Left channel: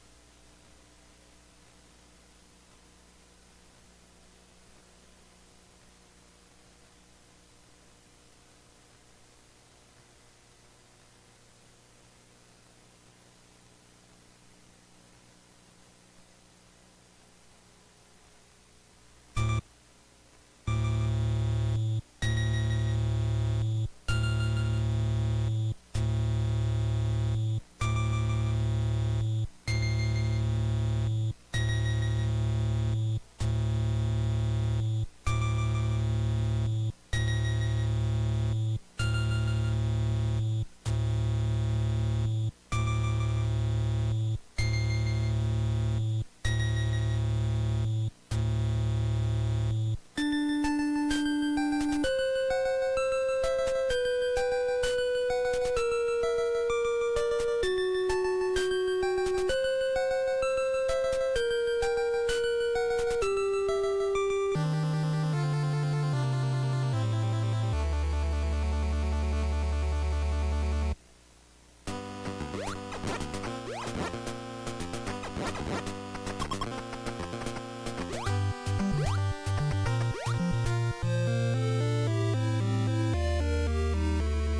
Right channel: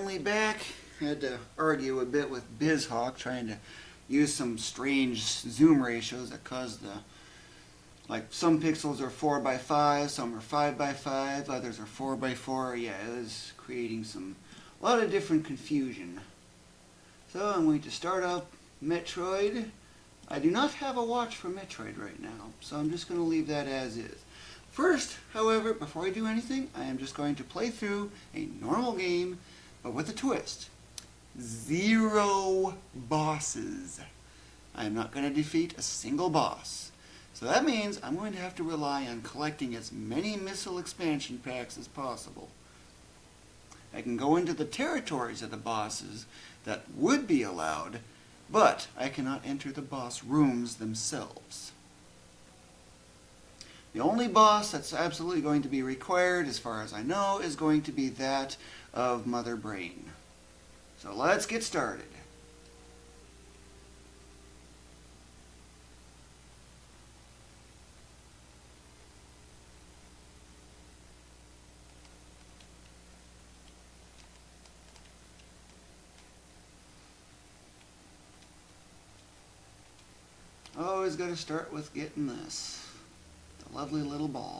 finally back. Had to argue a bit with BizHawk, trying to use some strange zoom ratios that cause the, like, some pixels are 4 by 5, some are 5 by 5, others are 4 by 4. Yeah, it was creating a lot of different confusion. So I'm going to start up Metroid. I do not have a watch for Metroid right now, so I'm just going to leave that as is. First, however, before I do anything, I am just going to play through a normal game, but with a twist. 0 bosses. I am not going to defeat a single boss. So that means I'm going to have to rely on collecting as many missile expansion packs as possible. I can go into the territories of the bosses that would be allowed, but I cannot enter the boss rooms themselves. The only boss that's absolutely going to be required, as far as I know, is going to be that of Mother Brain. So let's get started. Always got to start with getting this lovely little ball.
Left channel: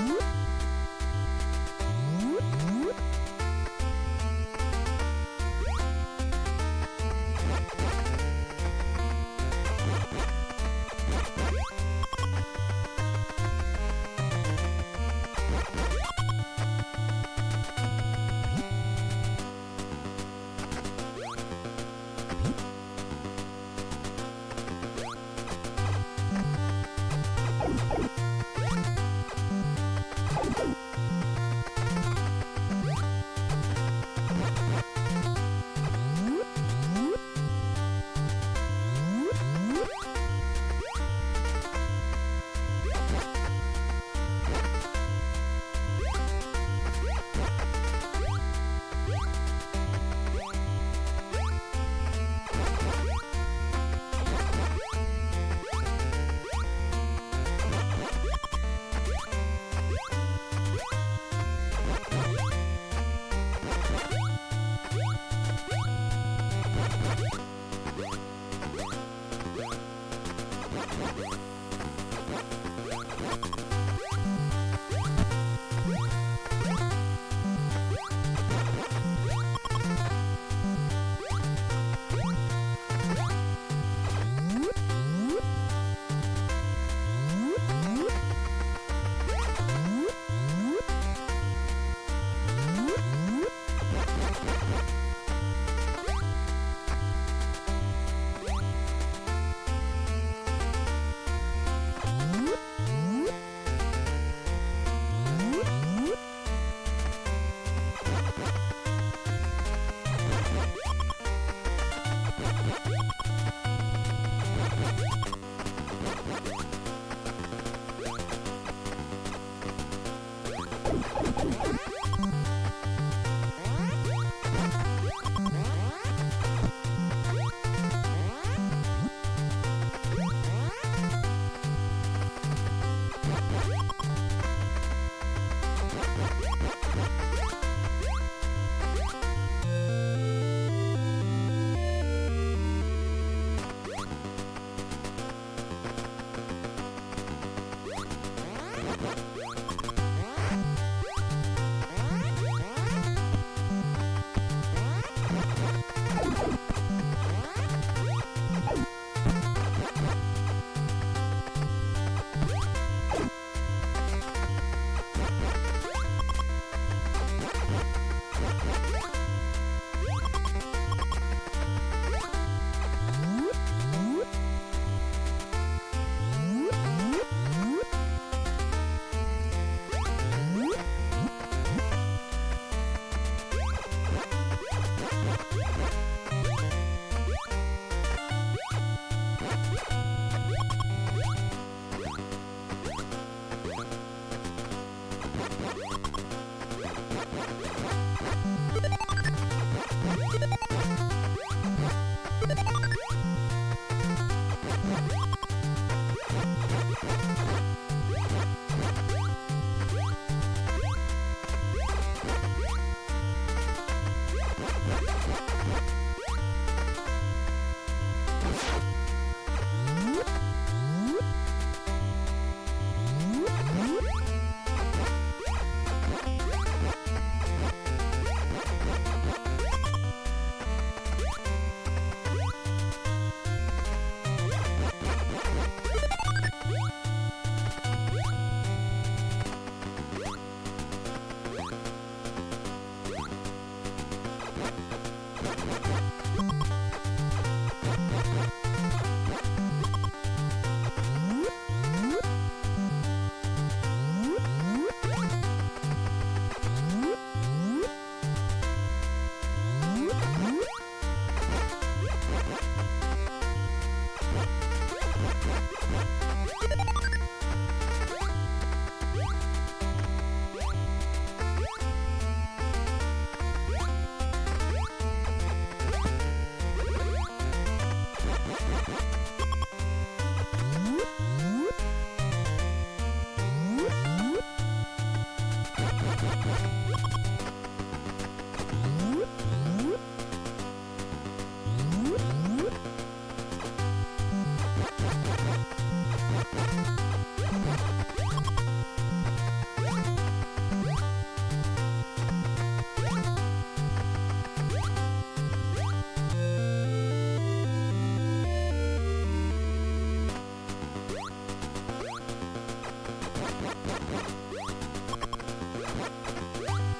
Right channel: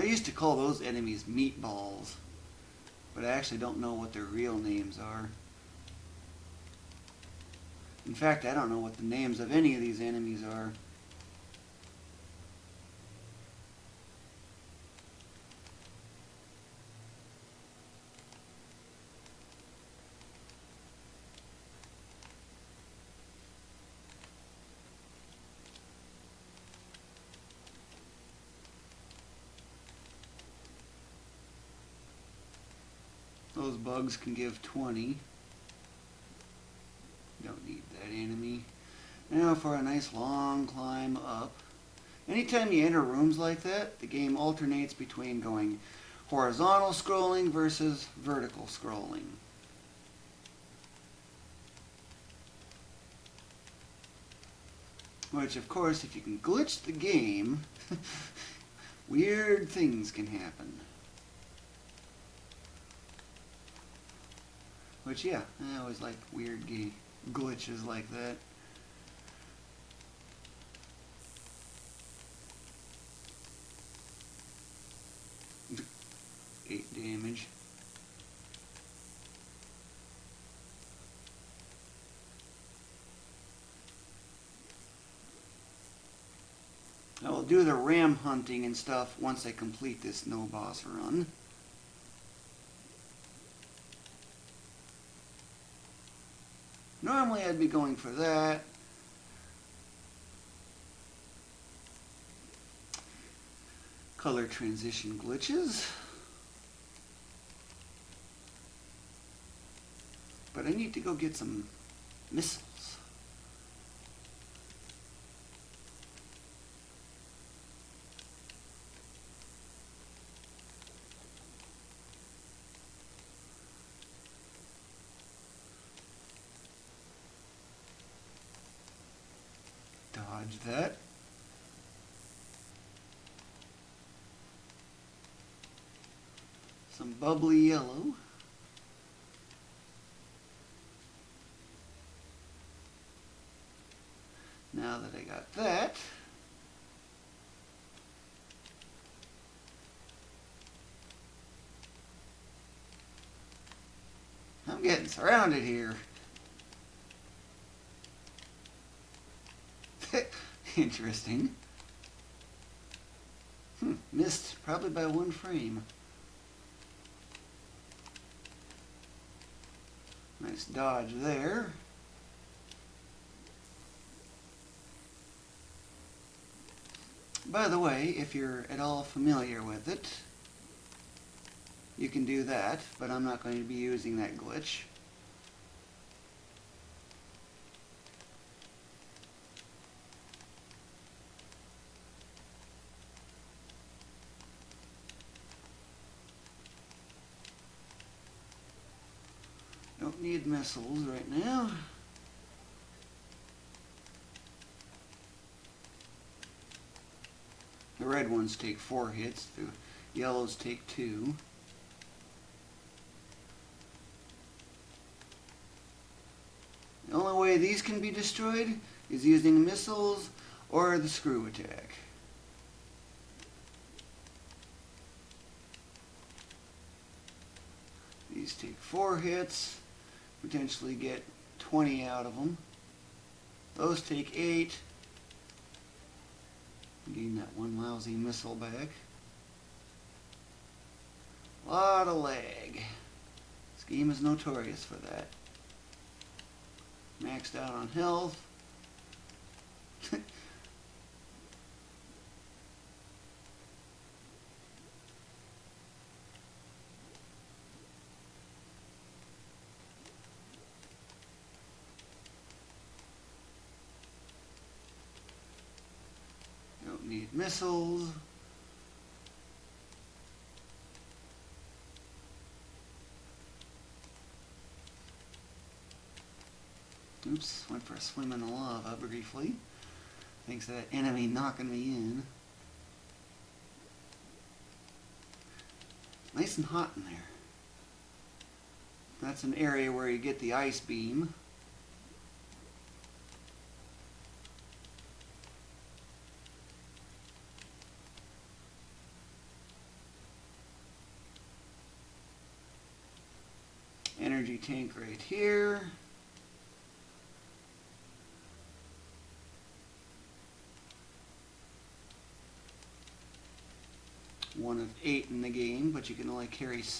I used to call those enemies meatballs, but I actually don't know what their real names are. In fact, I don't know what the names of any of these enemies are. Now for a nice long climb up. Anytime you enter rooms like that, the game alternates between going horizontal scrolling versus vertical scrolling. Which, of course, if you glitch the game, weird things can happen. Which, yeah, that was like weird glitches like that. I'll do the ram hunting and stuff once I complete this no boss run. Normally I'd be going for that. Color transition glitches. I need to go get some missiles. Bubbly yellow. Now that I got that, I'm getting surrounded here. Interesting. Missed probably by 1 frame. Nice dodge there. By the way, if you're at all familiar with it, you can do that, but I'm not going to be using that glitch. missile. Yeah. Red ones take 4 hits. Yellows take 2. The only way these can be destroyed is using missiles or the screw attack. These take 4 hits. Potentially get 20 out of them. Those take 8. Lot of lag. Steam is notorious for that. Next out on health. Area where you get the ice beam. Energy tank right here. One of 8 in the game, but you can only carry 6.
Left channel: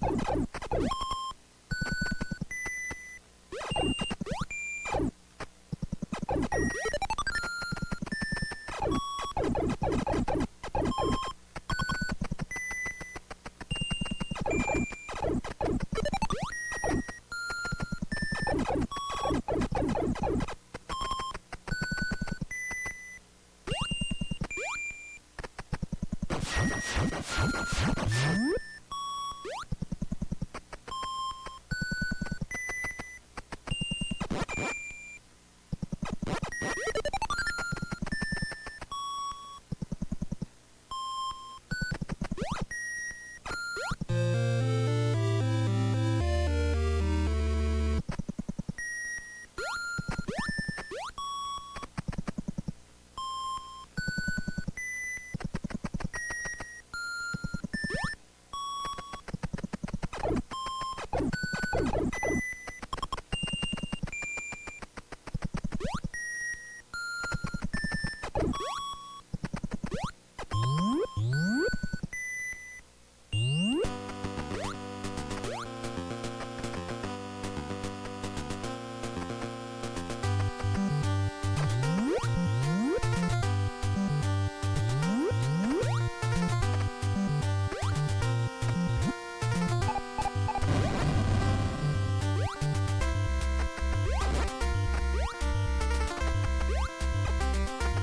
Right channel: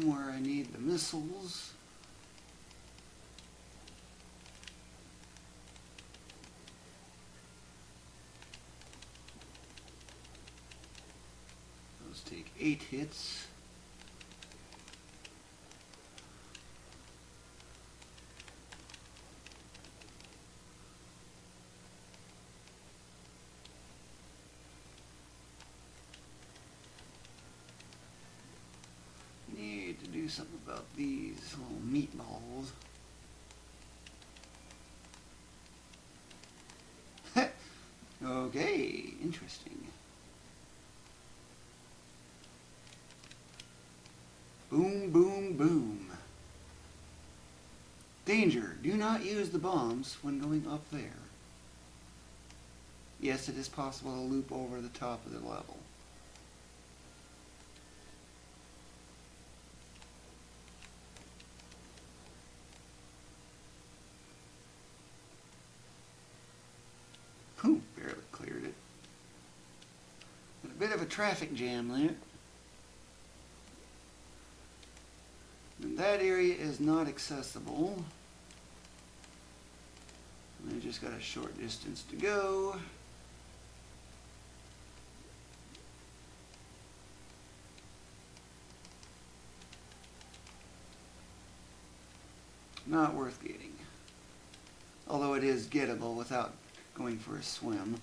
Where I need missiles. Let's take 8 hits. Need to do something about these little meat balls. Okay, interesting. Boom, boom, boom. Danger, do not use the bombs when going up there. Yes, it is possible to loop over the top of the level. Bit of a traffic jam there. That area is not accessible. We just got a short distance to go. Not worth getting. Although it is gettable without going for a swim.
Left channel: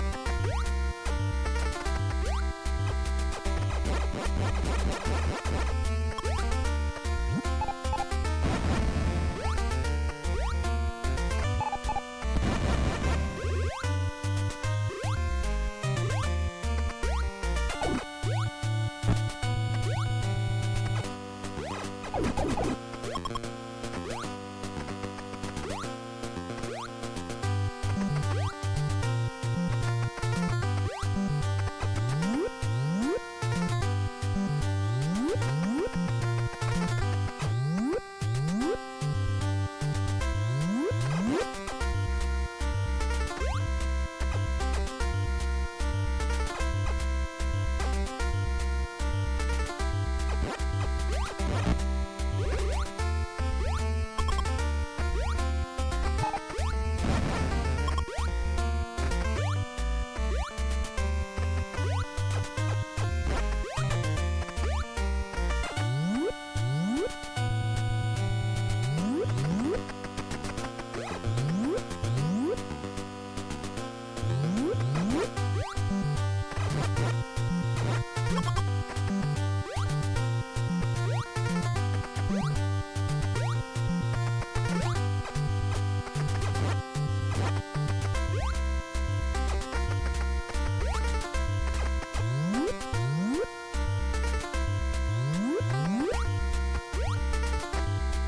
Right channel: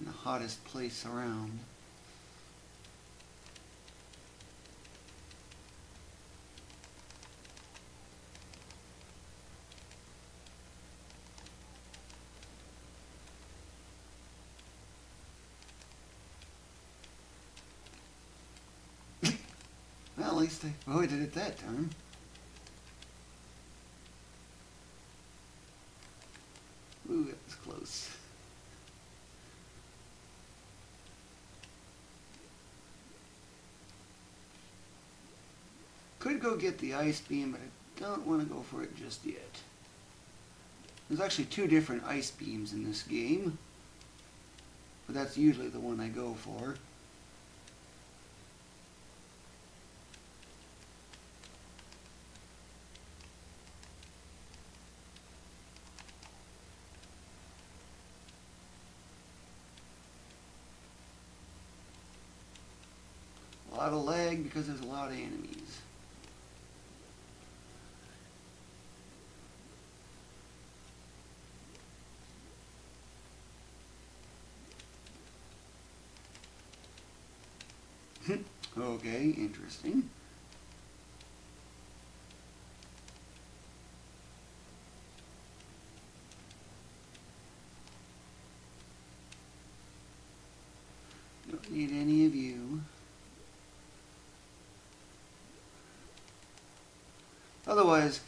The hottest place around. Well, at least I avoided it that time. Ooh, that's close. Could go get the ice beam. Don't want to go for it just yet. There's actually 2 different ice beams in this game. So that's usually the one I go for.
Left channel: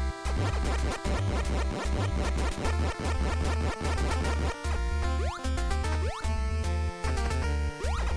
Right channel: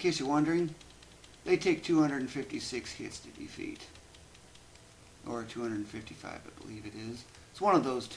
case you're wondering, they take 256 hits to complete. Or 255, I believe it is. It's one of those two.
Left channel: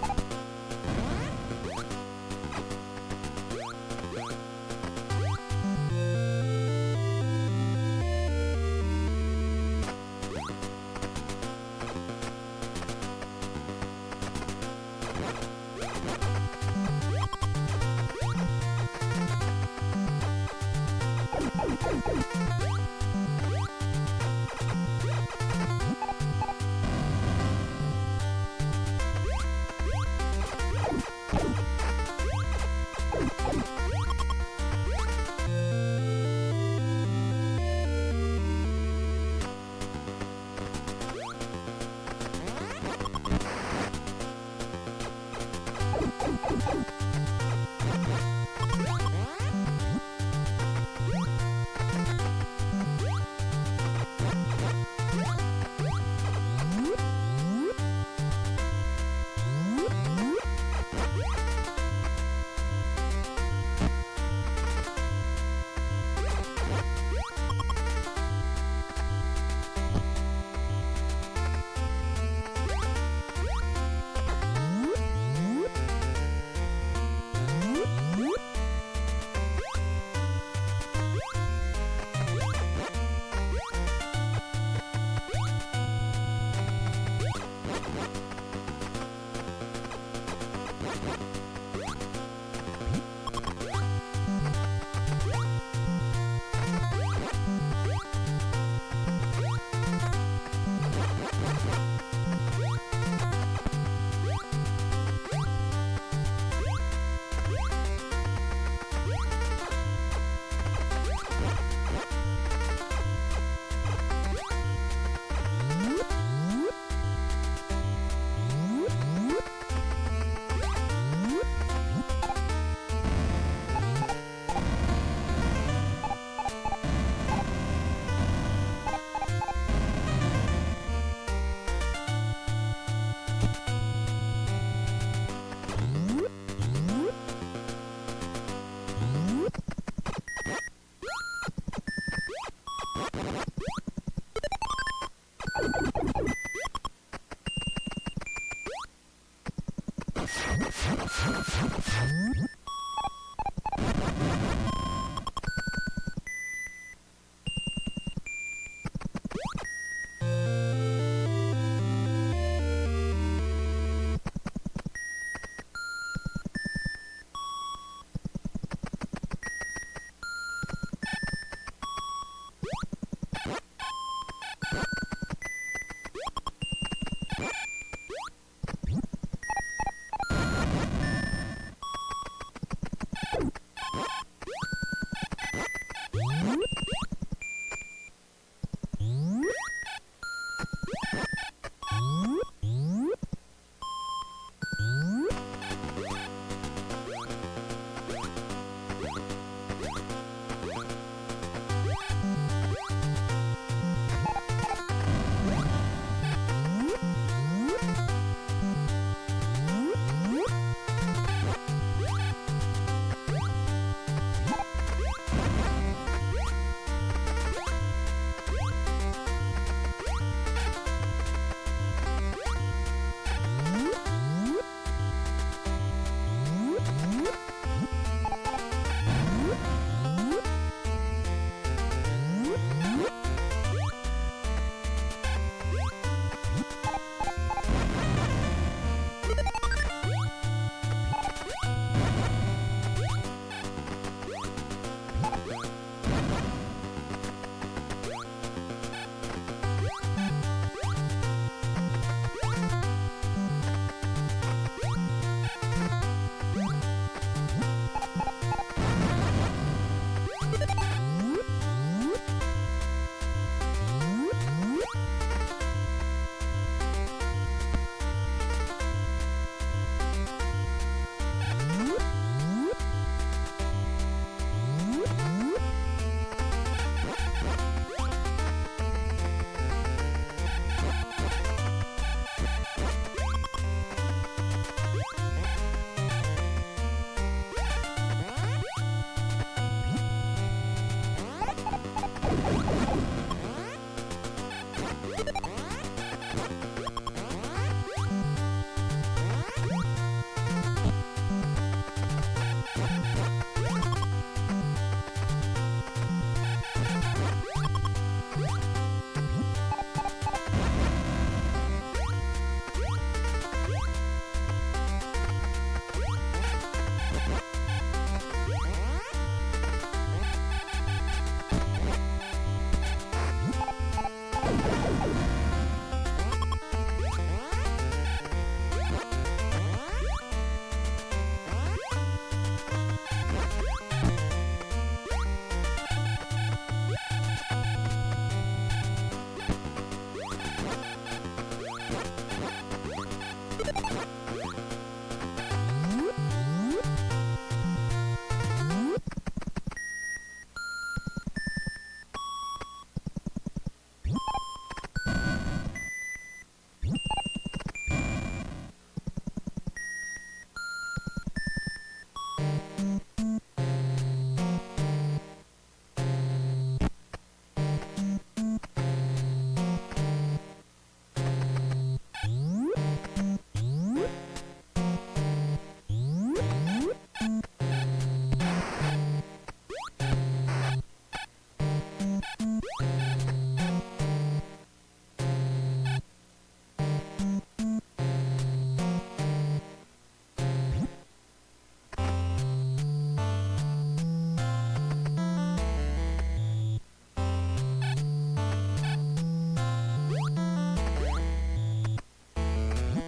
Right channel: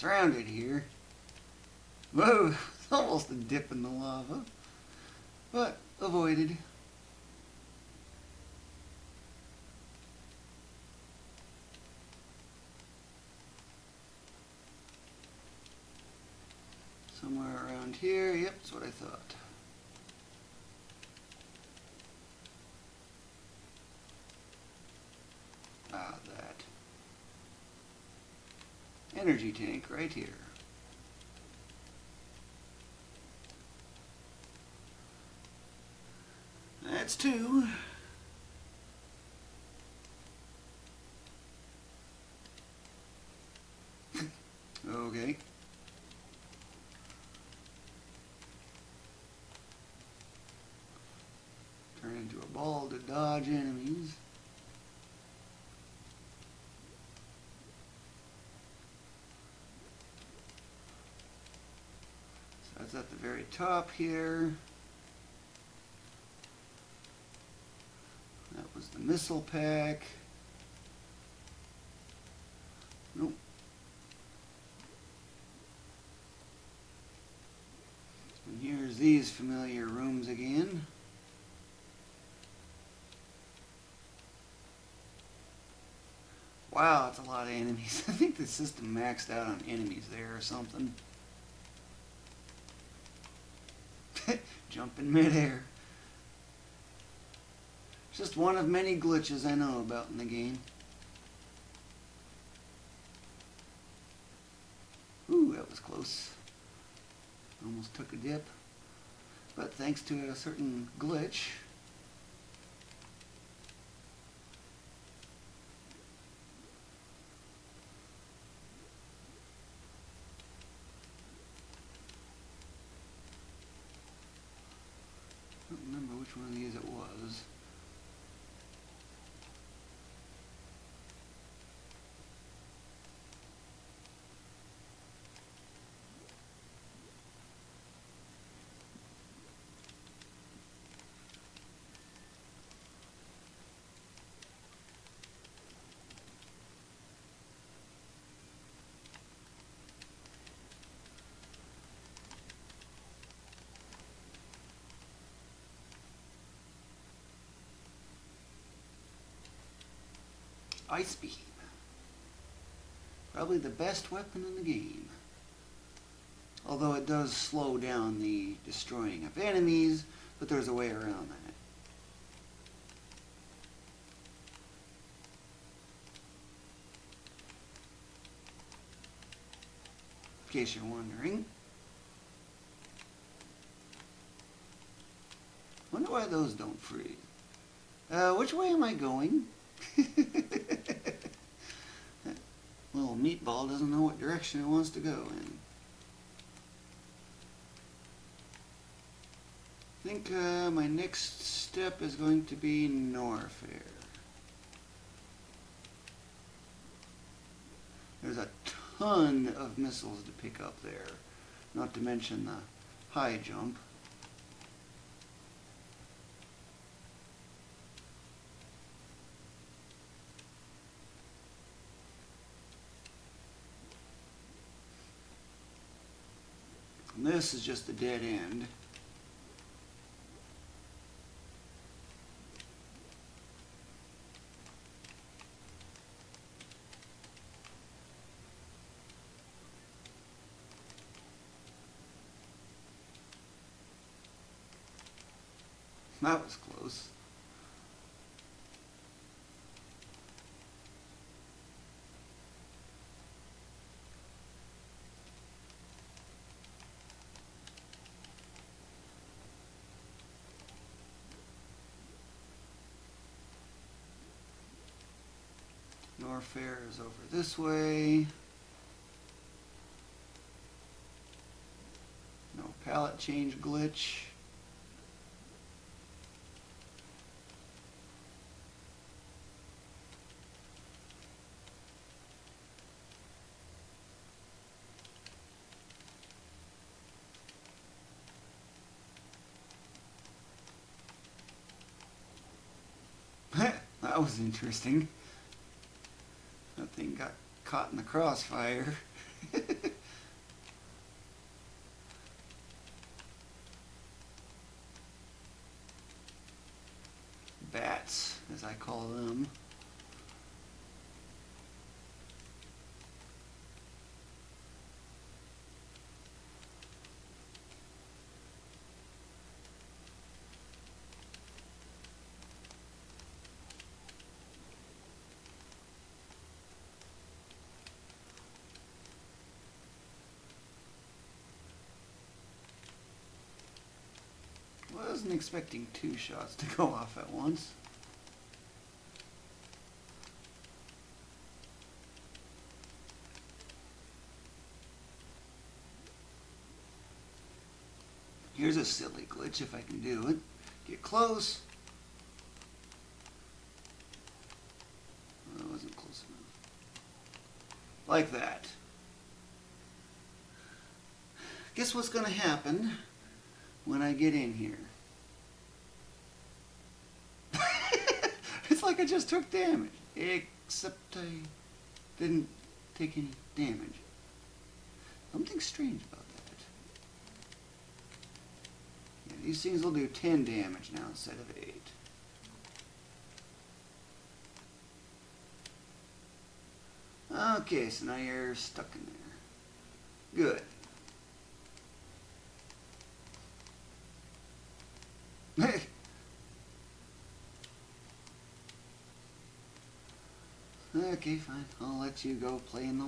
Surrounded here. Whoa, almost a dip in the lava. But avoided. Here, yep. Energy tank right here. That's two. Okay. All the dodging. Top here. Missile pack. Here's these familiar rooms again. Wow, that's a lot of enemies. I think the system maxed out on enemies there or something. Jump in midair. Just one of many glitches I know about in the game. Ooh, that was close. Thanks to a certain glitch. Ice Beam. Probably the best weapon in the game. Although it does slow down the destroying of enemies, but there's a way around that. Which way am I going? Oh, Meatball doesn't know what direction it wants to go. I think my next step is going to be north. There's a ton of missiles to pick up there. Not to mention the high jump. This is just a dead end. That was close. This way. Palette change glitch. That was interesting. Thing got caught in the crossfire. Bats, as I call them. Go off at once. Here's a silly glitch if I can do it. Get close. That wasn't close enough. Like that. Guess what's gonna happen when I get in here? It's like I just took damage, except didn't take damage. Something strange. These things will do 10 damage now instead of 8. Okay, so now you're stuck. Good. You go play in the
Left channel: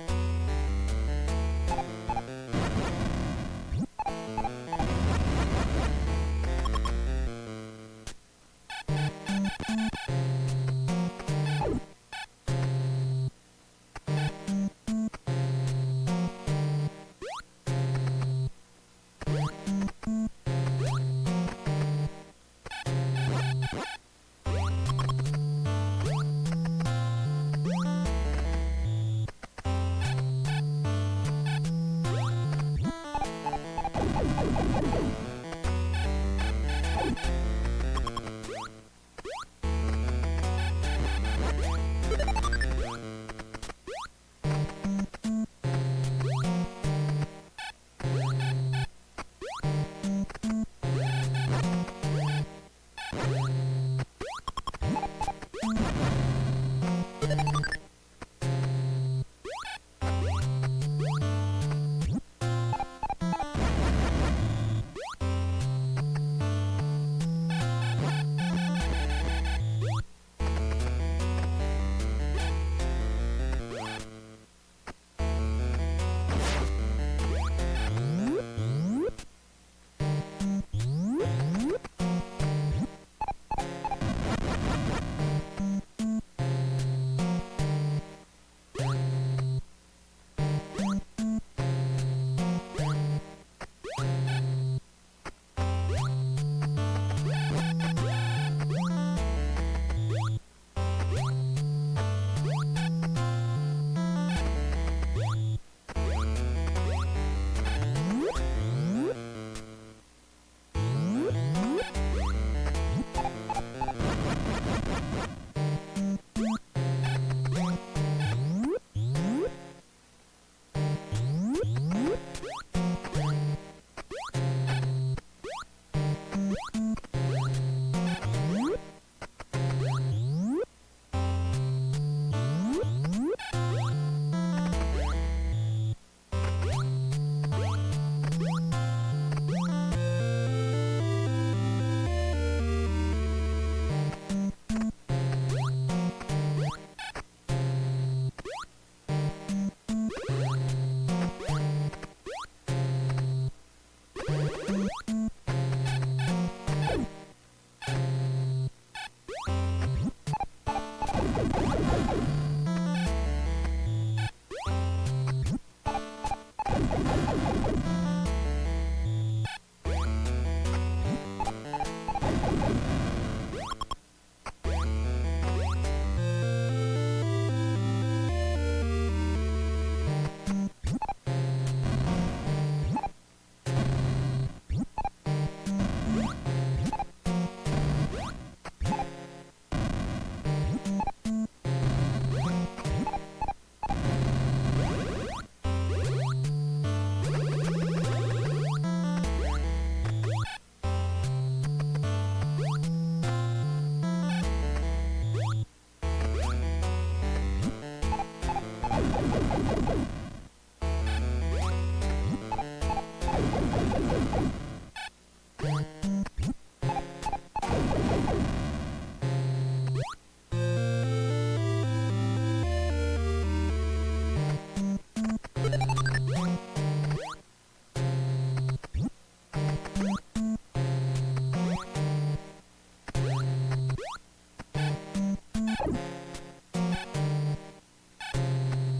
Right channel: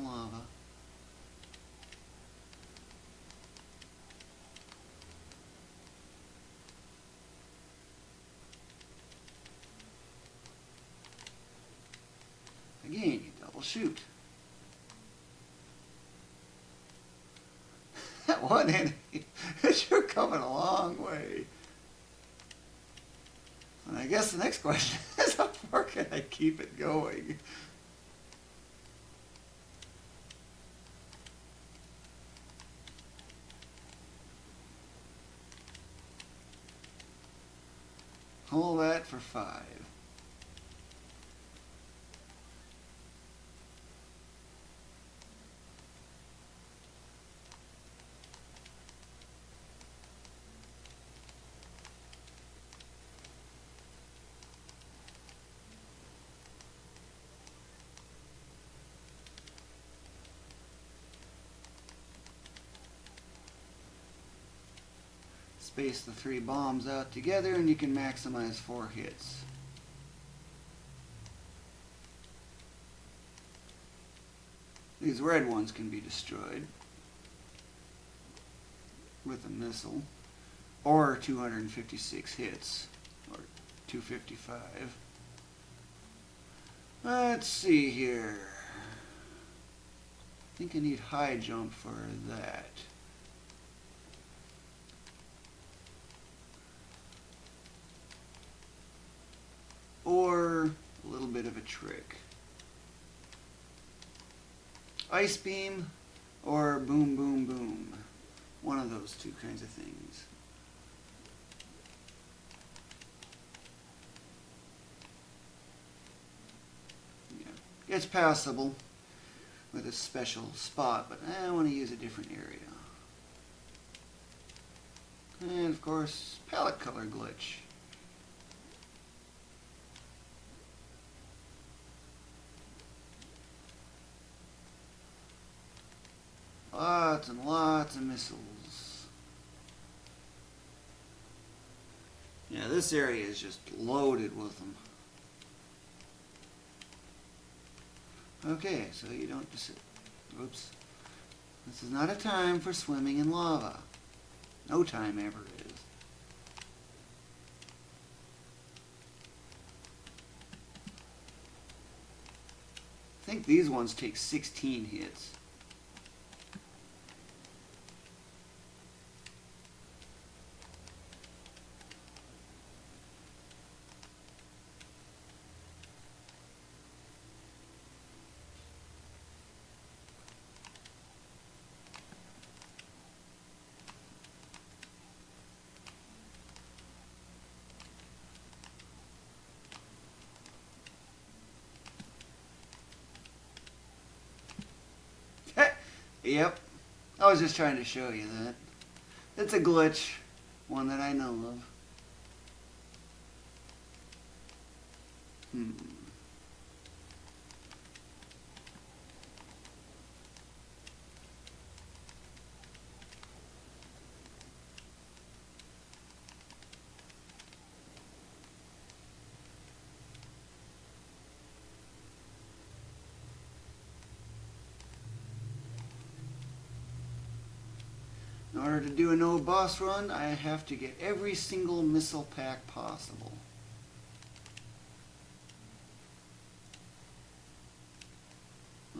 Again, you double shoot. That one enemy, you're coming a long way. And I guess the next question is how far can I keep it going? All that for 5. Space the 3 bombs out together and you can maximize 4 hits. These red ones can be destroyed with a missile, or 256 hits, or 250. here. I think I need high jump for that. Or a little bit of a trick. Ice beam or boom boom boom. One of those two kinds of things. It's passable with a special spot, but I want to use a different area. And of course, palette color glitch. Lots and lots of misses. Yeah, this area is just loaded with them. Okay, so you notice it. This is not a time for swimming in lava. No time ever. I think these ones take 16 hits. Yep. I was just trying to show you that. It's a glitch. One that I know of. Do a no boss run, I have to get every single missile pack possible.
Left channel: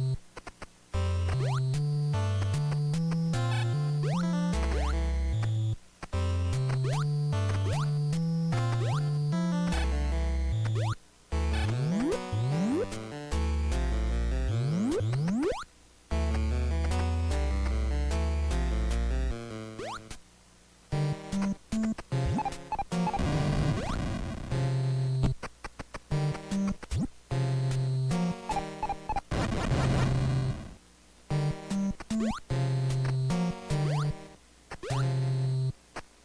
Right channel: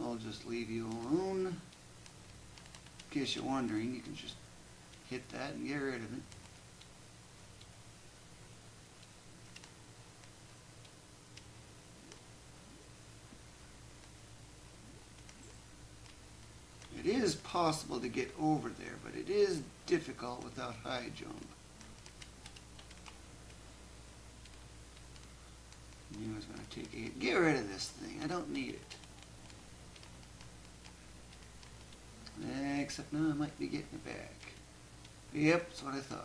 I'll just leave you alone. In case you're wondering, you can just hit that and get rid of it. It is possible to get over there. It is difficult without high jump. Get rid of this thing. I don't need it. Except now I might be getting back. Yep, that's what I thought.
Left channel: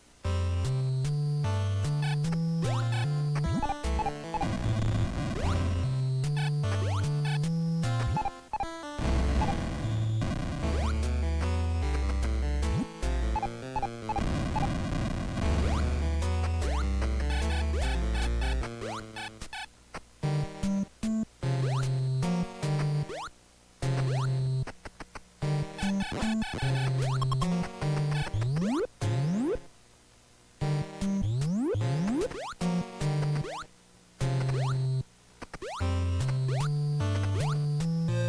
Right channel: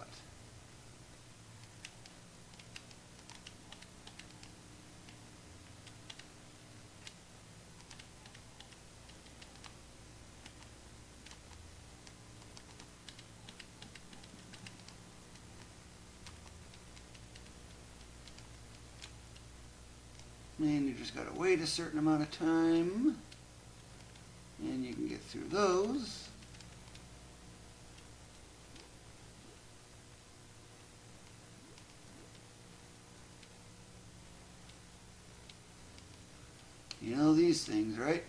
These things, right?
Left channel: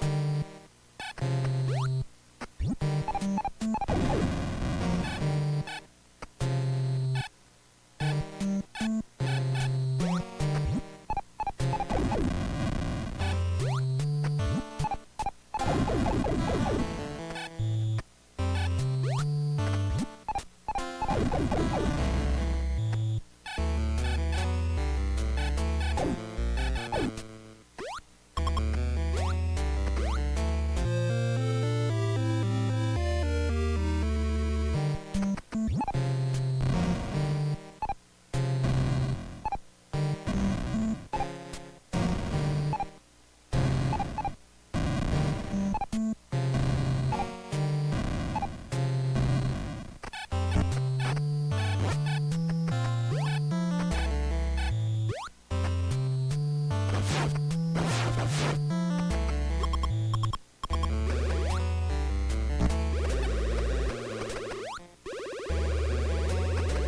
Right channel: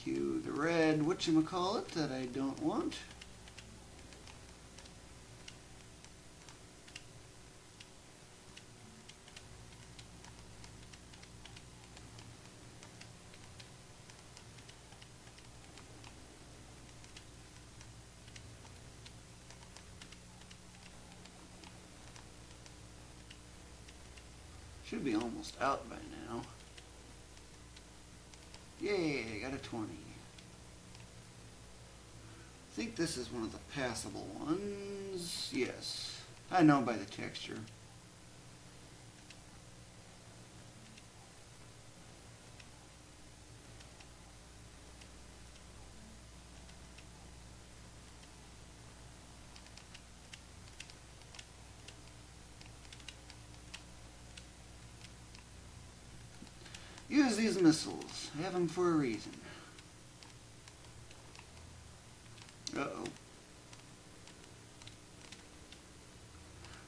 Cue the red whatchamacallit that I don't want. I know by the texture. Use these missiles. Use them for a reason.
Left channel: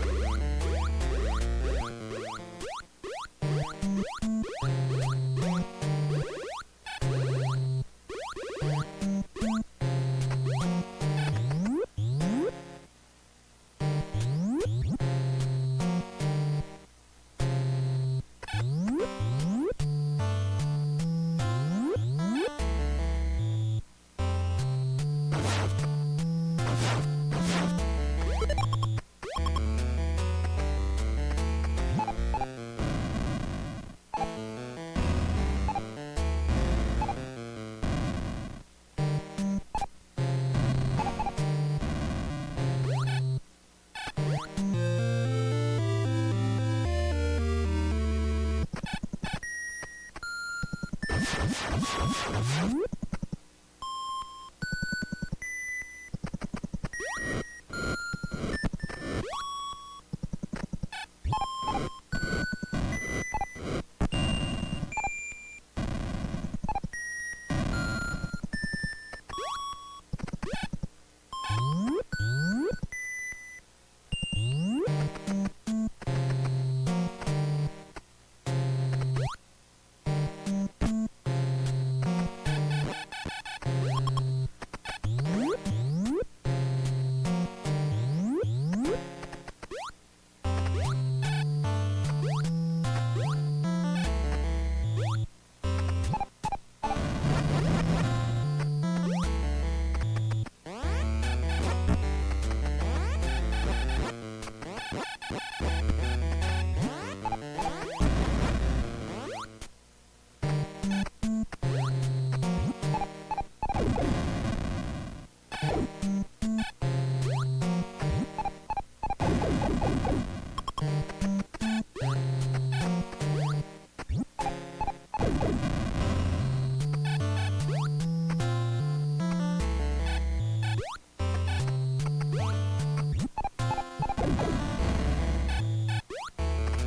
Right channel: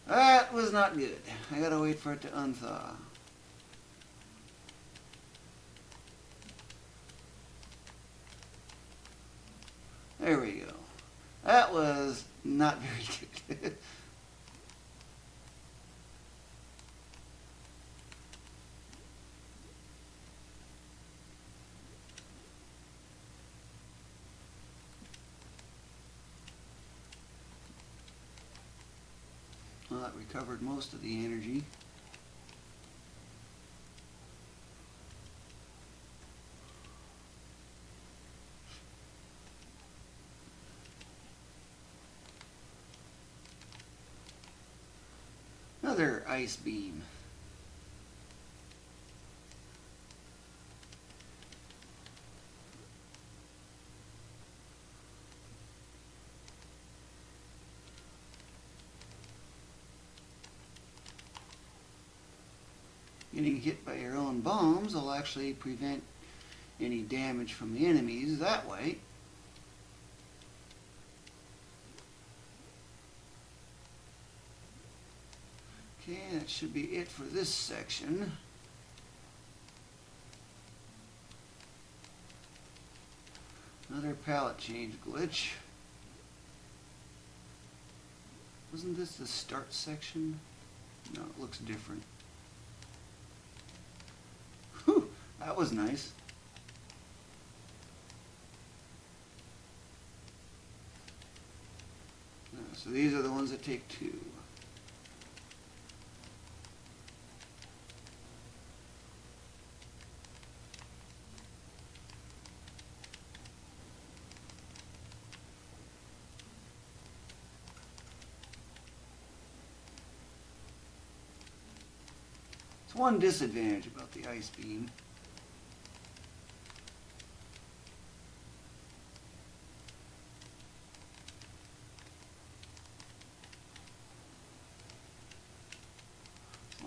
That was not good. gotta wait for it to unthaw. There we go. That was not very good. Another ice beam. Getting hit by your own bombs will actually prevent any damage from the enemies that way. And that should be it for this section. Another pallet change glitch. Is this the start section? No, it looks different. Whew, that was nice. So these are the ones that take two. One disadvantage about the ice beam.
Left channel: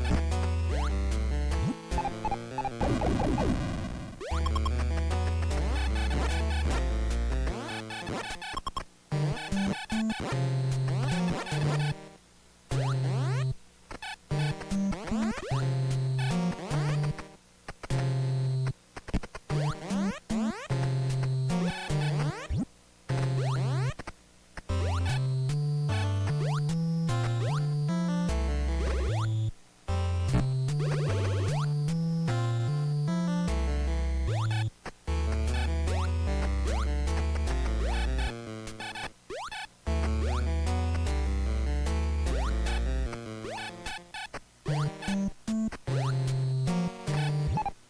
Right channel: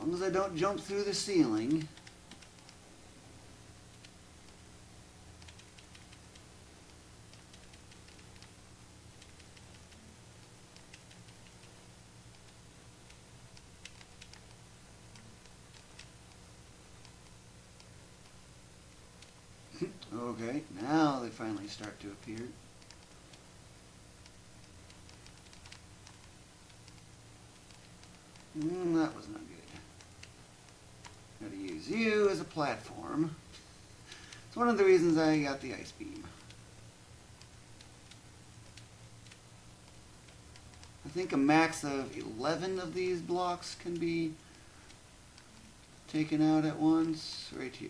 As I don't jump through the ceiling. Now they finally start. Use you as a platform. One of the reasons I got the ice cream. I think a max of 11 of these blocks can be taken out at once. Right here.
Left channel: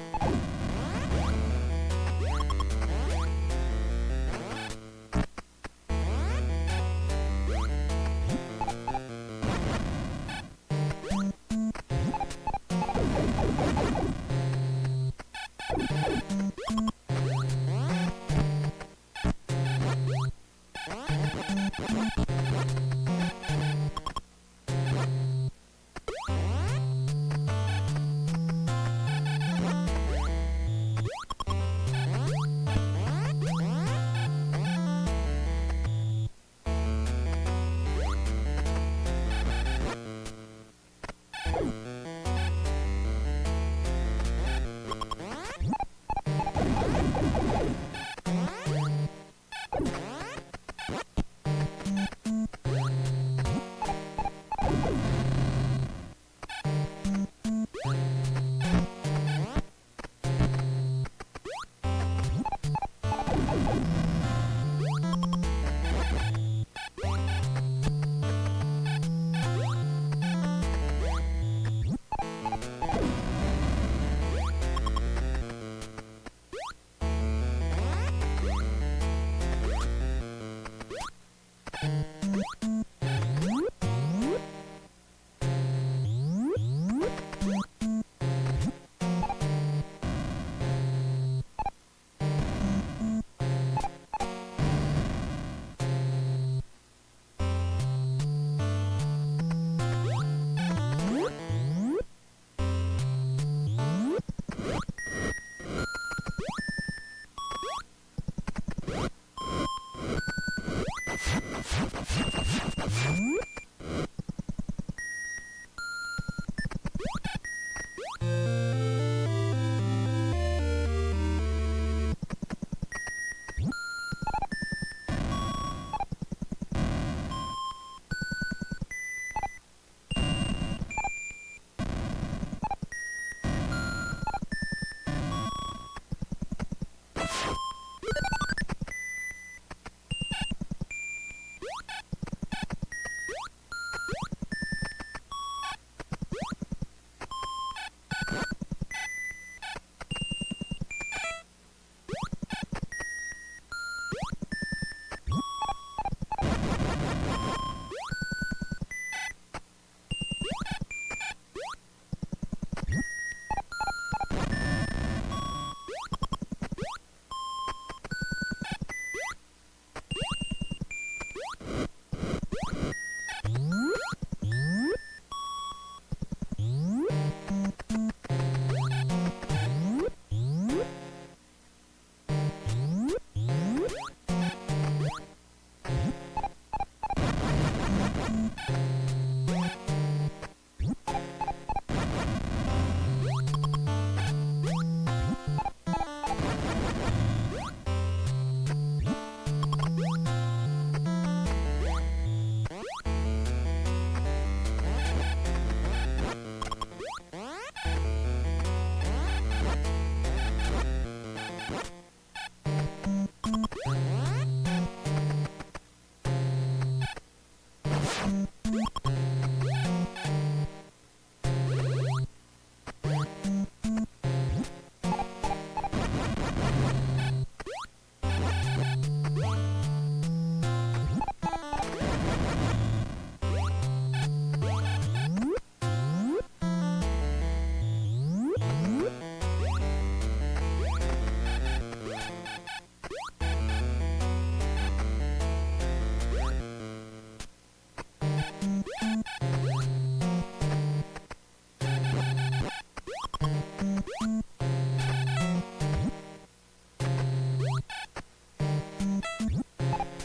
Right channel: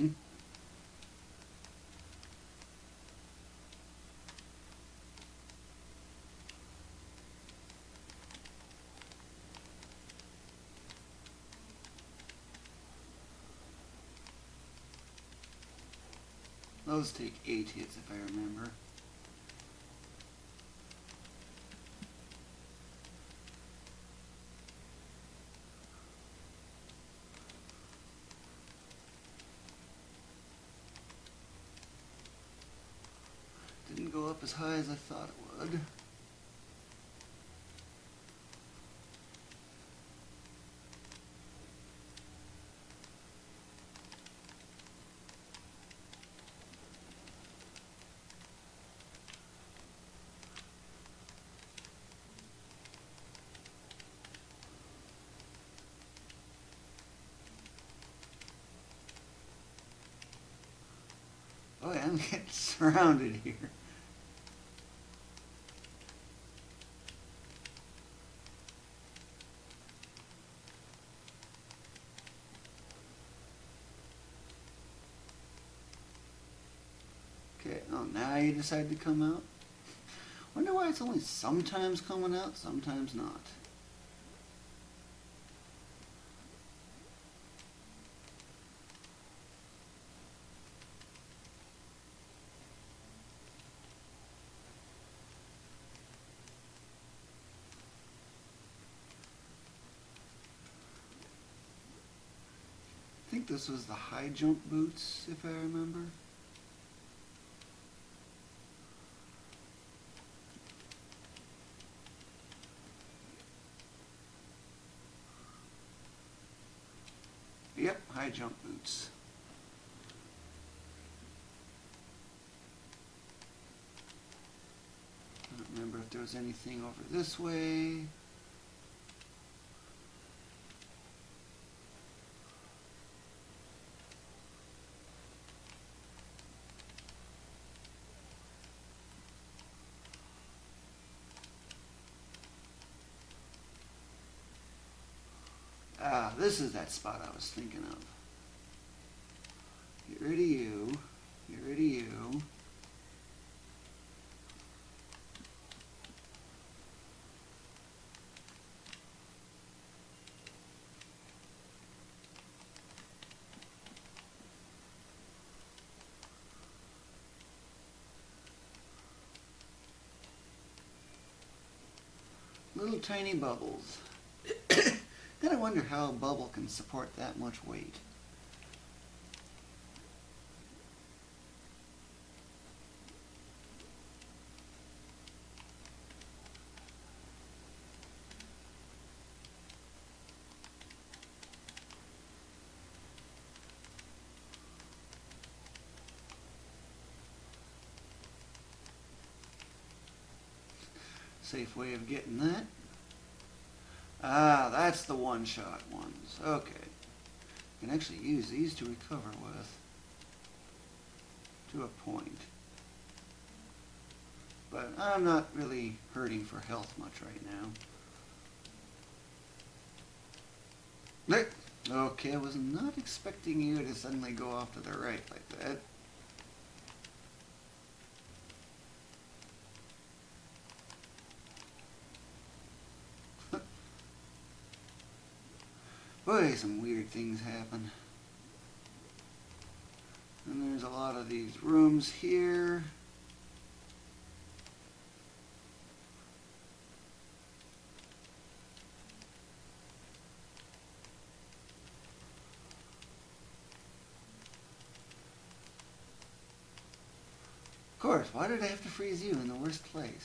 interesting. Those are the 80s. Surrounded. Now you decide to come out. I wonder why it's only sometimes coming out, sometimes not. Jump boots, if I remember. Yep, high jump boots. Remember if there's anything this way. This is that spot I was thinking of. Get rid of you. Get rid of you. Little tiny bubbles. I wonder how a bubble can support that much weight. Safe way of getting that. Ah, that's the one shot. Okay. Actually, use these to recover. Point. But I'm not really hurting for health much right now. Okay, I was not expecting you to suddenly go off to the right like that. Boy, some weird things happen. There's a lot of these rooms here. Of course, why did I have to freeze you in the worst place?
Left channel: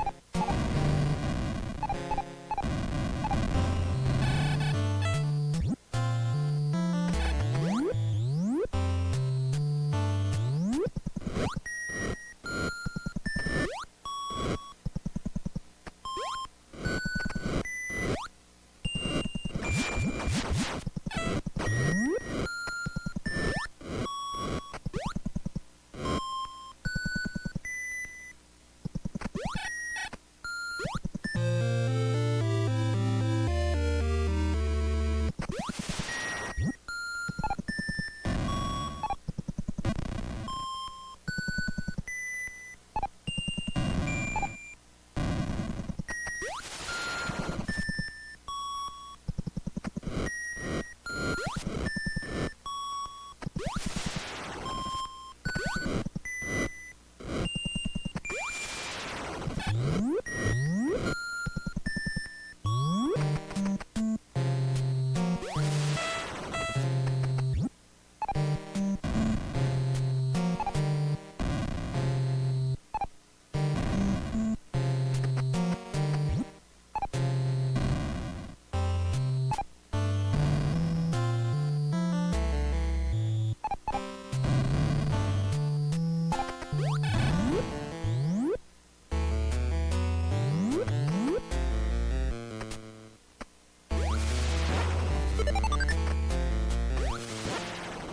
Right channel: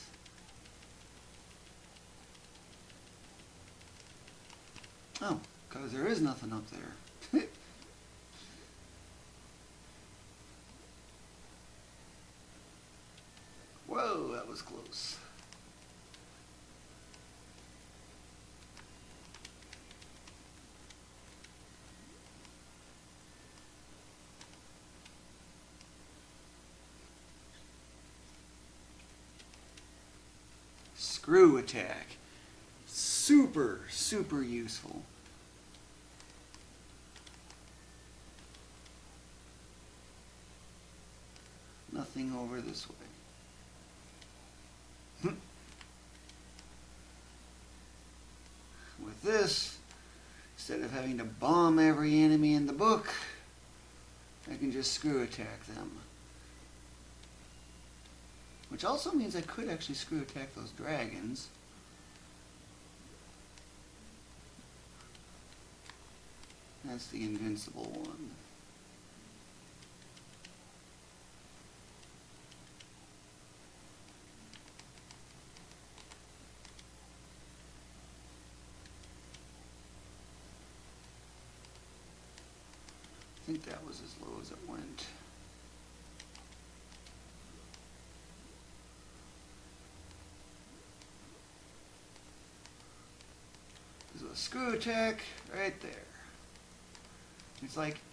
No, because there is nothing up there. Whoa, that was close. Screw attack. Super, super useful. this. Instead of having to bomb every enemy in the book, you can just screw attack them. Which also means I could actually screw attack those dragons. That's the invincible one.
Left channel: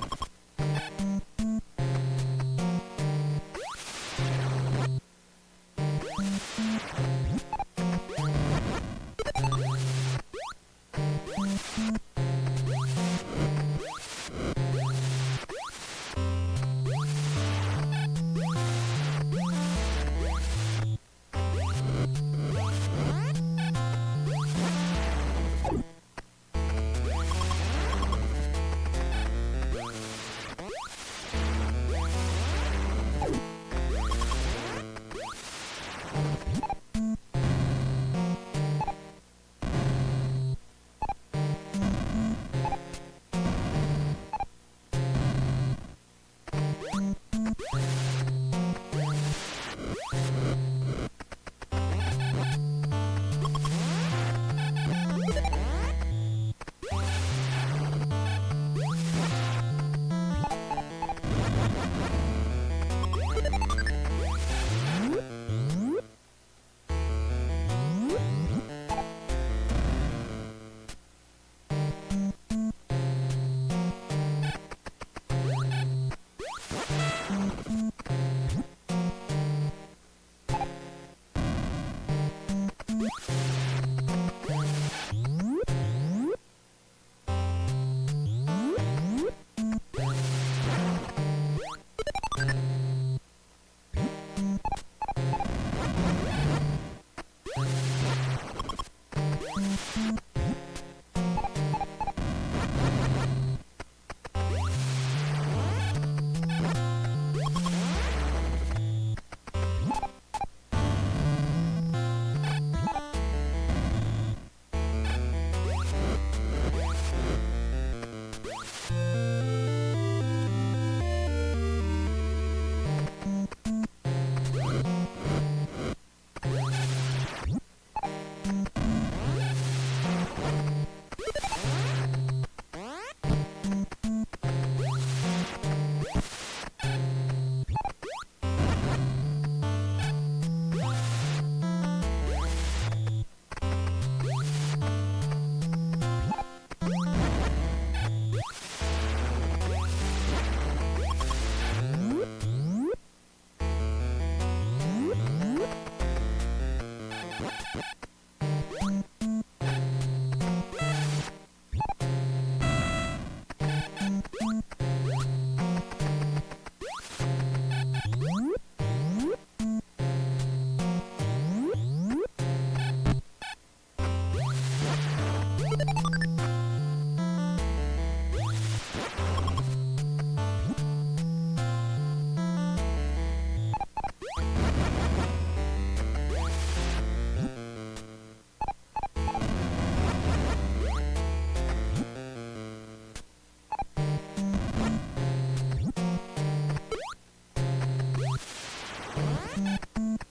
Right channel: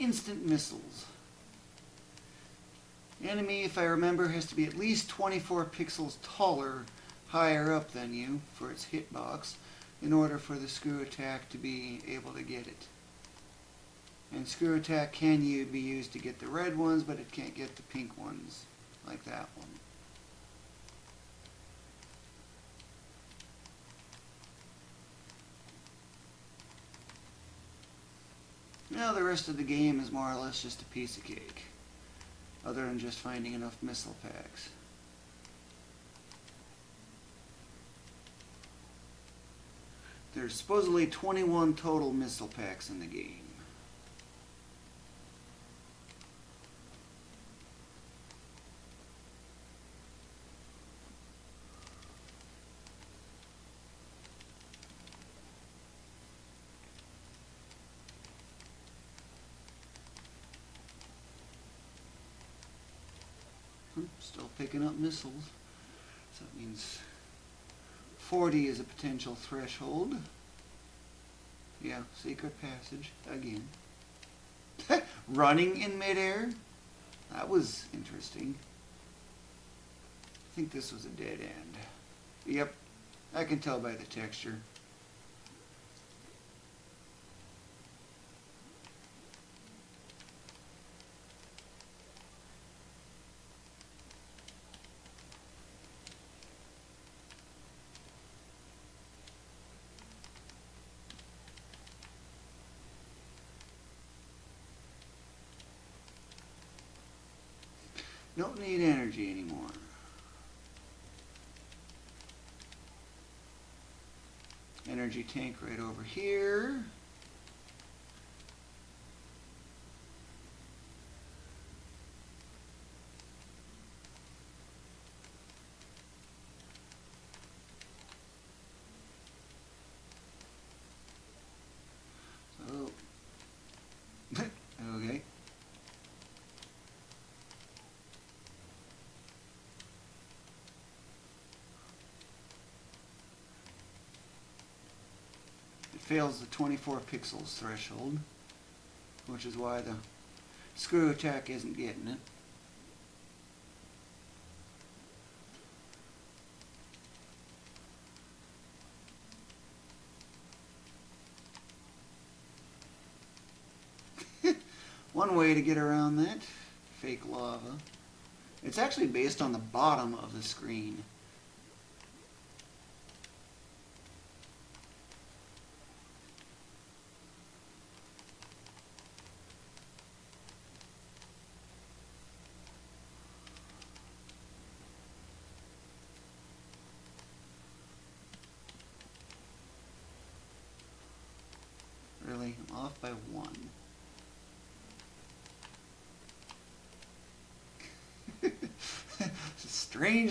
Instant missiles. The enemy, if I remember, has to be at least 24 pixels taller, higher up than you for its hitbox, in order for the screw attack to be able to get it. The screw attack can be used to get the red ones, but it can't get the pink ones. Now the rest of the game is more or less just a piece of it. Other than just finding enough missiles. There's supposedly 21 total missile packs in the game. So it means 40 is a potential threshold. Yeah, secret passage again. Running in midair? That was interesting. I think this was a dead end. Yep, I can tell by the texture. Don't need energy anymore. Energy tank right here. Fails the 24 pixels threshold. Which is why the screw attack is a hit. One way to get around that, take lava. It's actually based on the bottom of the screen. Really off by one. Strange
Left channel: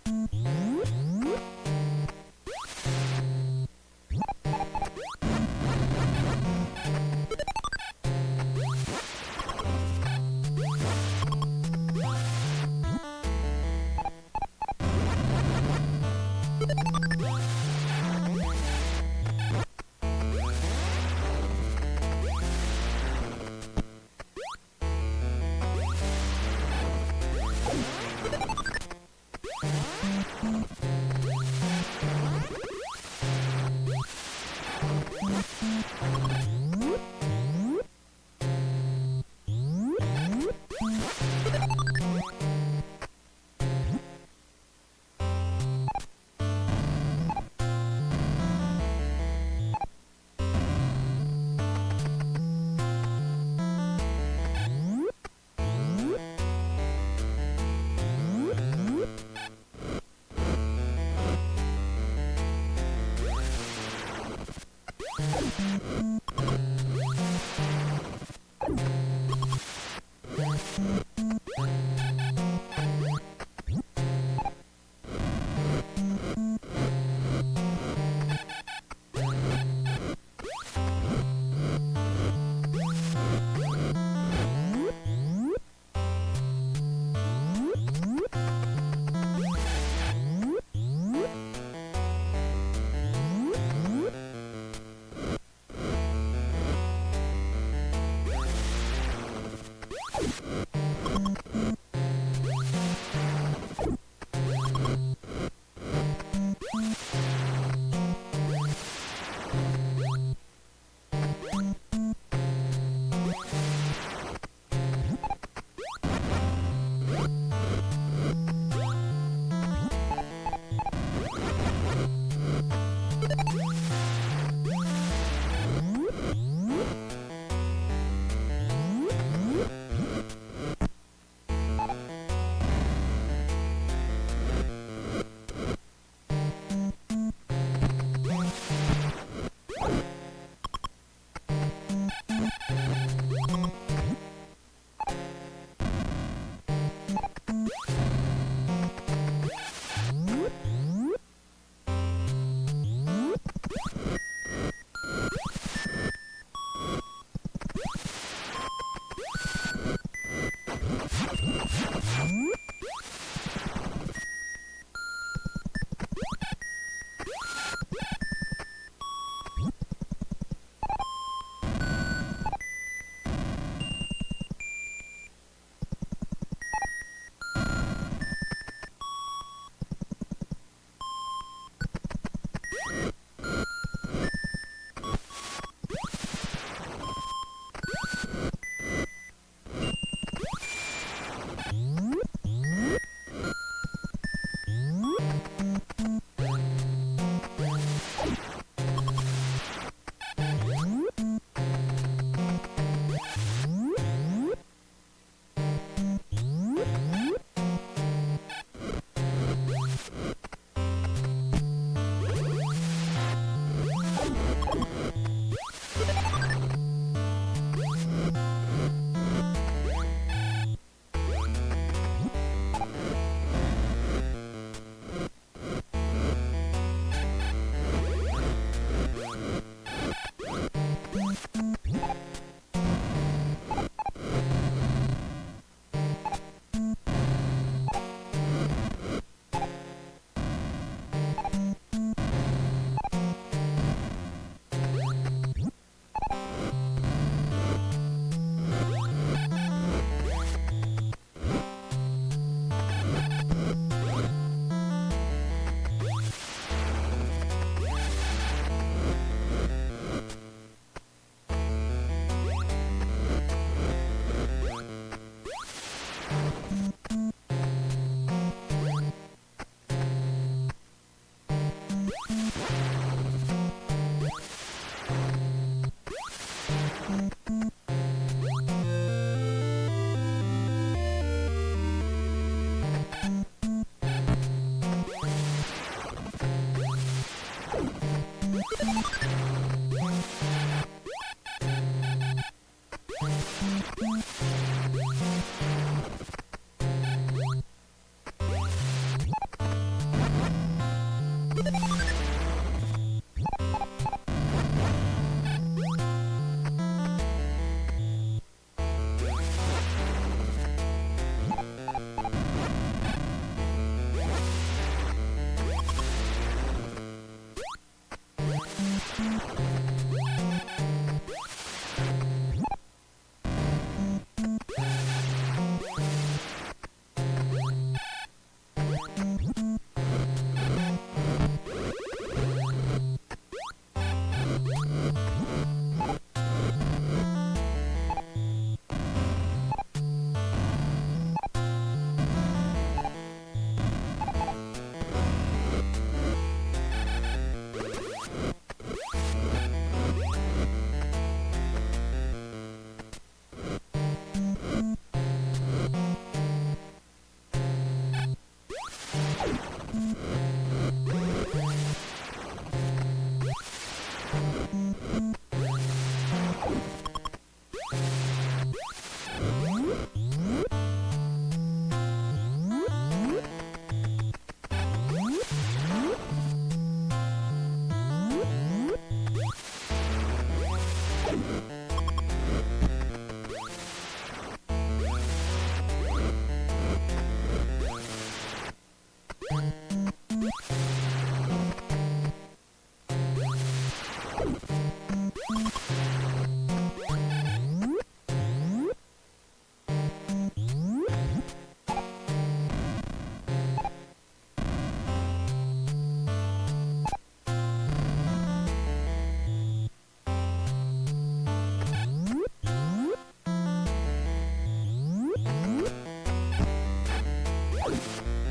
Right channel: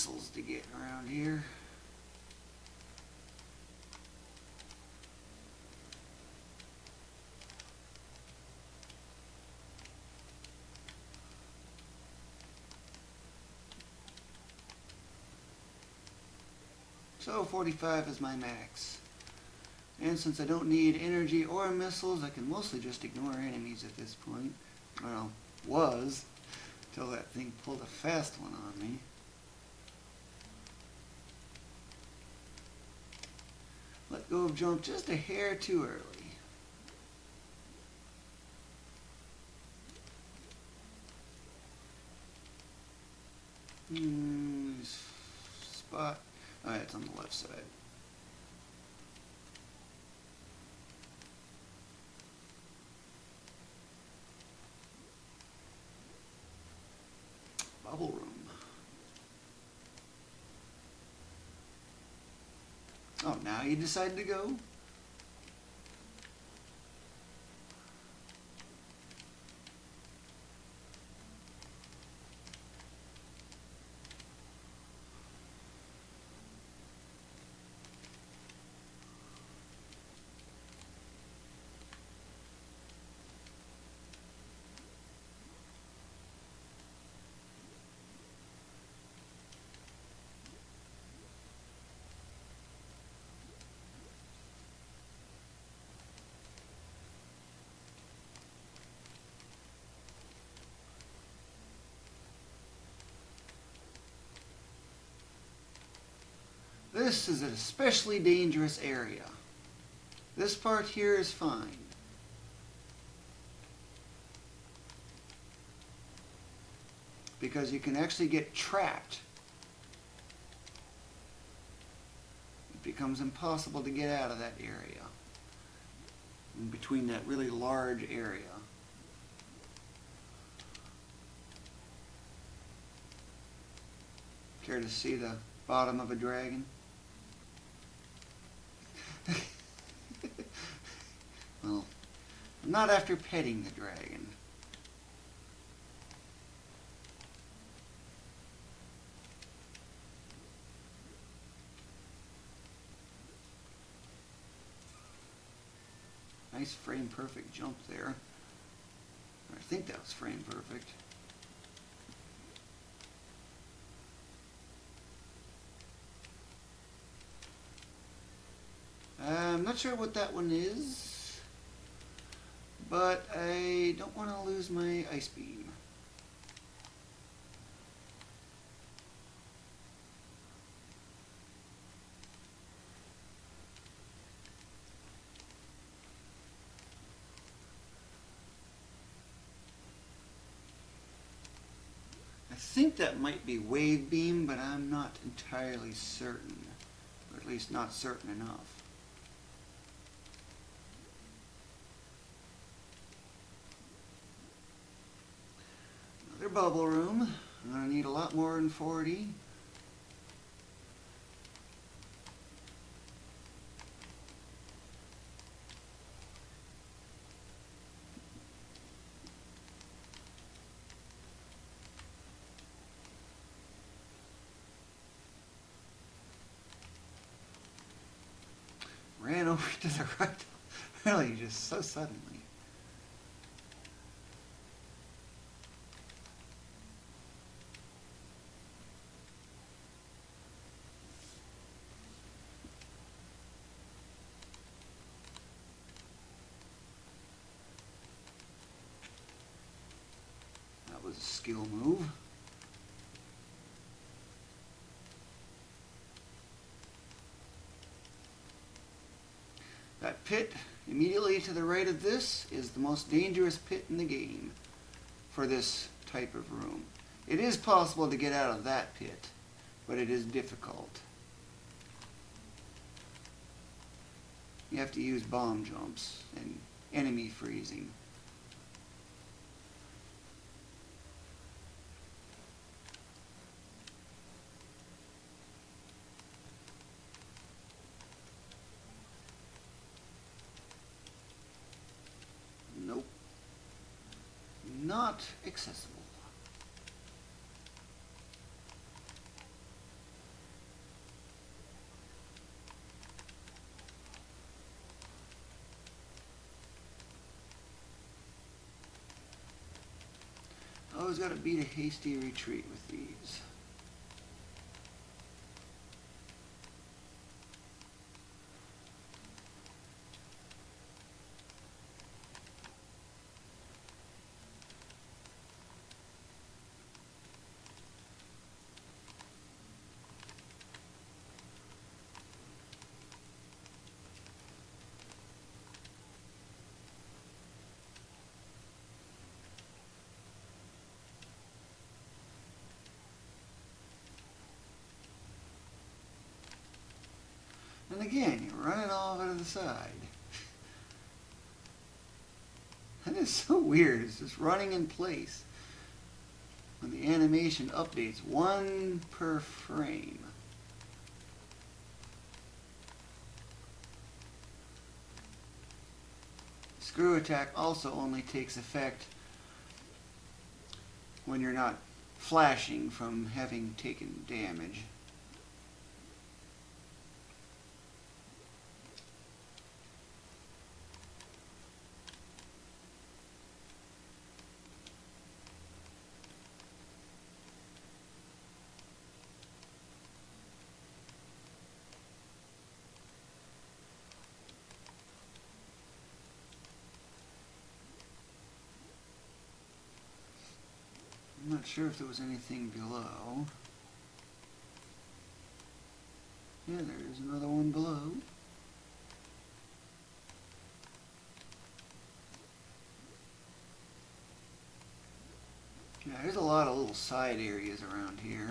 missiles to get around here. Oh, 45 is my max. And since I don't need energy or missiles, I can mostly just kill my enemies at this point. Well, fast. Little jump just a hair too. Spot. Nice. Left side. Oh, now you decide to go. This is an especially dangerous area. This part here is fun. Because you can actually get trapped. It becomes impossible to get out of that area. Between that really large area. Care to see the bottom of a dragon? Not after petting the dragon. Nice frame perfect jump there. I think that's frame perfect. I'm not sure what that one is, but I don't want to lose my ice beam. I think that might be wave beam, but I'm not entirely certain. At least not certain enough. Bubble room. I need a lot more than 40. Ran over to the right. Really, this is so sad. Pit immediately to the right of this is the most dangerous pit in the game for this type of weapon. It is possible to get out of that pit, but it is difficult. You have to use bomb jumps and enemy freezing. Oh, is that a Peter Tasty retreat? So weird, it's just running in place. And the animation updates one per frame. The screw attack also only takes effect when you're not flashing from having taken damage. Sure if there was anything below. There's another one below. There's a lot of little side areas around here.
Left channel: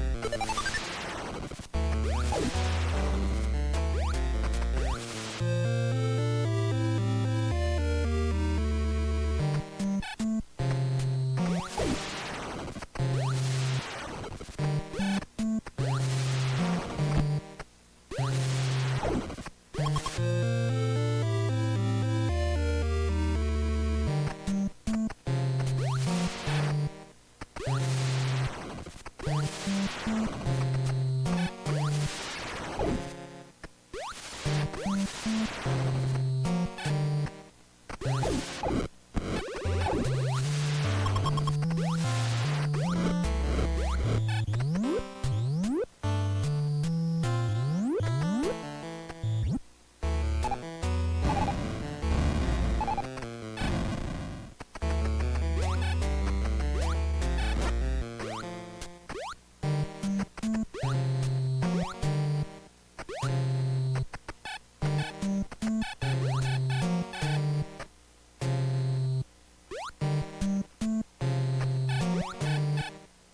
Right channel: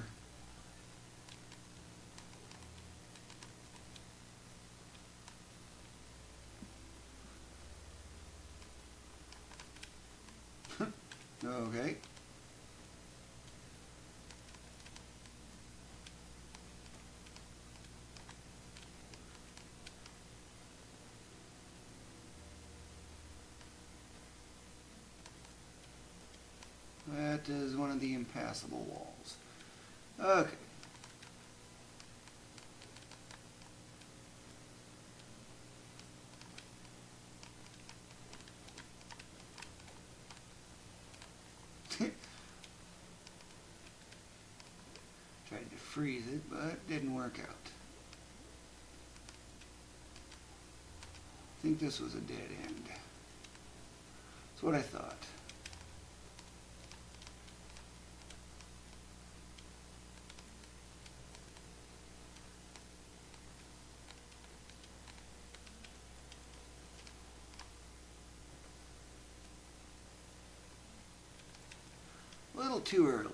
Too early.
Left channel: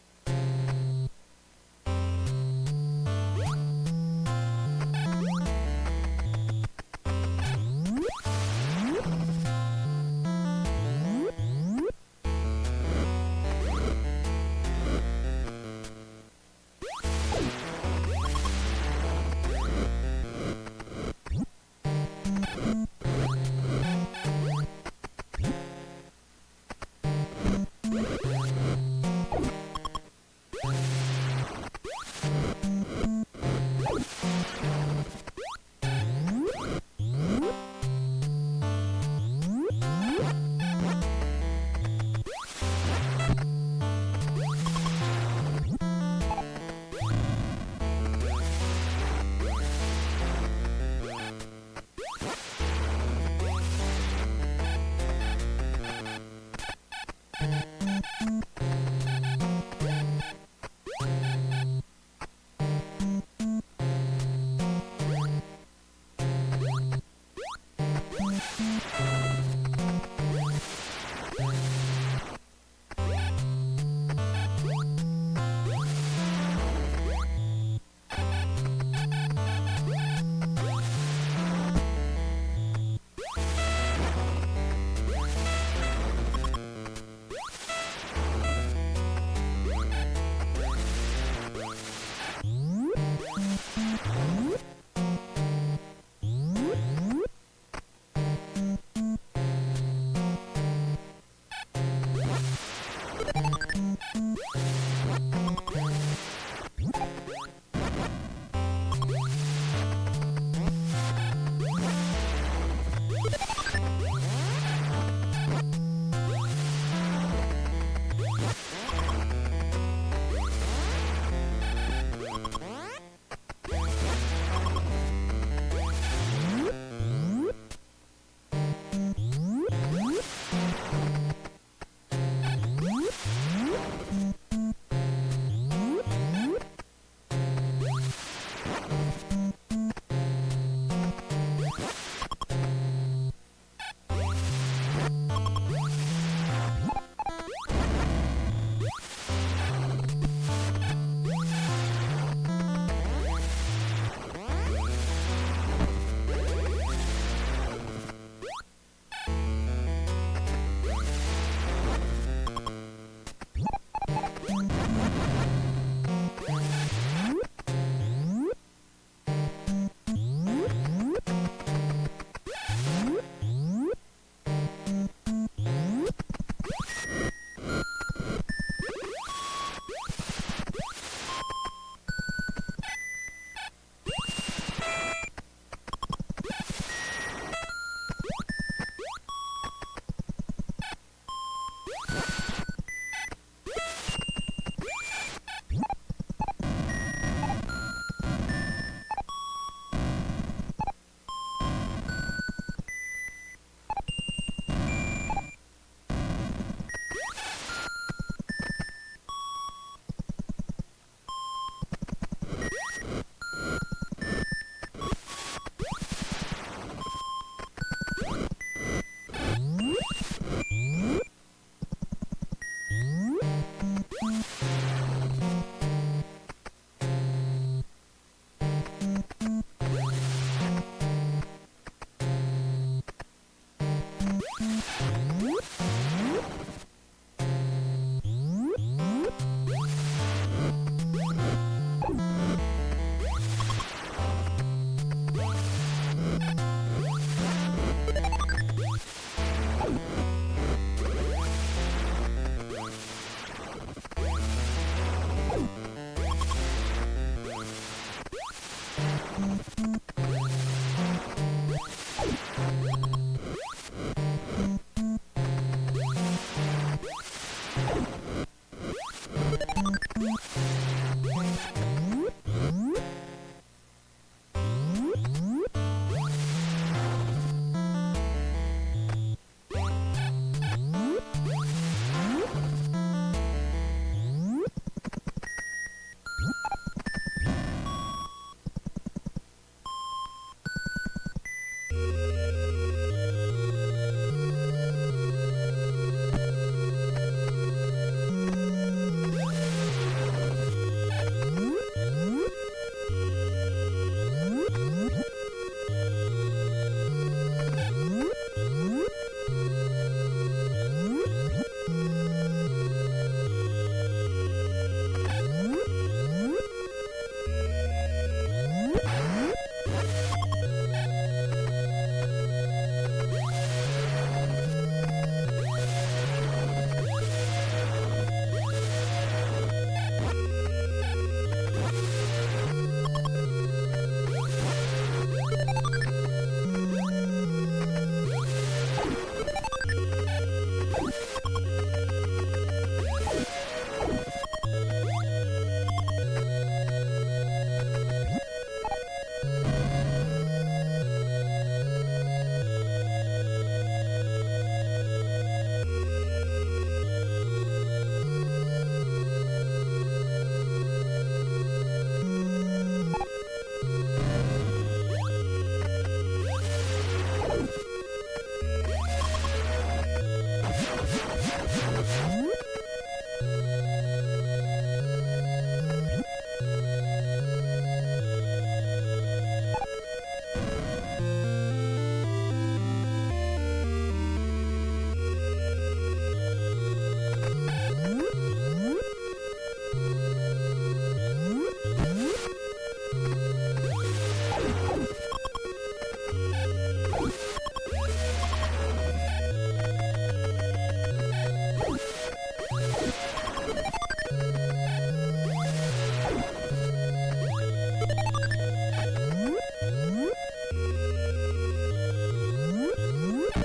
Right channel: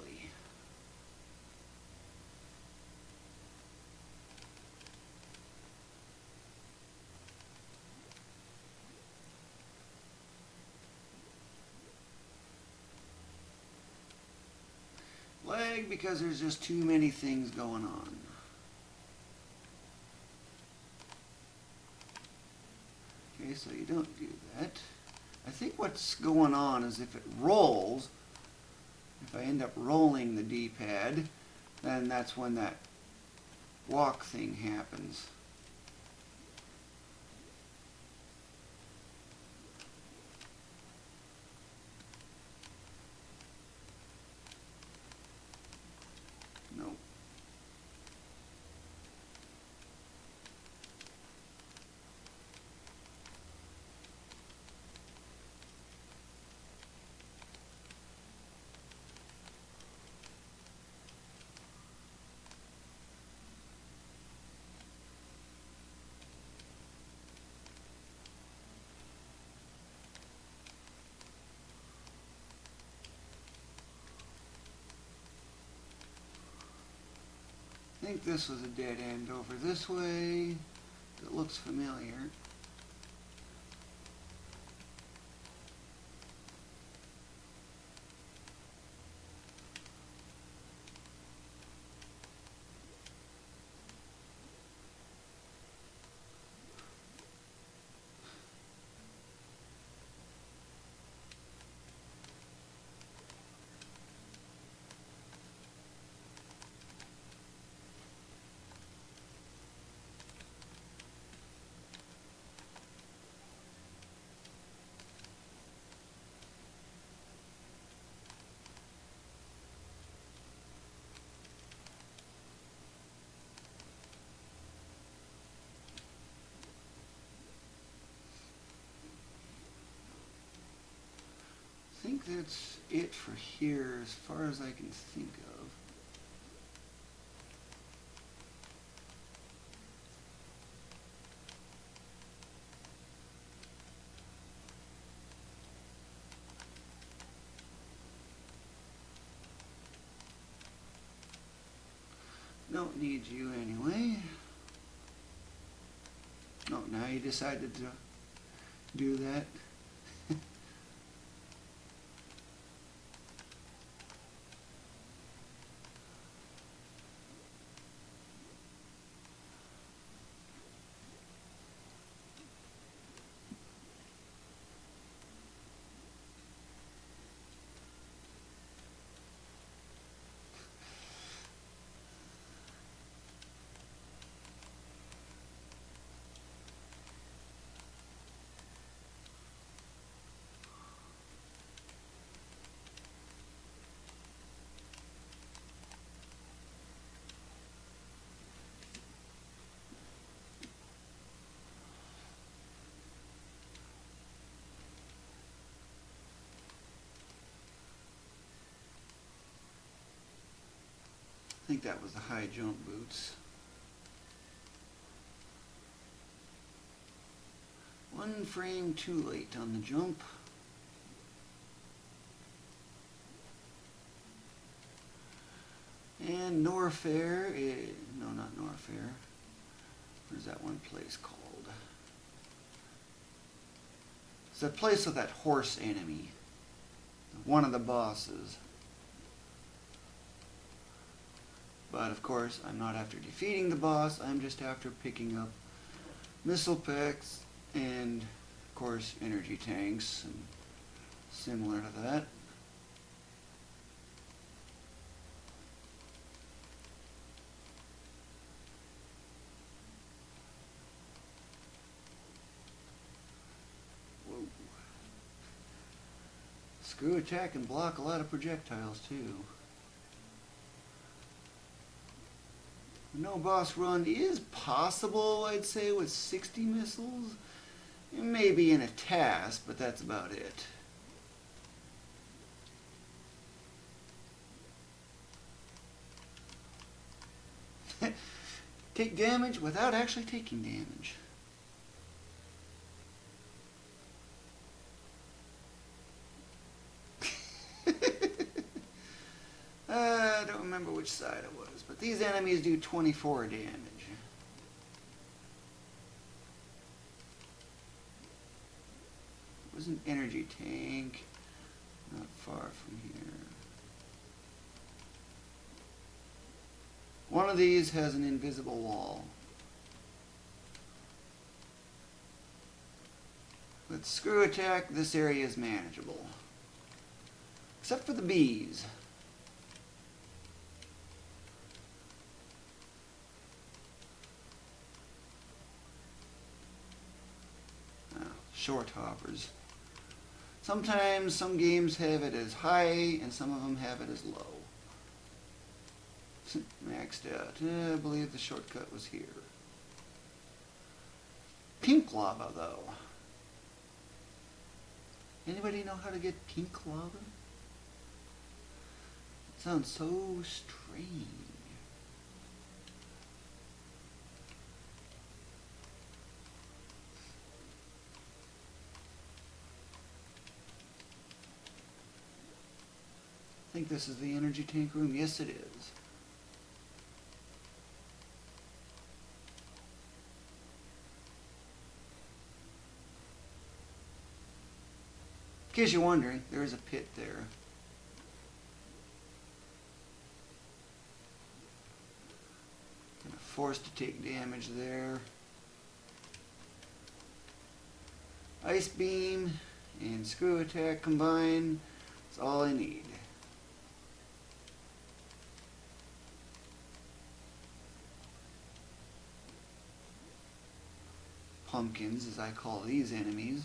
Like, because there's just too many things. I think what's going on is if it rolls, end up rolling the D-pad, then that's when that walk happens. force one of the bosses. But of course, I'm not after defeating the boss, I'm just after picking up missile pick and of course energy tanks. Attack and block a lot of projectiles too. No boss run is possible, I'd say, with 60. Maybe in a task, but that's about it. Take damage without actually taking damage. I don't remember which side. These enemies do 24 damage. There's an energy tank. One of these has an invisible wall. Screw attack, this area is manageable. Bees. Sometimes some games have it as high. Next up, I believe the shortcut is here. Pink lava, though. Anybody know how to get pink lava? Sounds so strange. I think this is the energy tank room. Yes, it is. In case you're wondering, there is a pit there. Force the kid. Ice beam and screw attack combined. That's all I need. Pumpkins, as I call these enemies.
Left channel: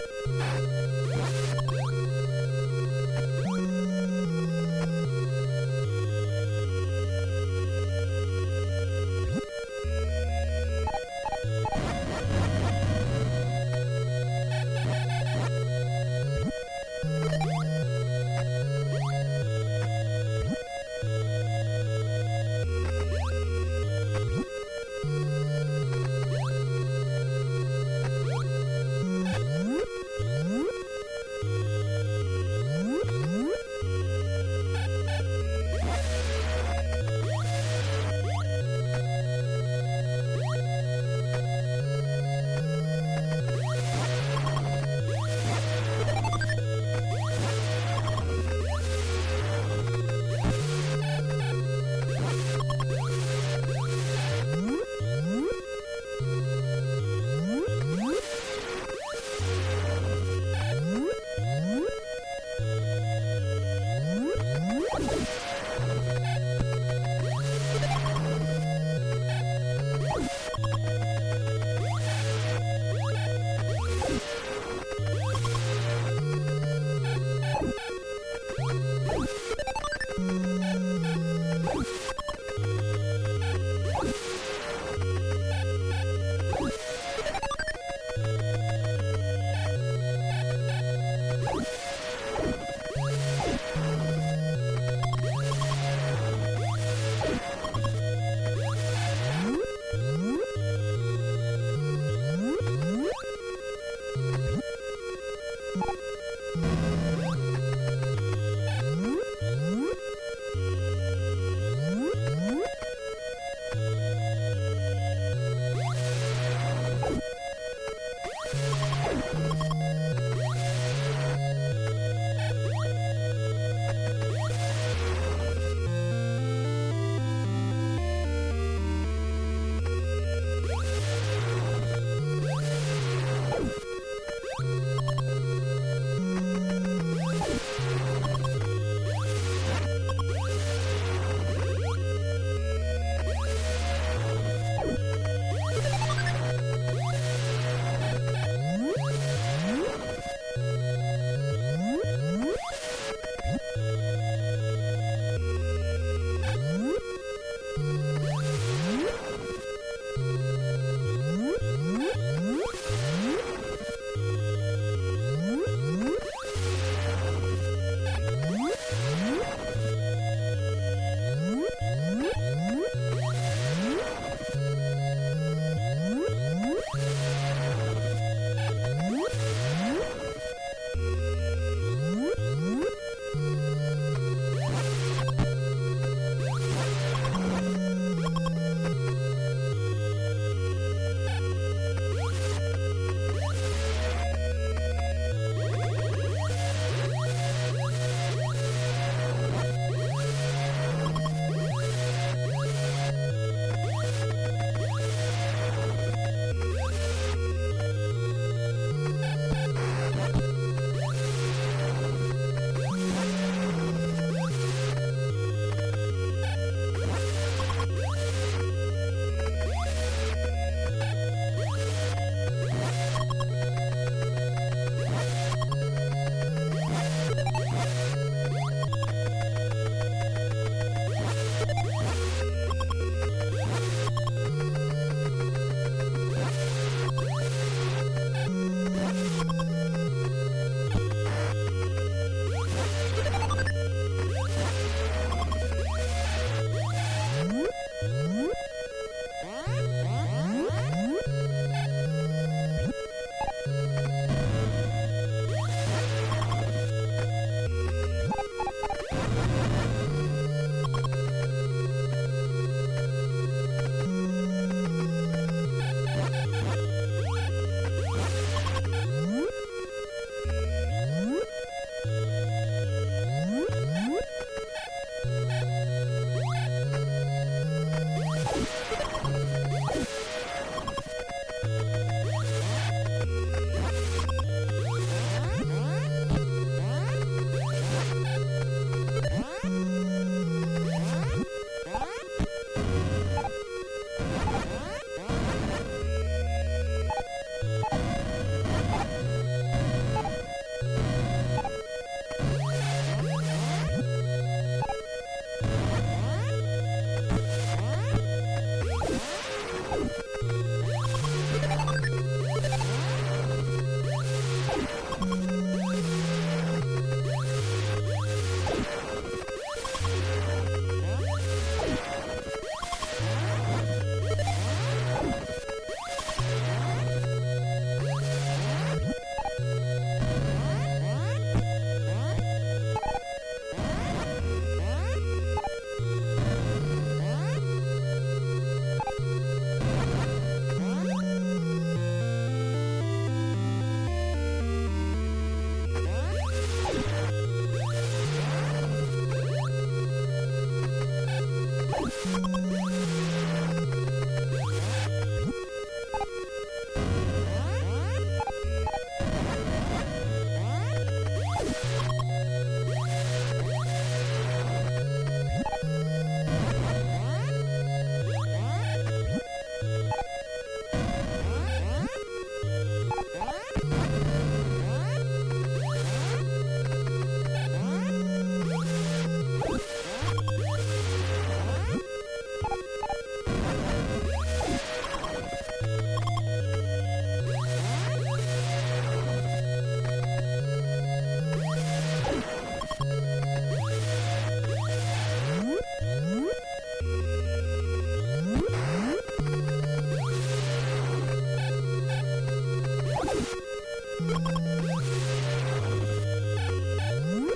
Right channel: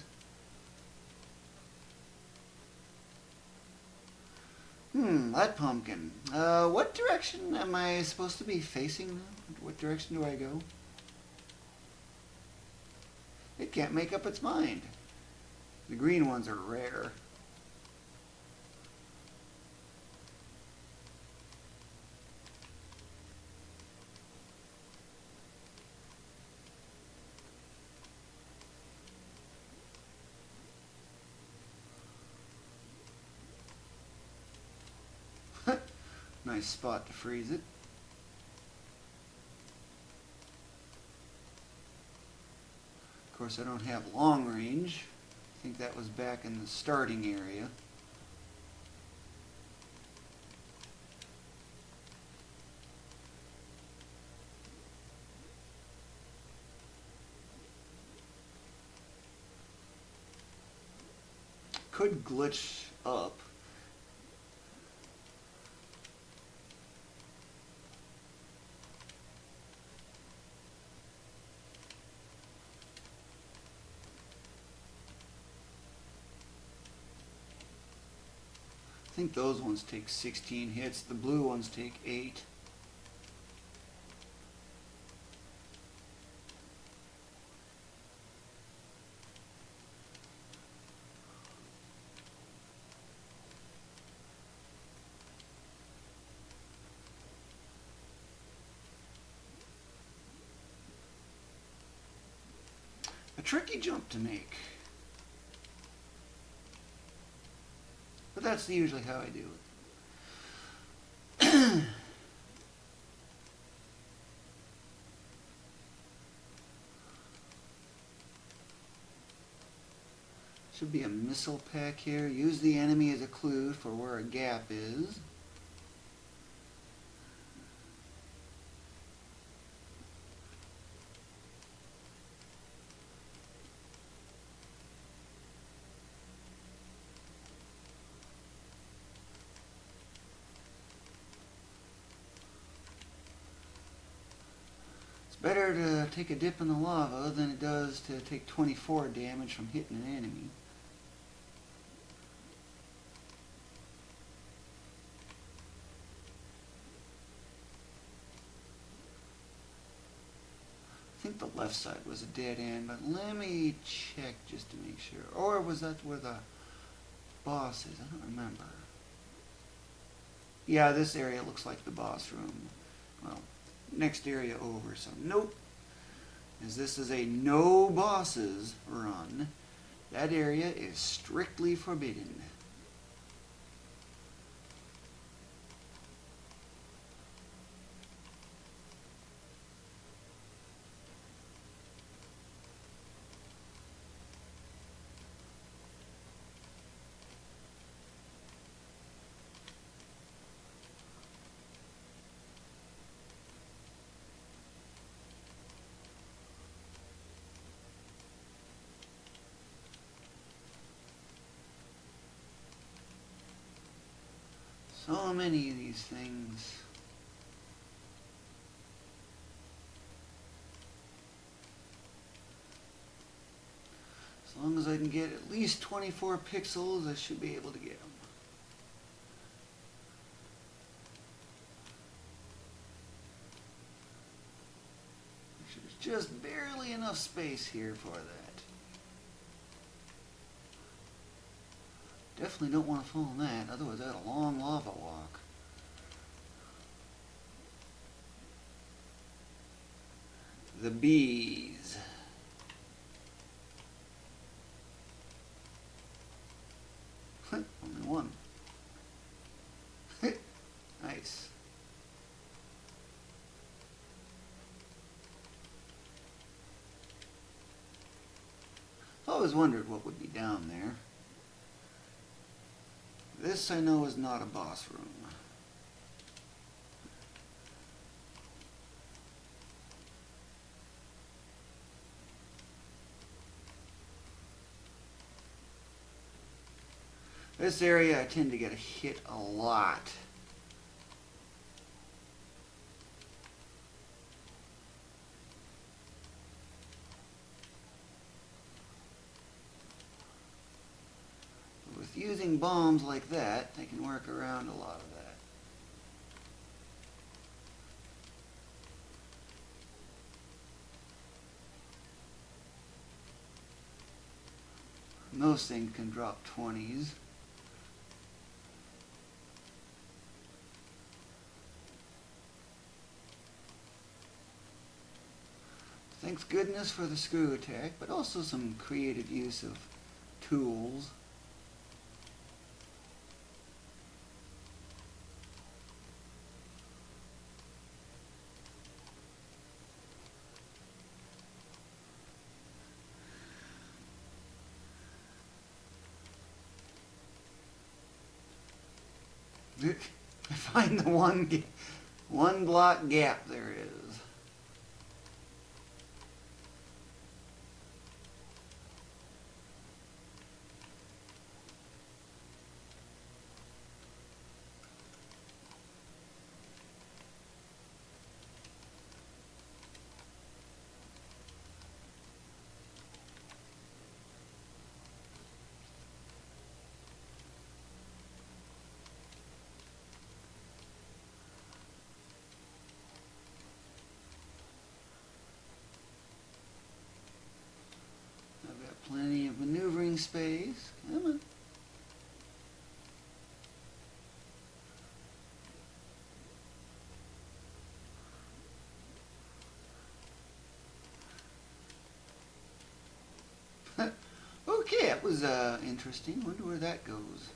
Yeah, this area looks like the boss room. Next area over. So nope. This is a no bosses room. That area is strictly forbidden. Wondered what would be down there. This I know is not a boss room. This area I tend to get hit a lot. Bombs like that can work around a lot. Most things can drop counties. That's good enough for the screw attack. Also some creative use of tools. Find the one block gap. Okay, that was interesting. Where that goes?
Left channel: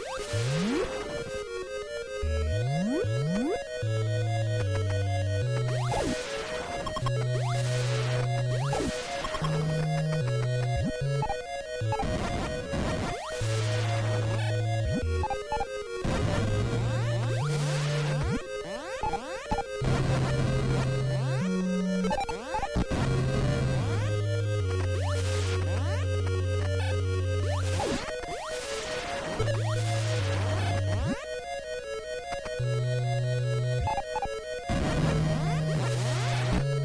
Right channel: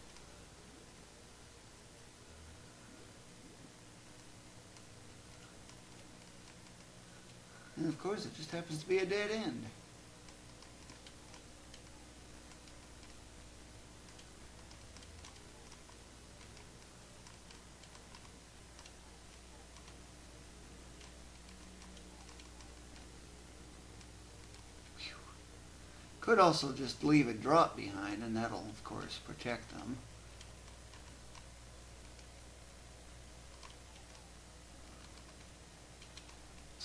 Could also just leave it drop.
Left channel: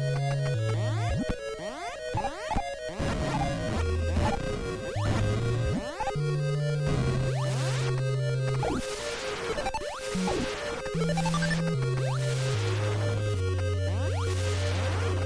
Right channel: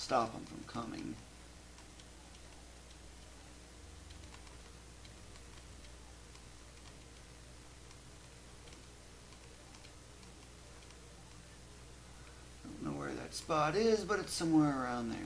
Stop. The spot is, but it's somewhere around.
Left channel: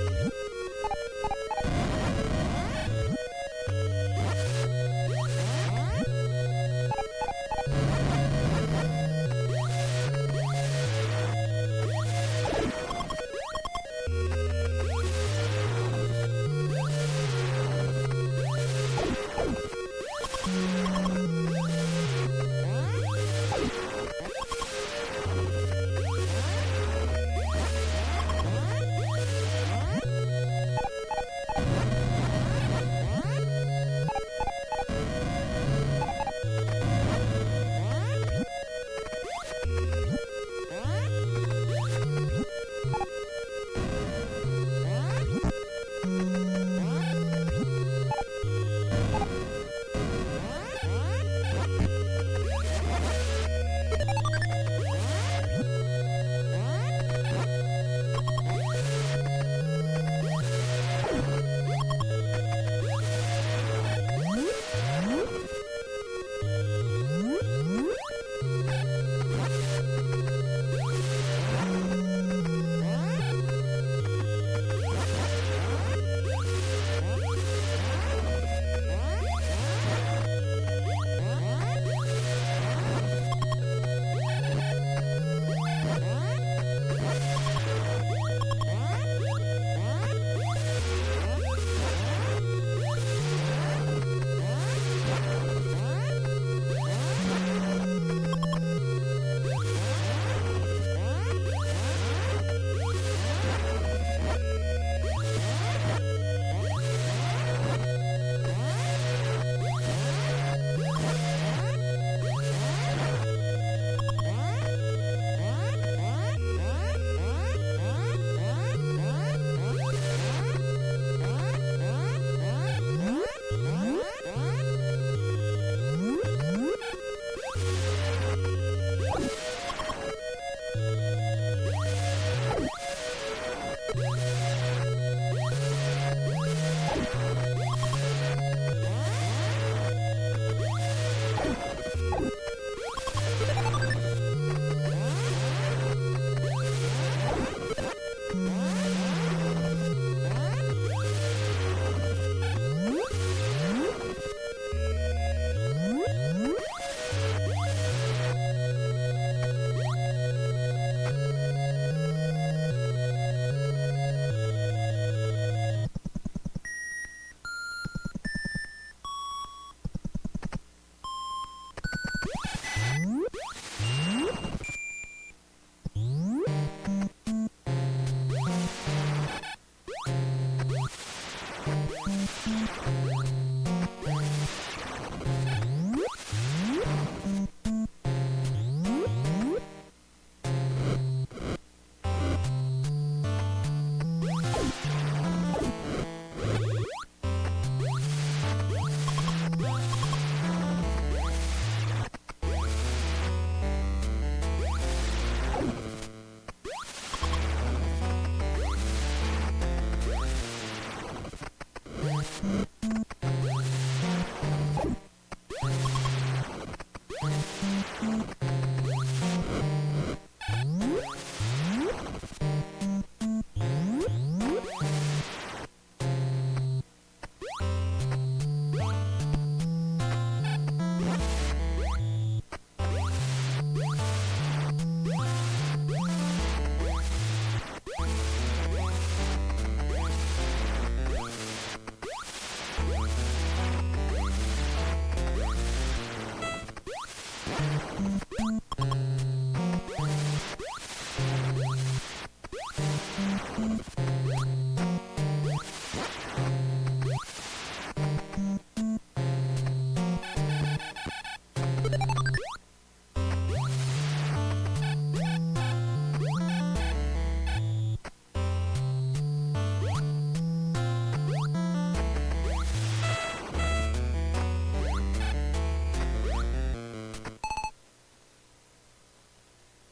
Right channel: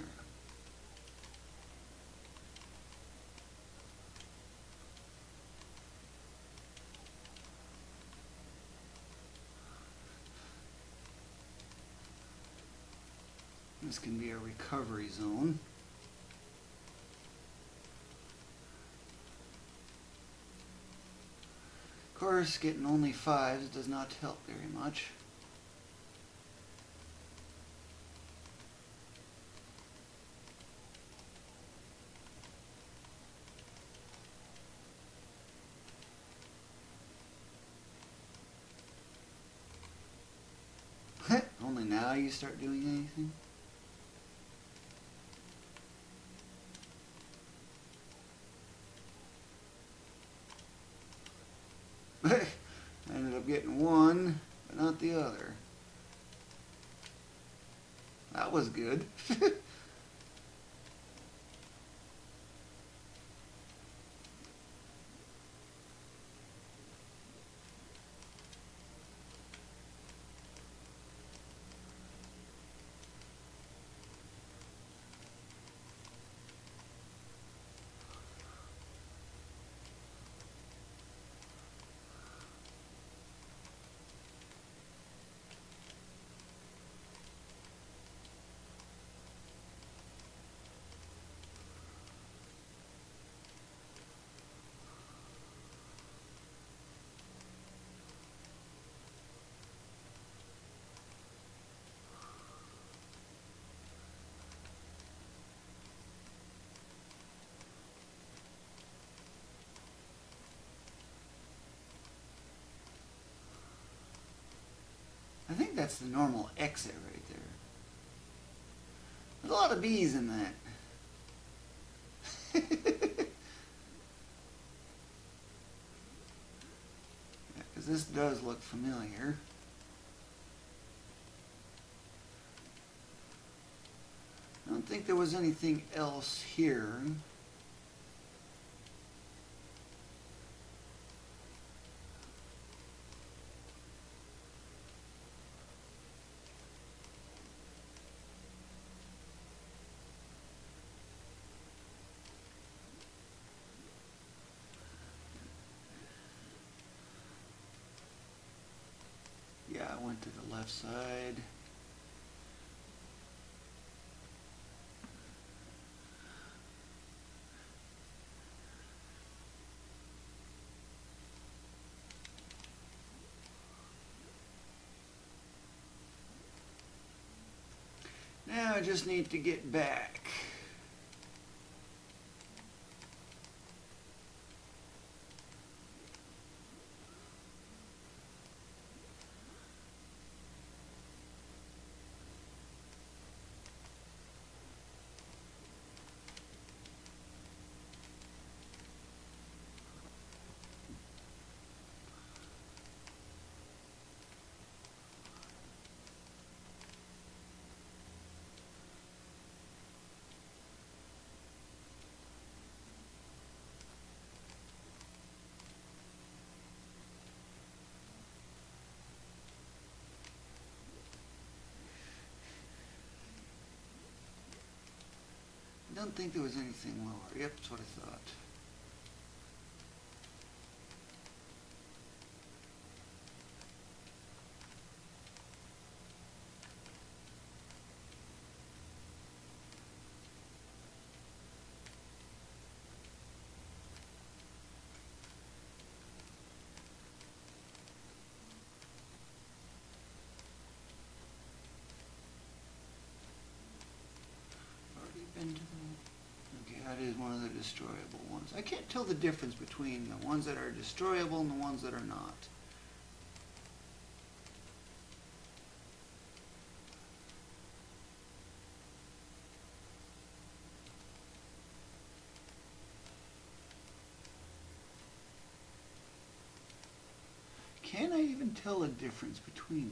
tell a difference between them.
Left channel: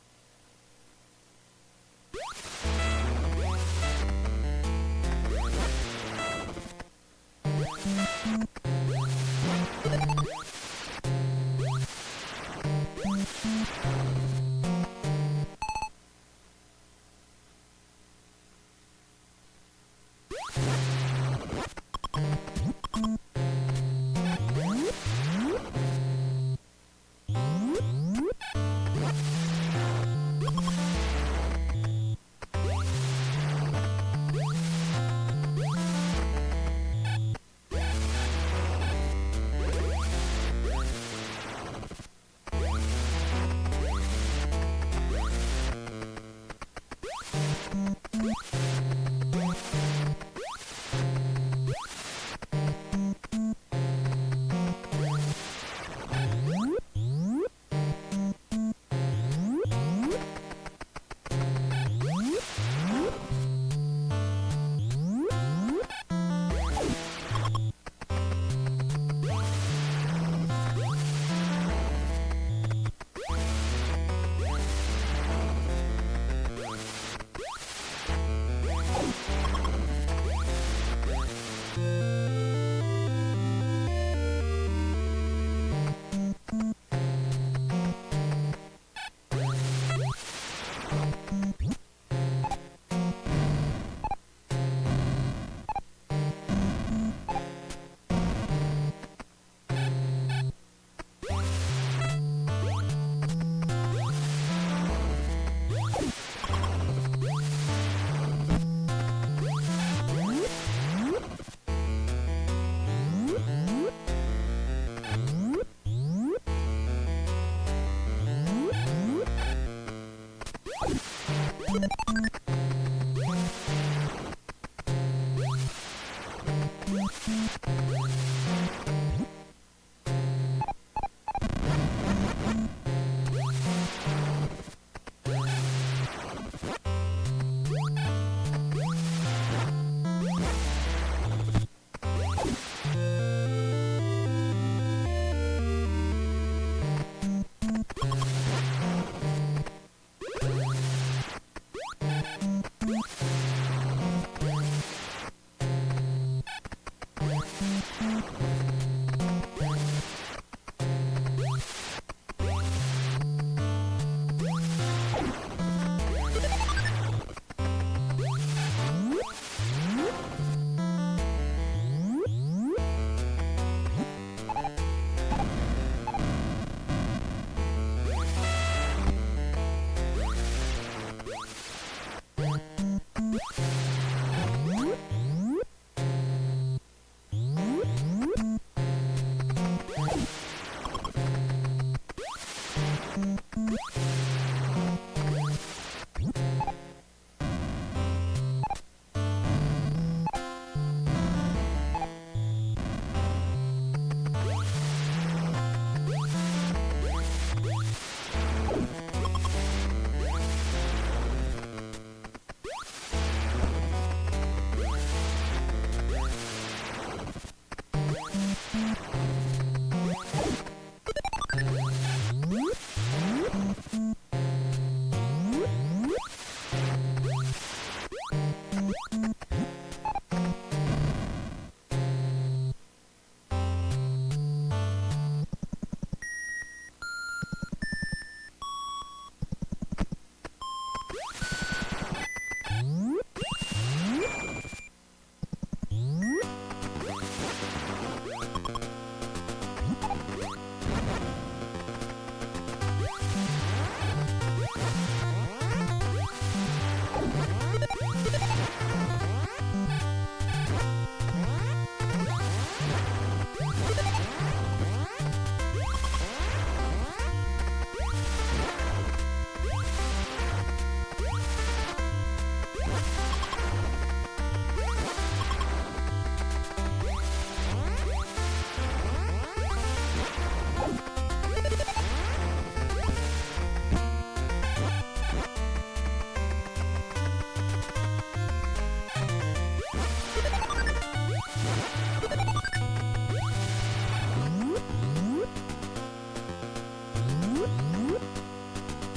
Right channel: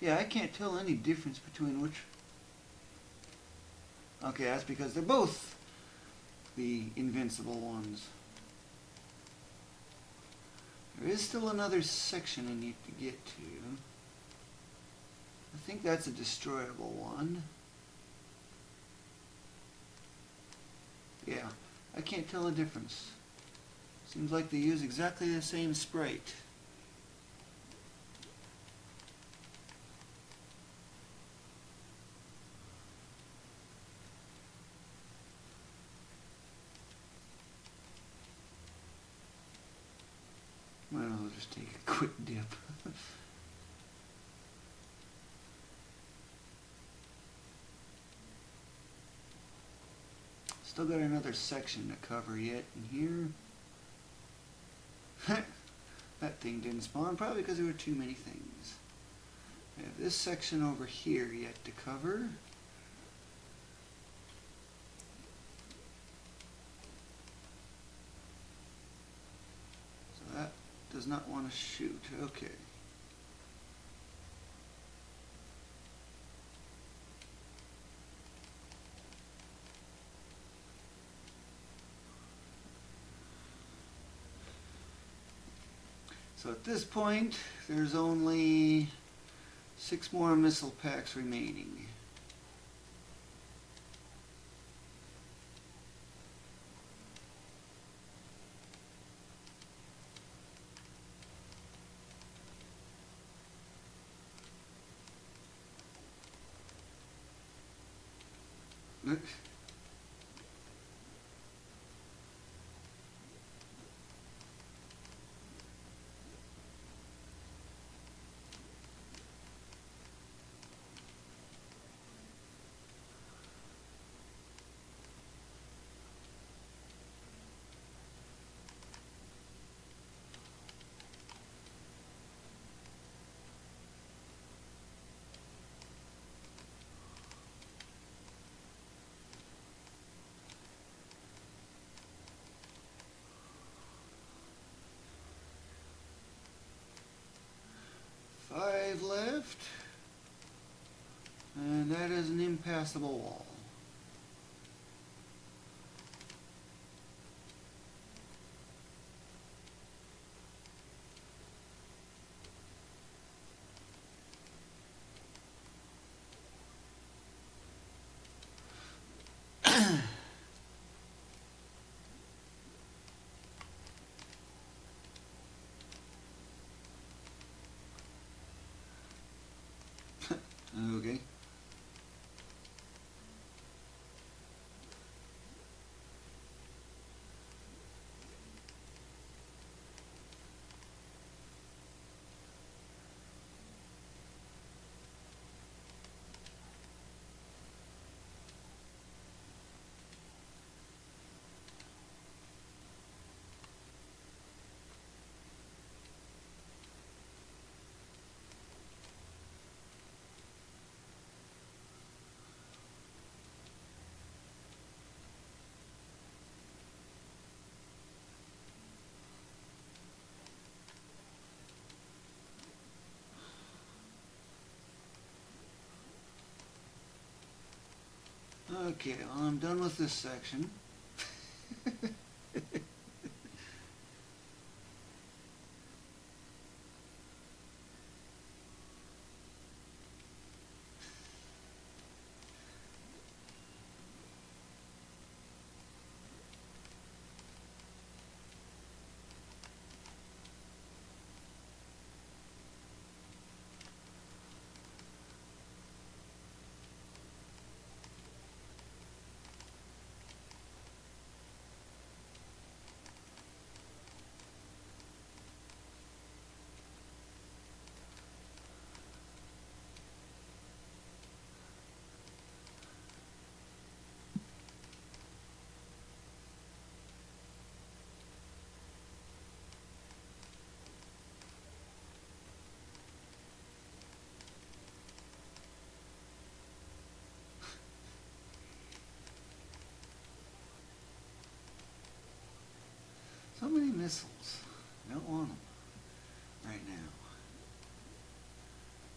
Yeah, I can't tell any difference between which. Okay, that's because they're both the invincible ones. There is still another section. I think that's a destroyable one. Yeah, I can't tell a difference. Seems like they use exactly the same sprite. So at this point, there's only 6 more missile packs remaining. Okay, well, I'm done with this section.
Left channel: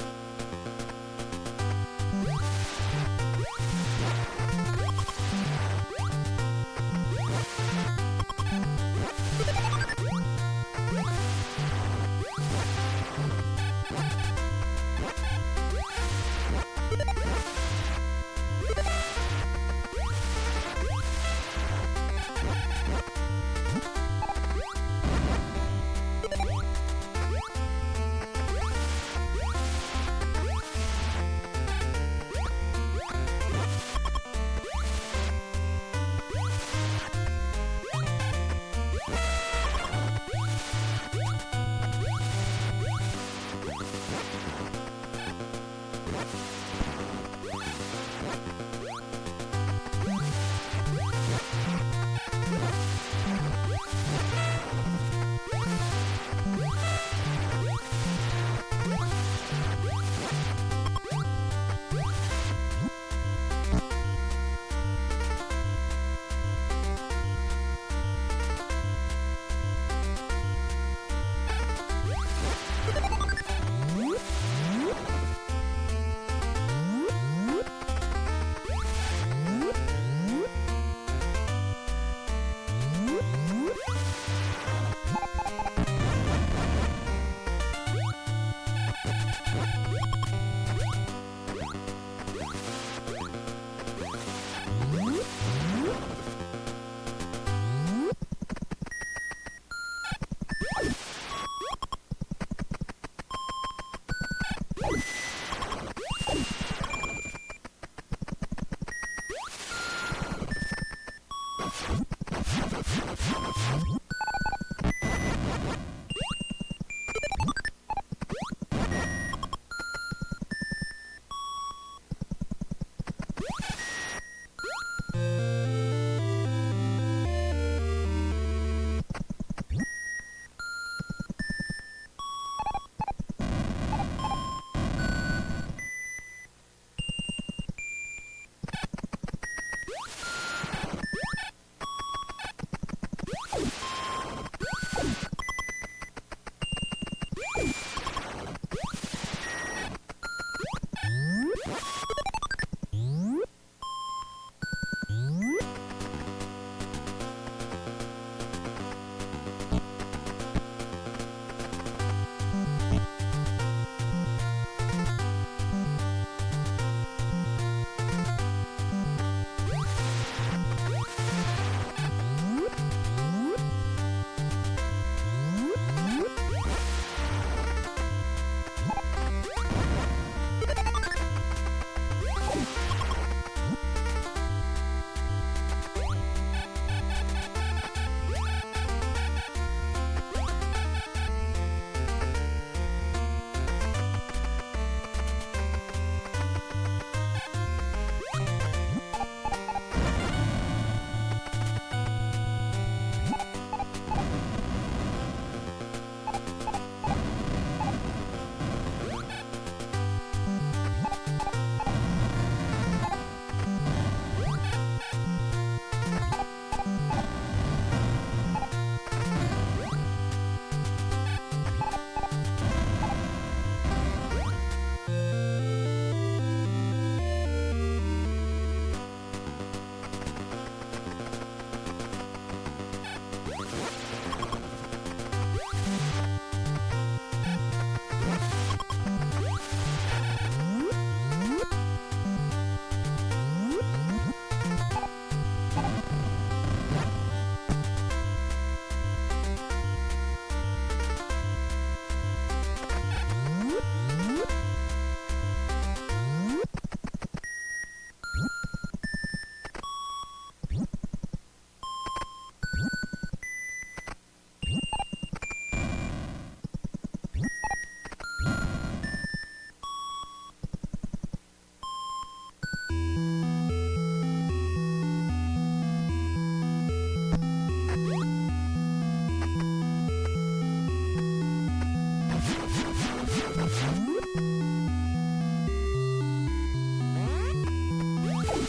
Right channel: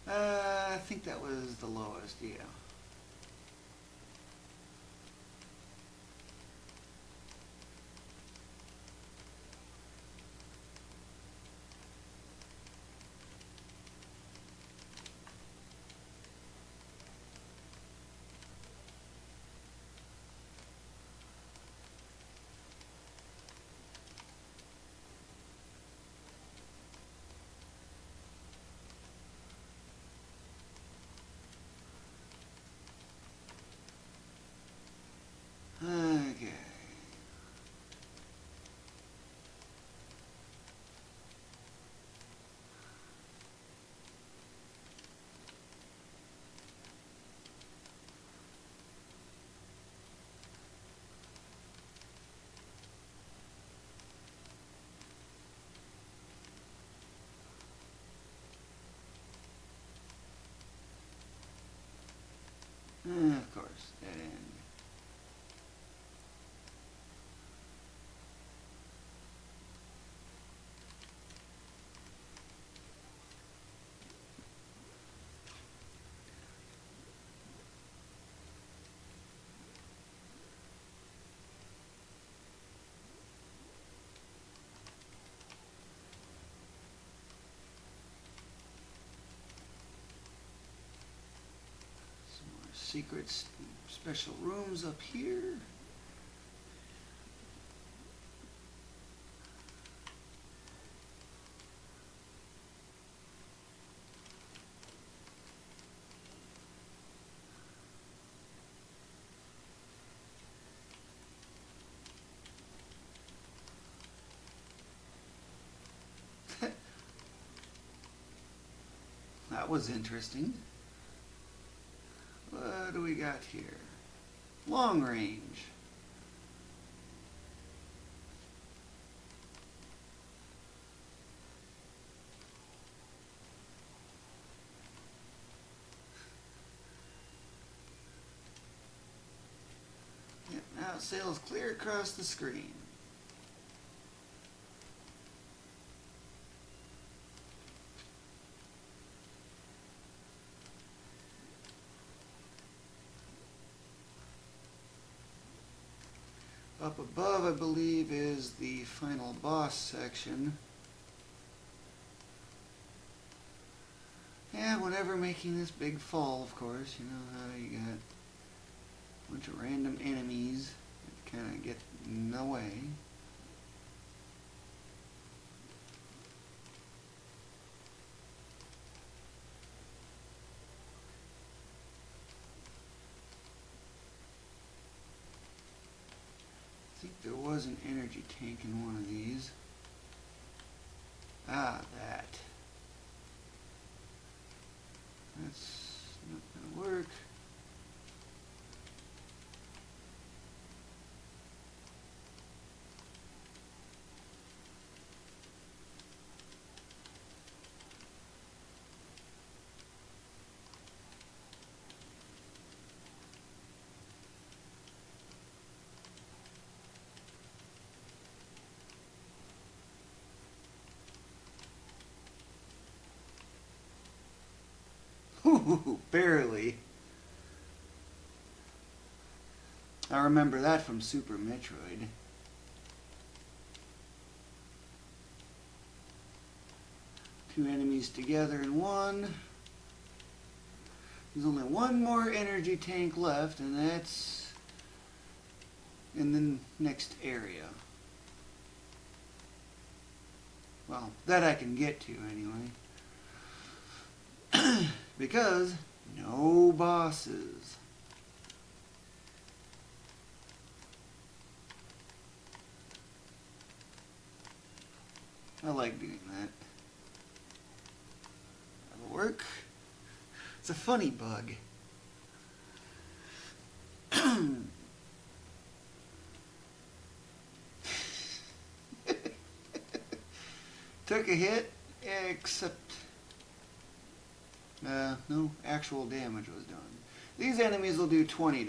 I think that was the lowest. That was interesting. What do we got here? Long range. That sails clear across the screen. Barely. I remember that from Super Metroid. Enemies together in one. One more energy tank left. That's in the next area. That I can get to, I know. Because no bosses. I like doing that. Work. It's a funny bug. Took a hit. Yeah, no actual damage. These enemies will do 20 damage.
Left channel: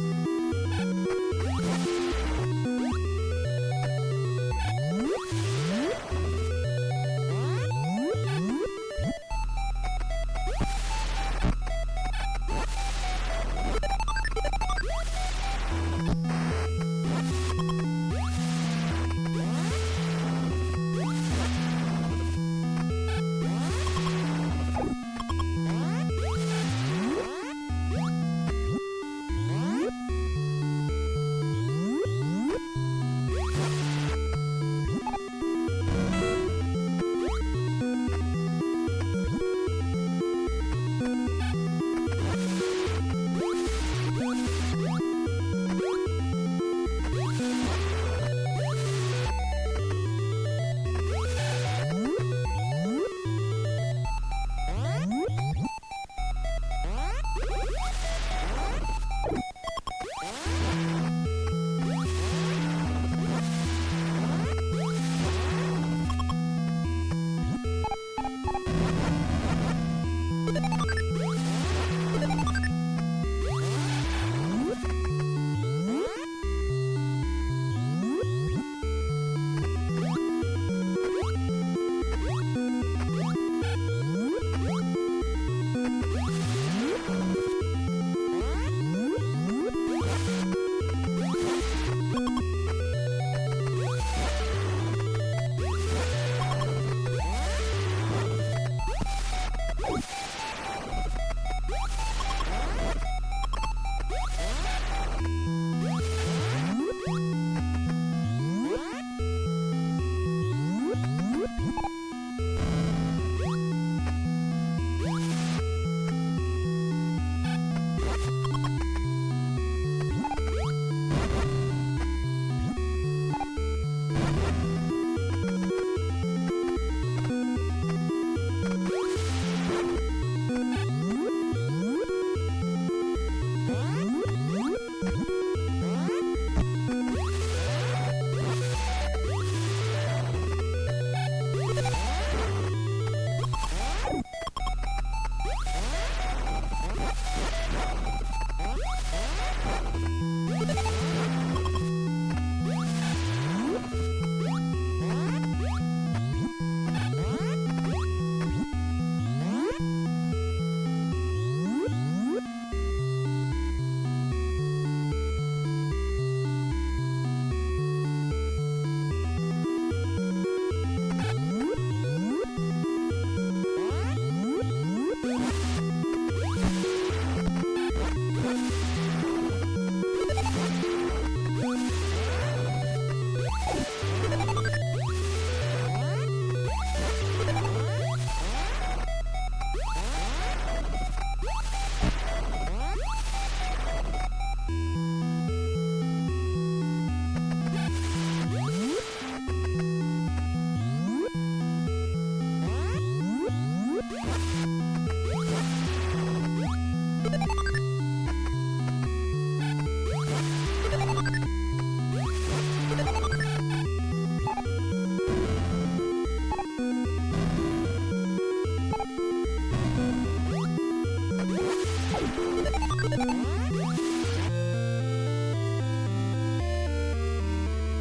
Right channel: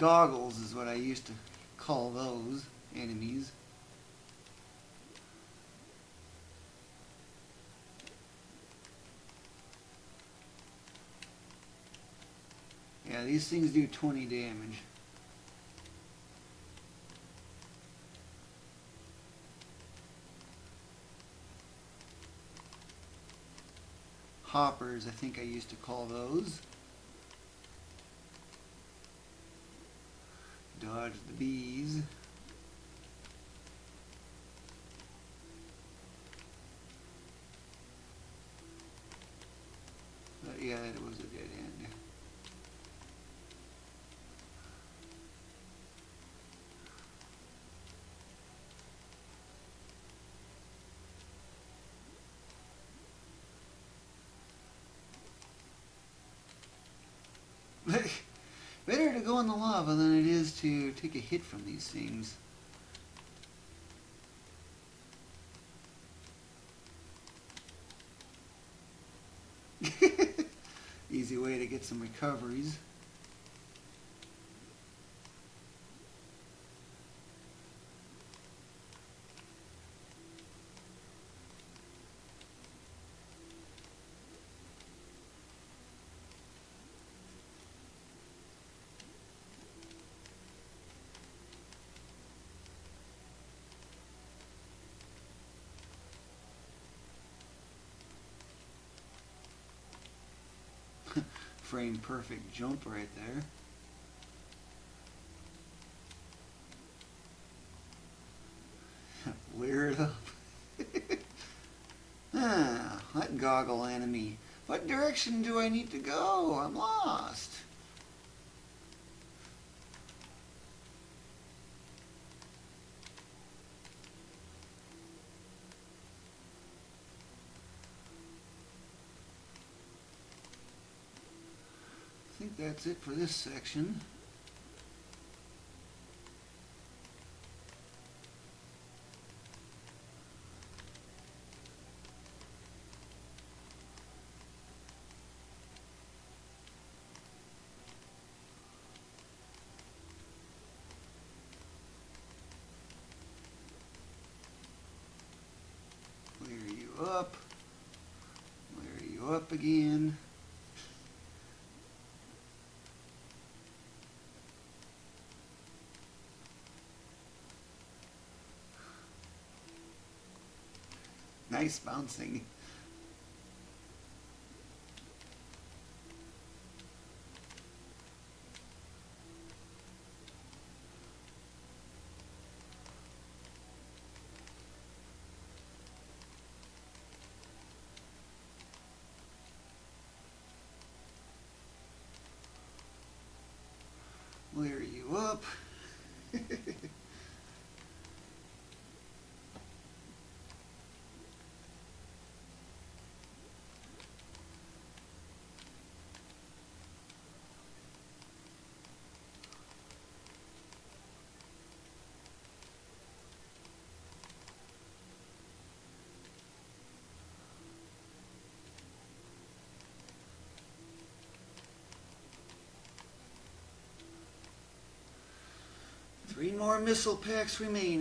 Goggles is what I used to call those enemies. Yeah, these seem to do 20 damage. Hoppers, I think I used to call those. pixel packs remaining.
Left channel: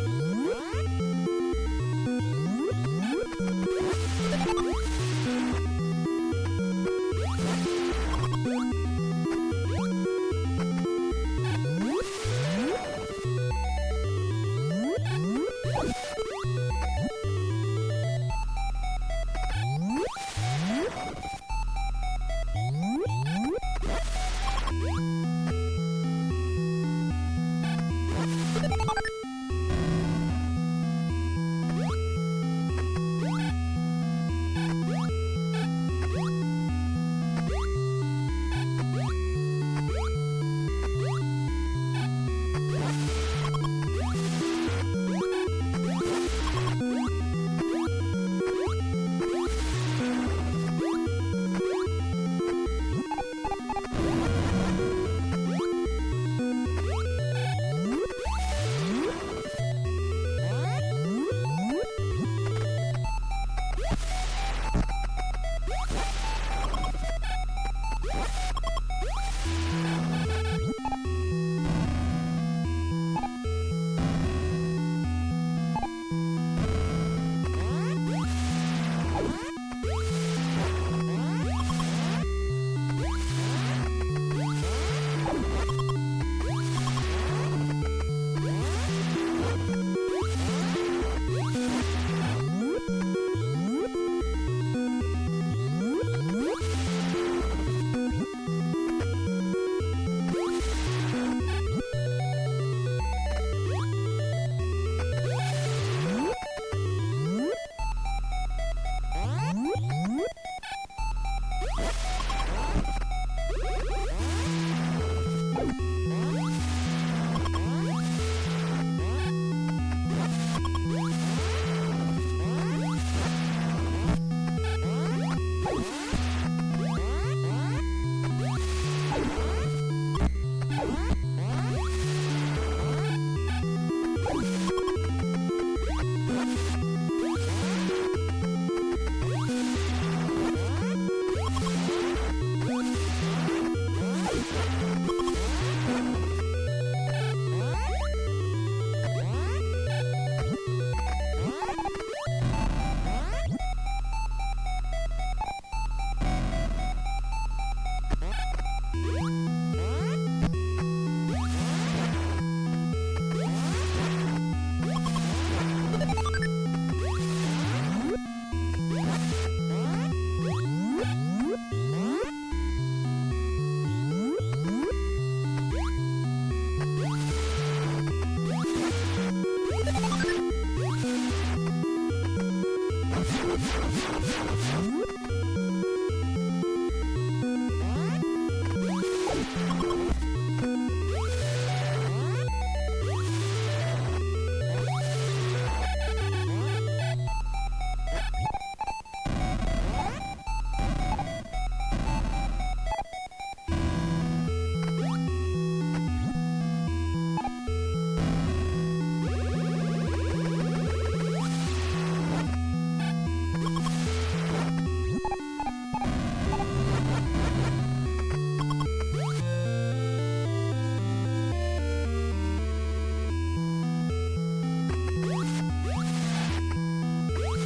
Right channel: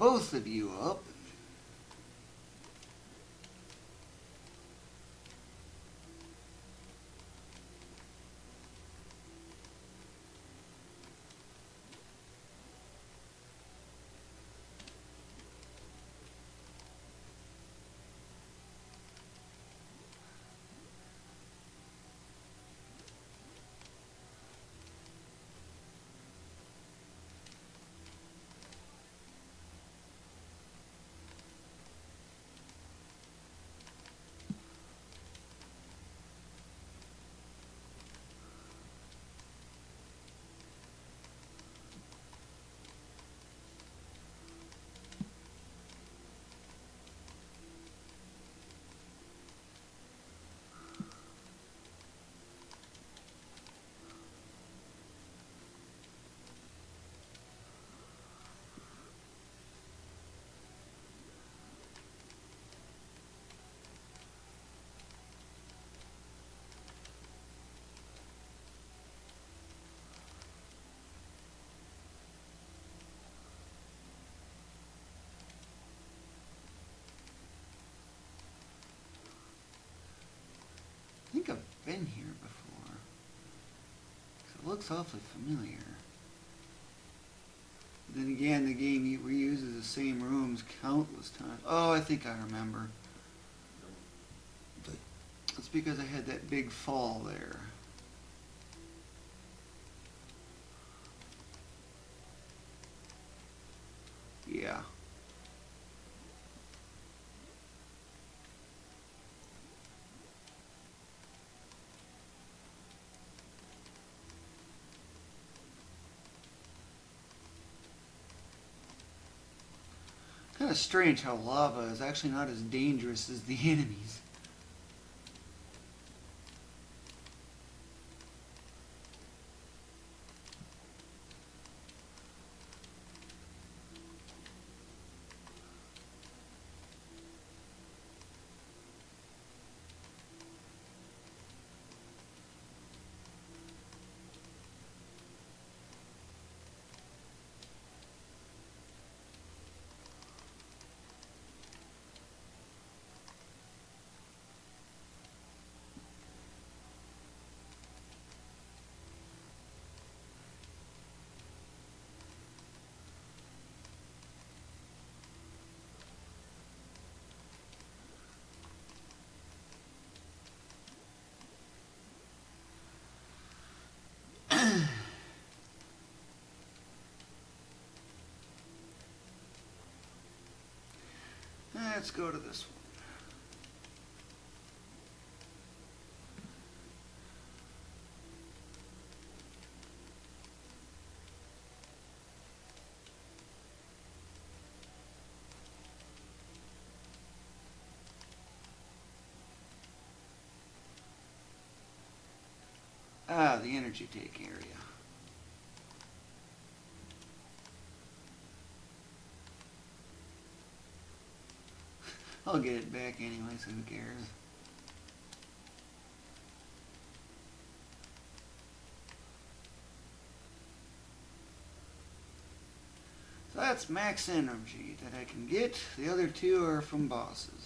Both of you up. Strange how lava is actually not as dangerous at the beginning. Ah, the energy tank here. max energy that I can get. The other two are from boss.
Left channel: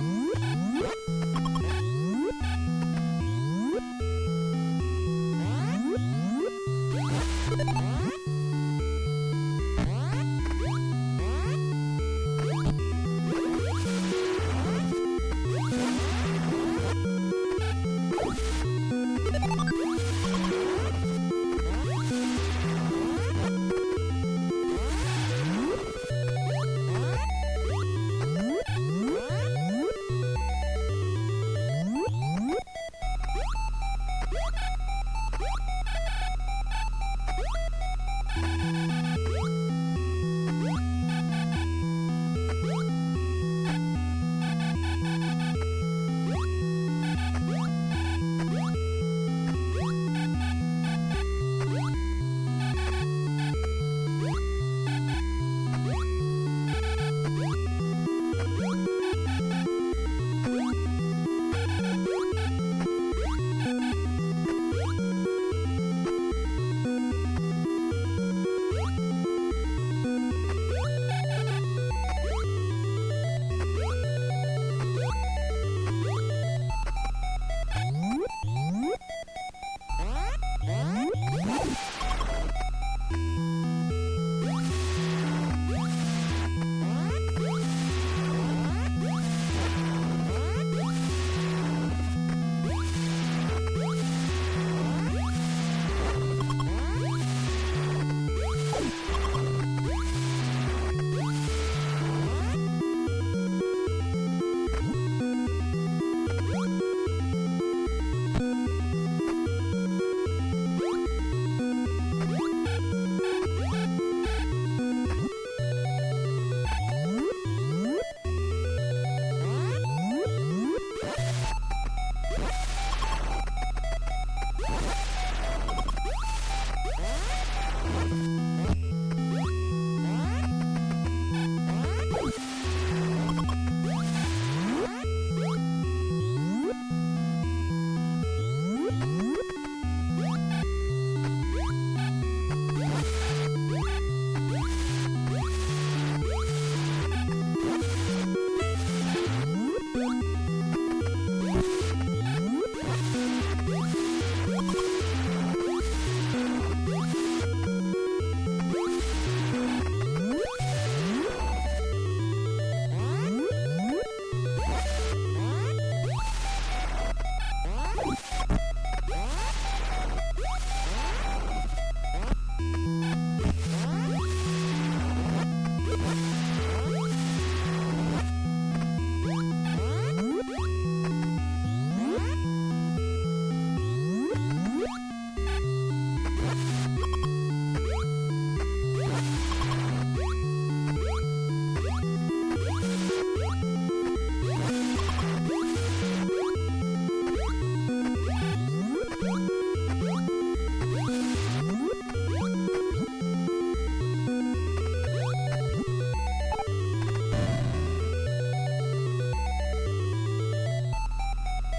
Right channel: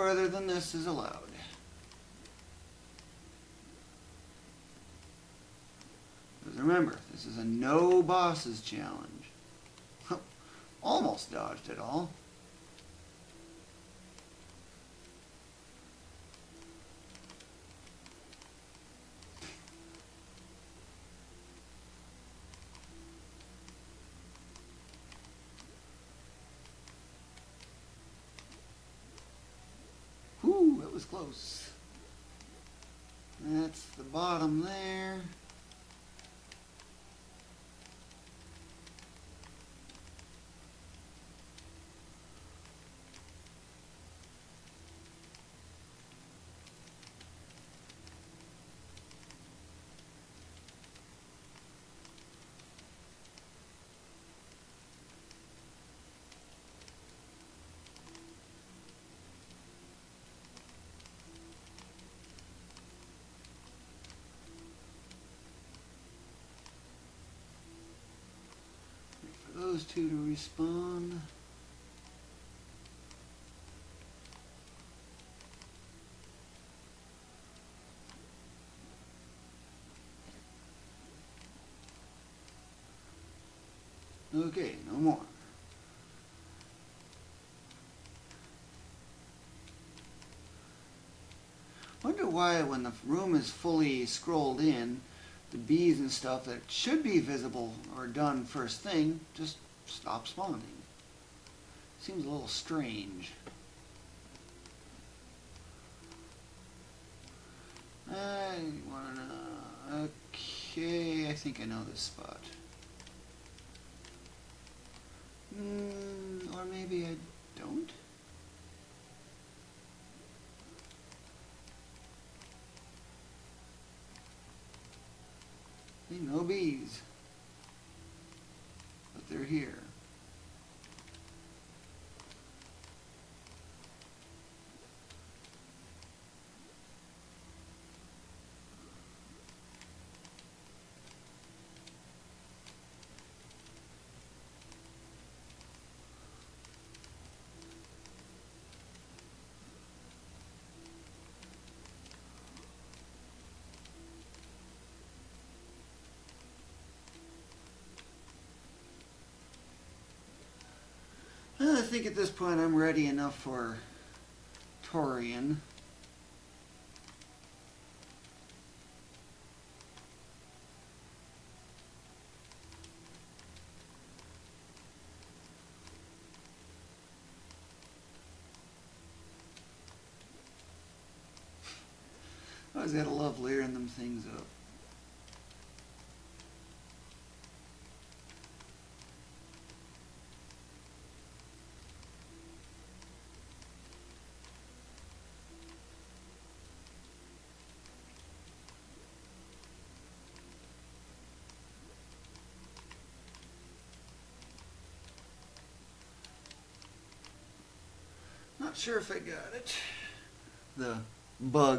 farther than this is allowed. Remember, no bosses challenge. Almost dodged it all. Stuff that should be visible or done first thing just stops home. It's a little strange. Okay, I think I know this spot. Bug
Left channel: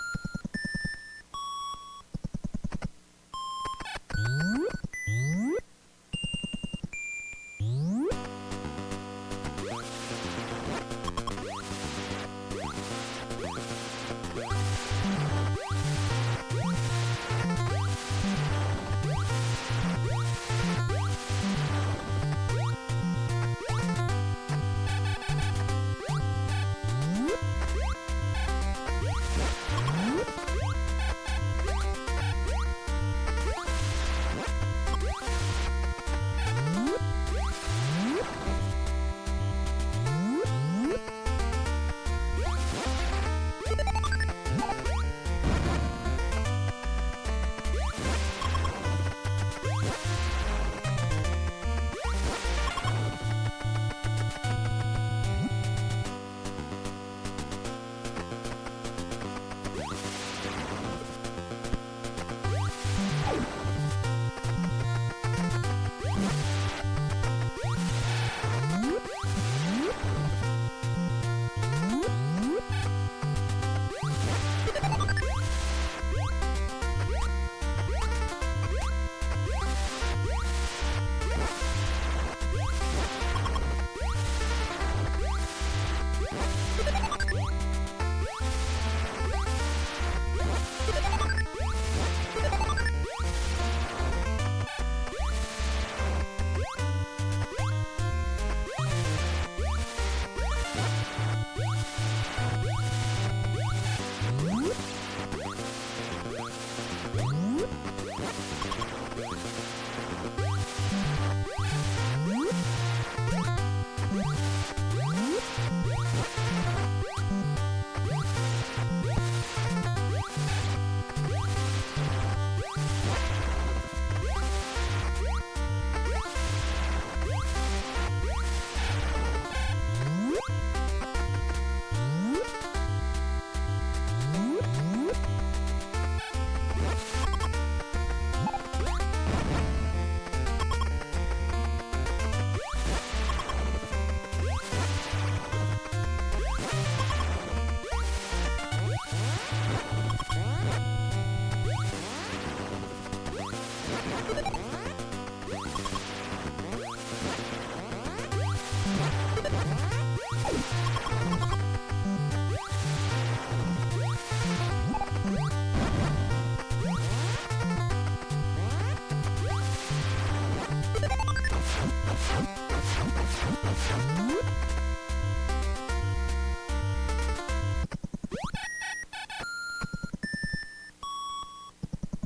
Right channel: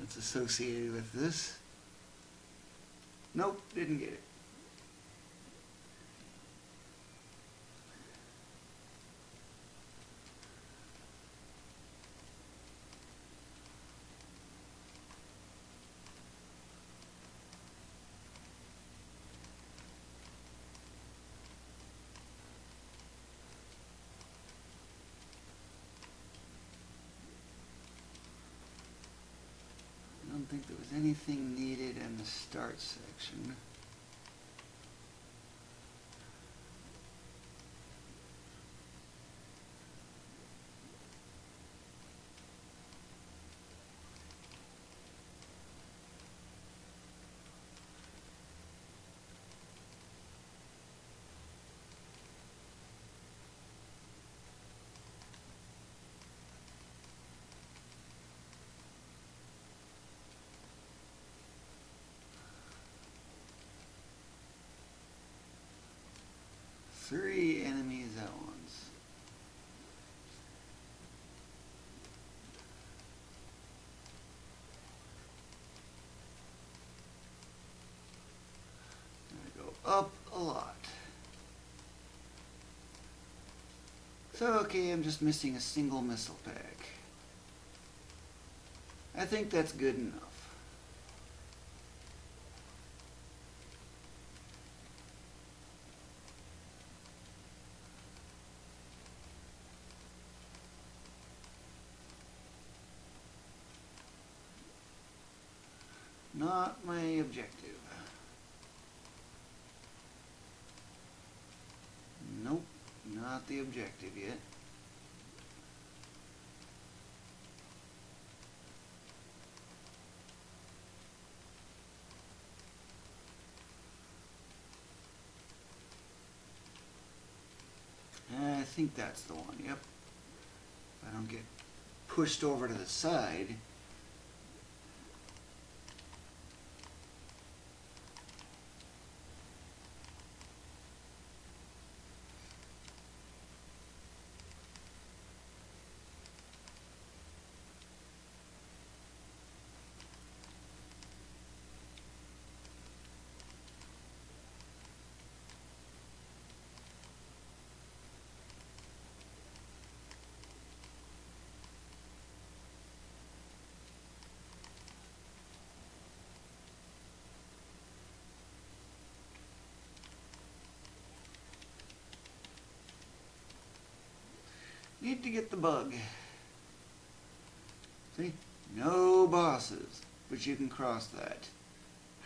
that's associated with this. Nope, didn't get it. pushed over to the side. Need to get the bug. See? No bosses, but you can cross that.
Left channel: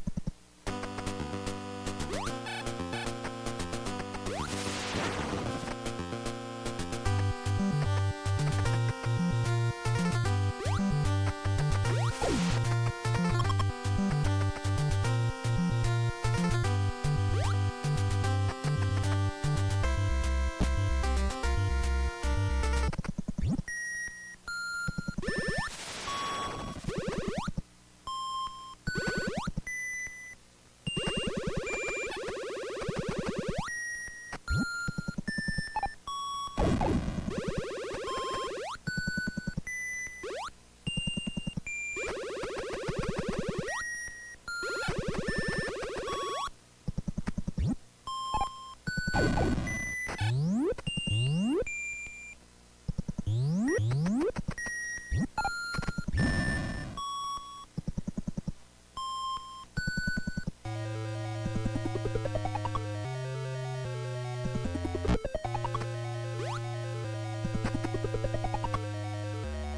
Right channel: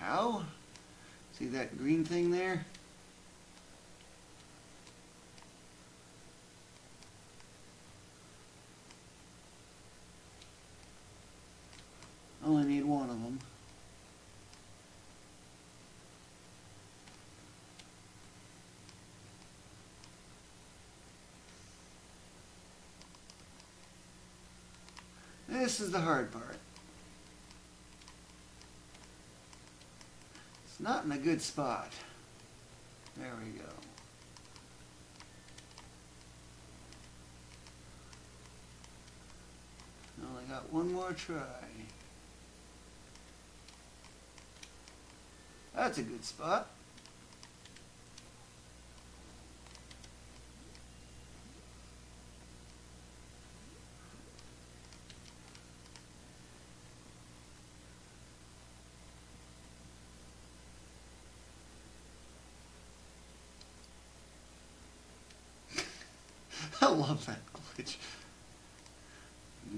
How? See that green thing there? Only one. This is the hard part. It's not in a good spot. I've got one more try. That's a good spot. I love that glitch.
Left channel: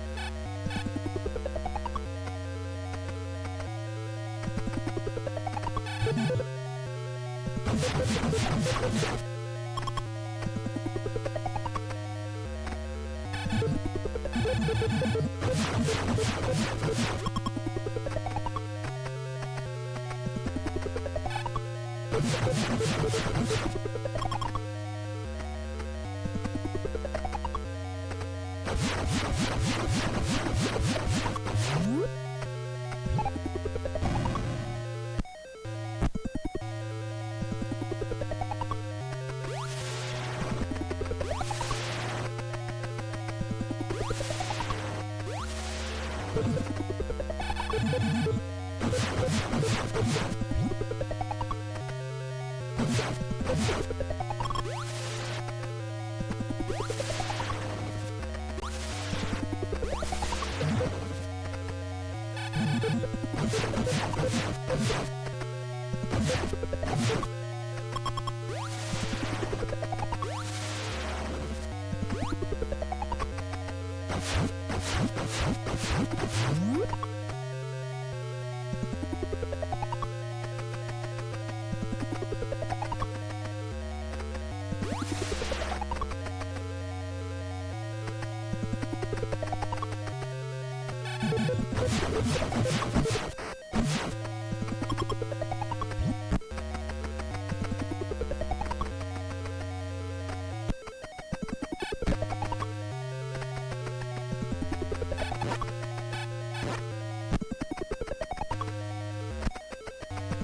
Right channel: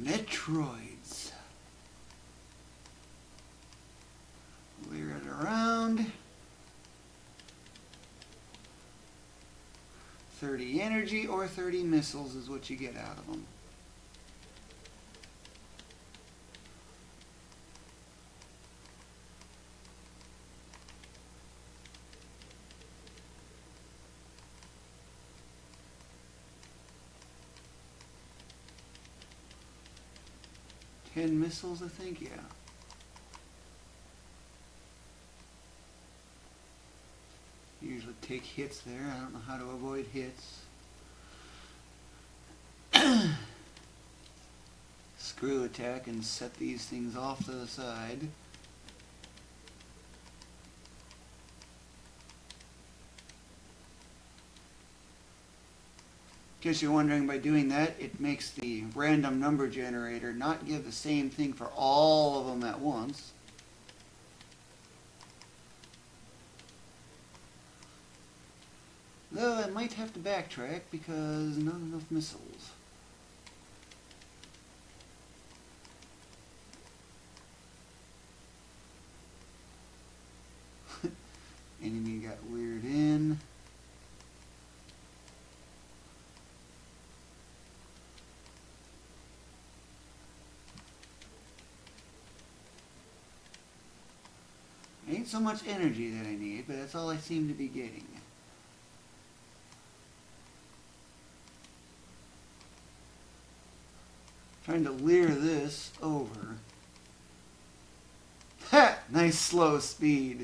Metroids. Turn around. 30 energy or 30 missiles is what you get out of Take hits there. Screw that and set these things off to the side. In case you're wondering, by doing that, it makes the random number generator not do the same thing for all of them at once. Well, I might have to backtrack because this is... in. Ain't so much energy that I need, but that's all I seem to be getting. Trying to leer this over. Ha! Nice slow speed.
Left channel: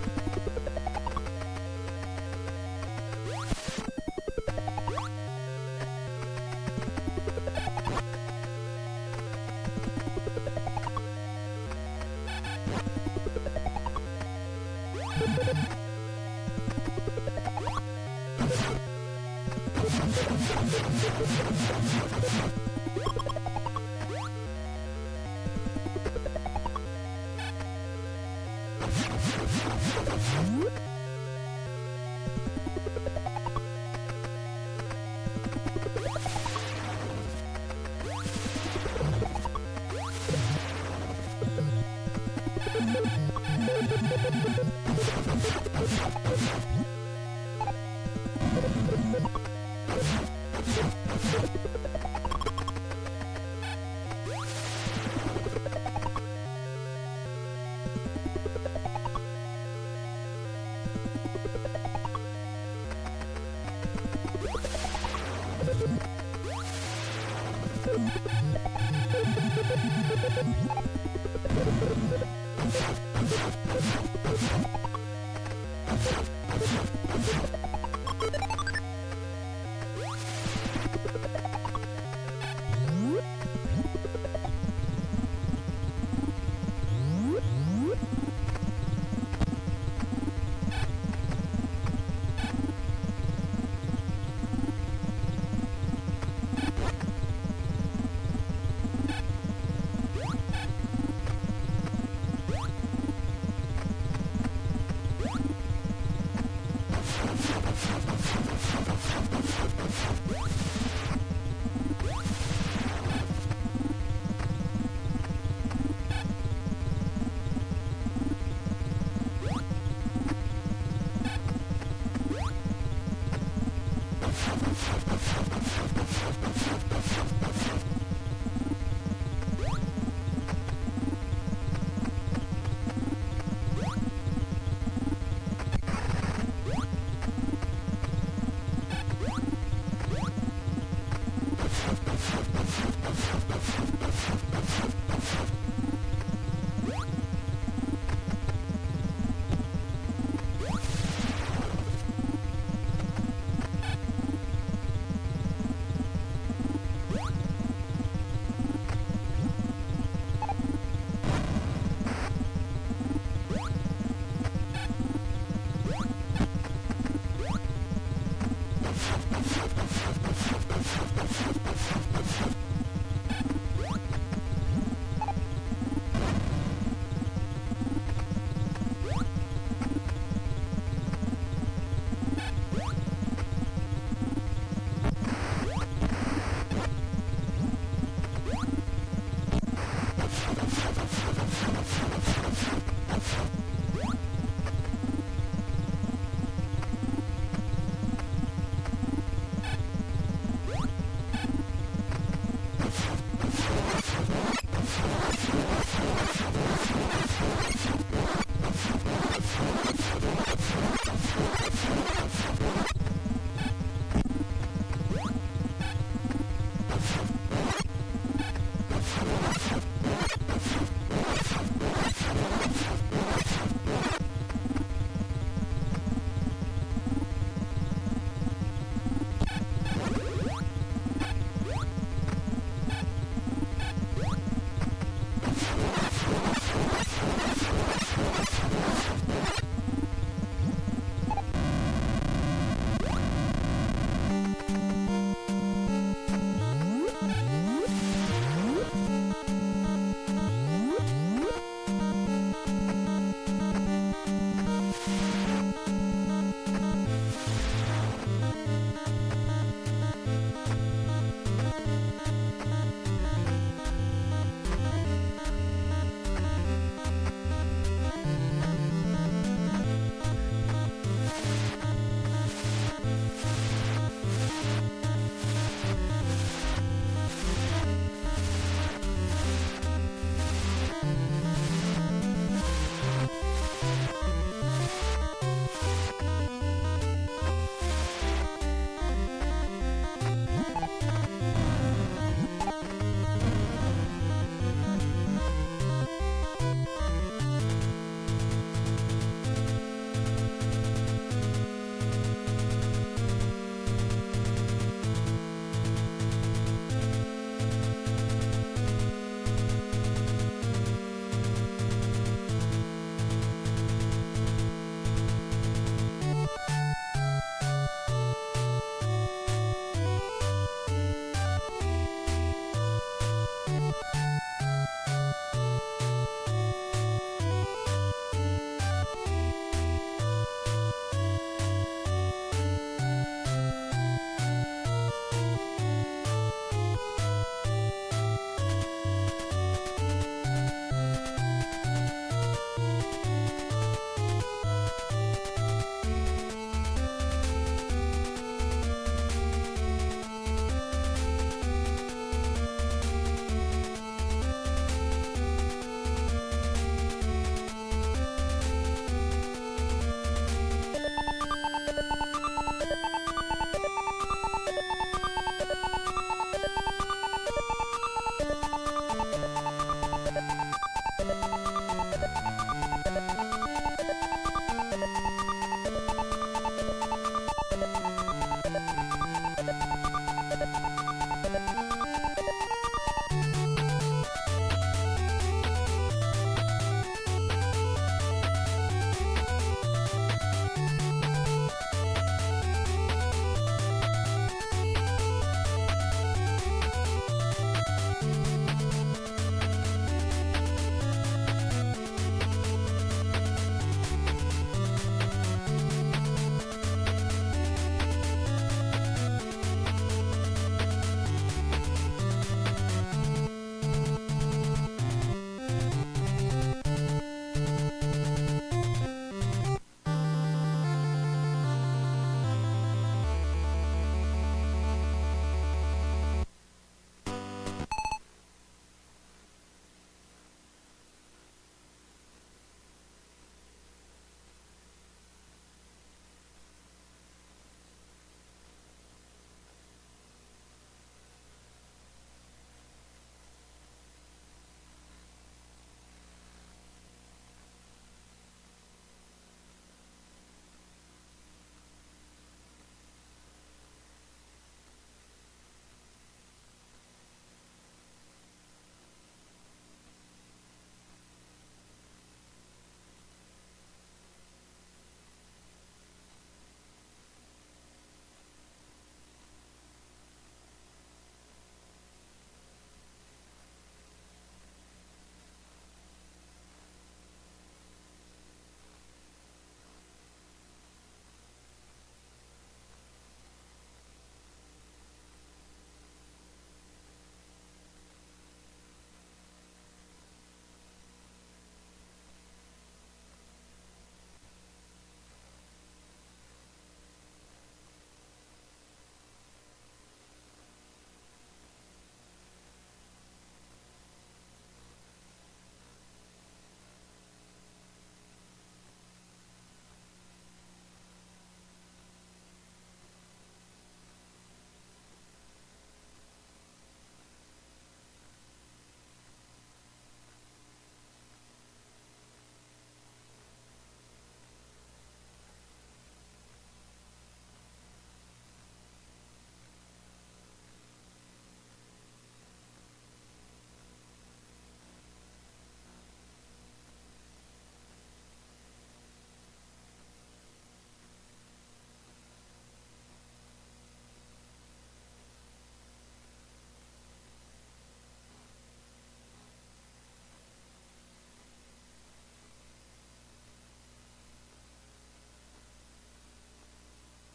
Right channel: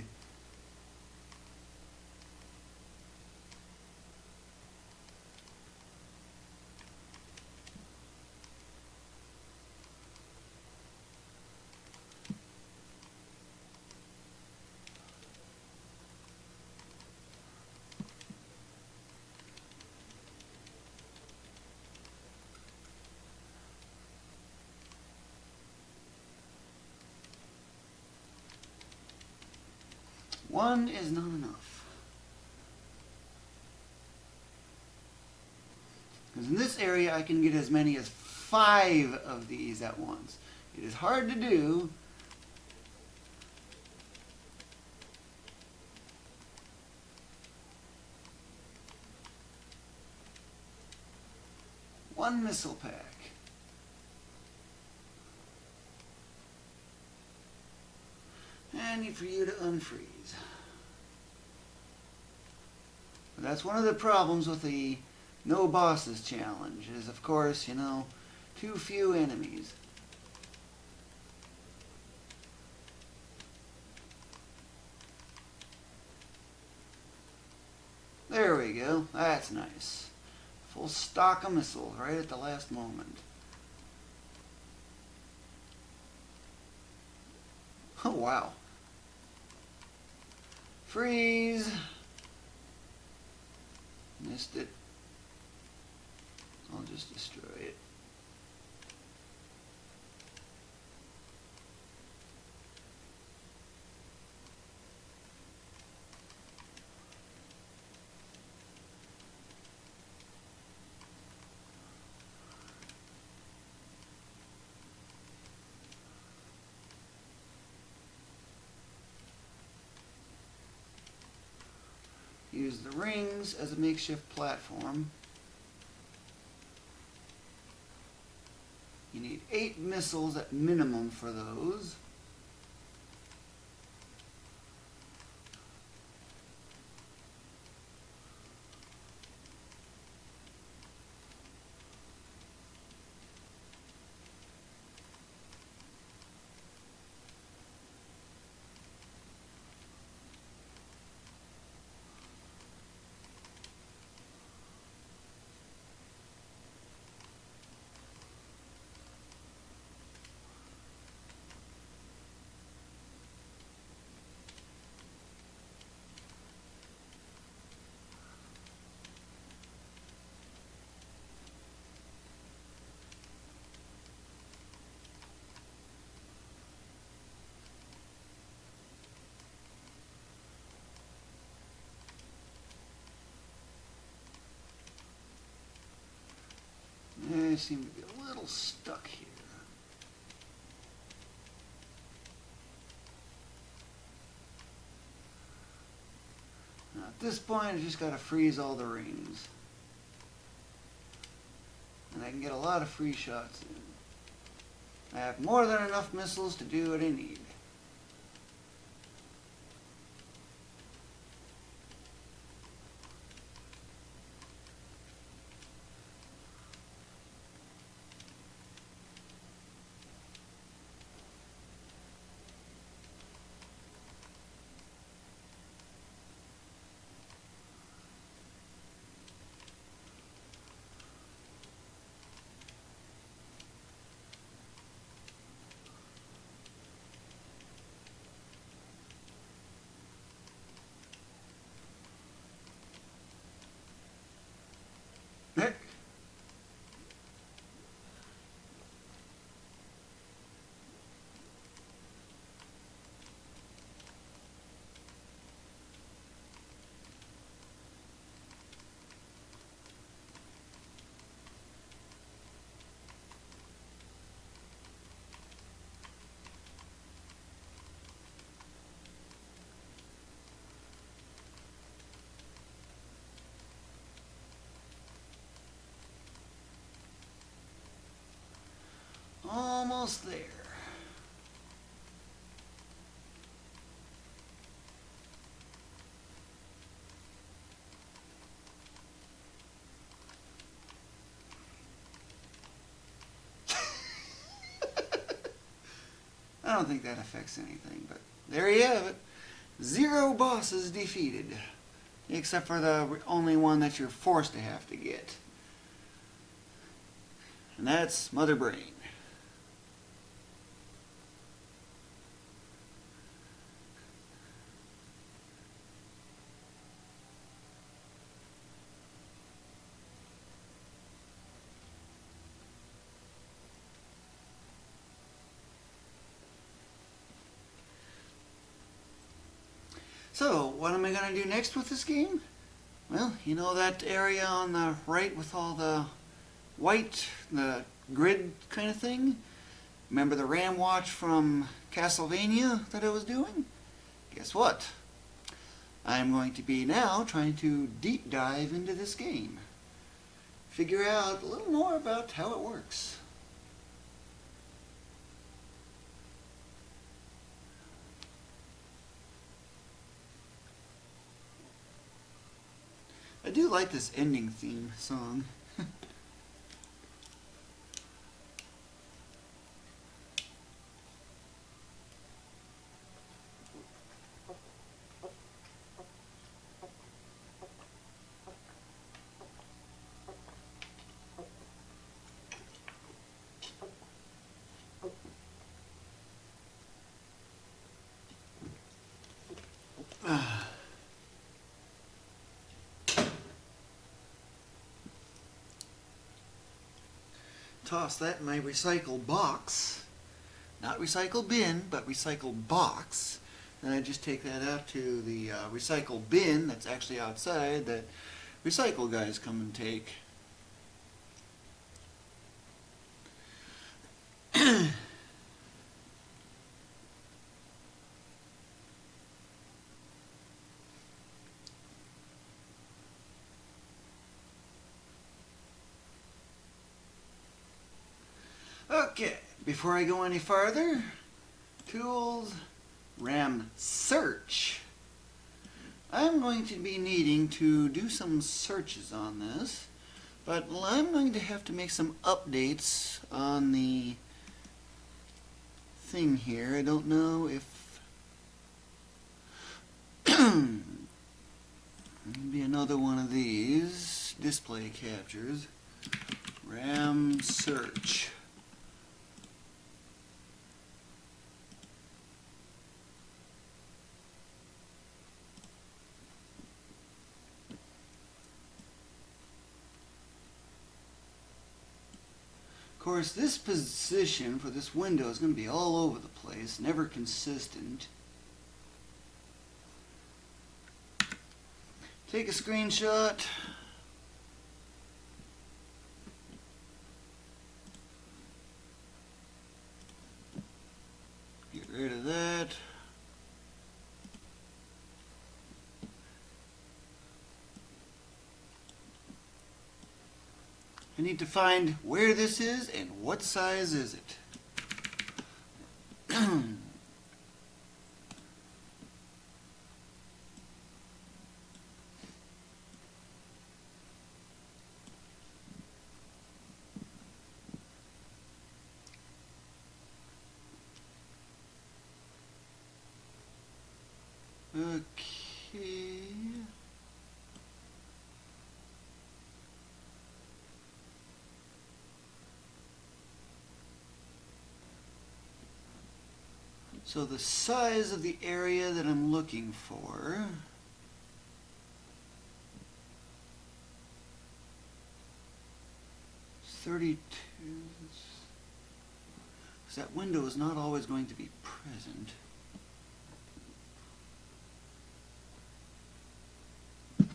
One is not enough. In this area, I can get as many as 5 of these at once. It's hard to do. One missile pack. And for you to unfreeze. That's one of the problems with the no bosses challenge. of course, you know, too few enemies. There we go. That's nice. Stock a missile right at the last moment. Oh wow. Freeze. Missed it. Just destroy it. Makeshift platform. You need 8 missiles at minimum for those. Freeze all the rings. And I can get a lot of free shots. More than enough missiles to do I don't think that affects it. There you have it. 0 bosses defeated. Except for the only one that you're forced to have to get. And that's Mother Brain. So, what am I going to do next with this game? Well, you know that area on the right with all the white, the grid kind of thing? Remember the Ram Watch from Castlevania that I was doing? Guess what? I'm going to be now trying to deep dive into this game. Figure out a little more about how it works. I do like this ending theme song. recycle box. Not recycle bin, but recycle box. And I just take that up to the recycle bin that's actually outside that recycle guys come and take. Okay, before I go any farther, tools, RAM search. I'm going to be needing to do some searches on this, but I'm going to have to make some updates on the thing here. I don't know if maybe another one of these display captures. RAM search. Of course, this position for this window is going to be all over the place, never consistent. Take a screenshot. Get rid of that. I need to find where this is and what size is it. Okay. So the size of the area that I'm looking for is 32. Because that window is not always going to be present. You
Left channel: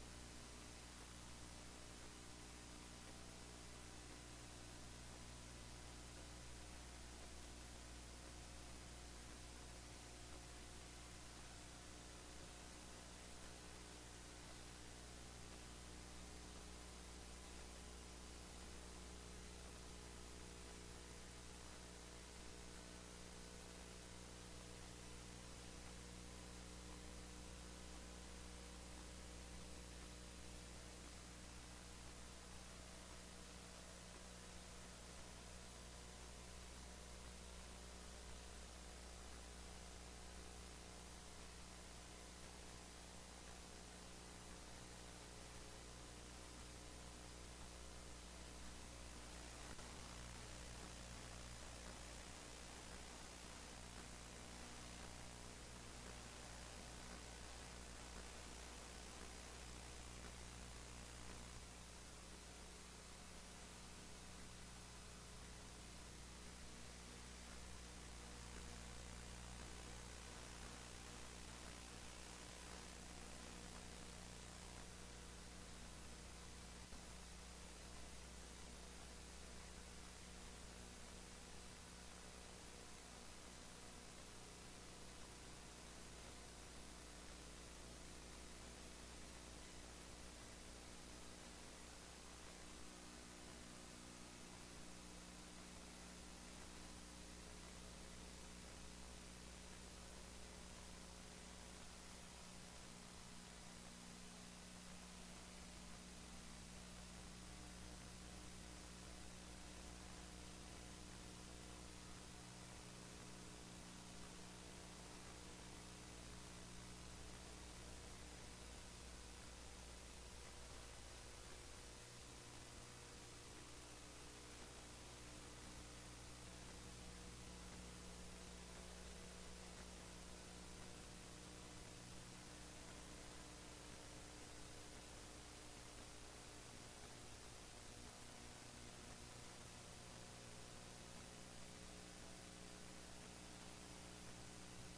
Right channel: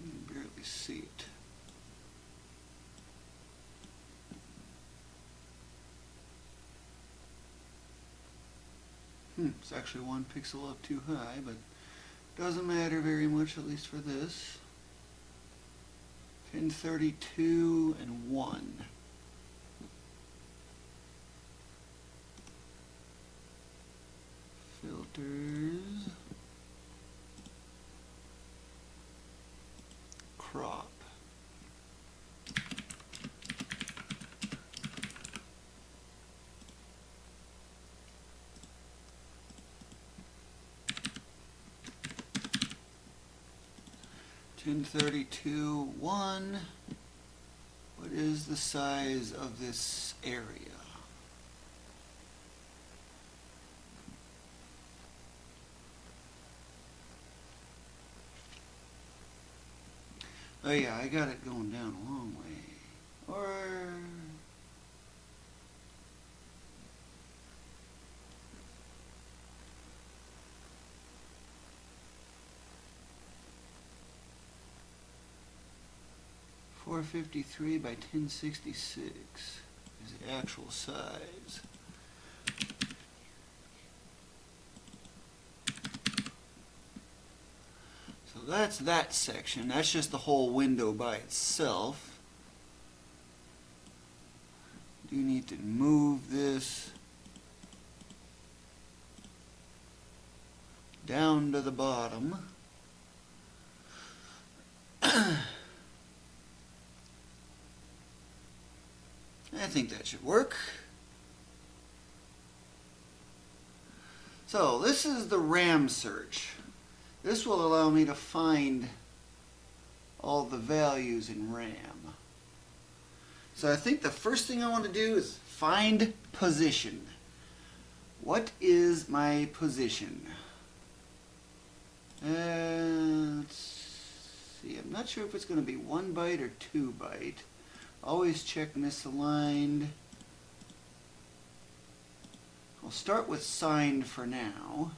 can barely see it. It's actually one pixel up too high, but doesn't matter very much, at least for this. Pin 32 and 1. Filters. Crop. Pin 32, 1. What is the size of this area? Oh yeah, I got it going down the wrong way. Or... .453 by 1066 is the actual size. So that's that section. That's just the whole window by itself. You need to move this down to the bottom. I think that should work. So this is the RAM search. This will allow me to find all the values in RAM. So I think the first thing I want to do is find position. What is my position? Let's see, I'm not sure if it's going to be 1 byte or 2 byte. Always check misaligned. I'll start with signed for now.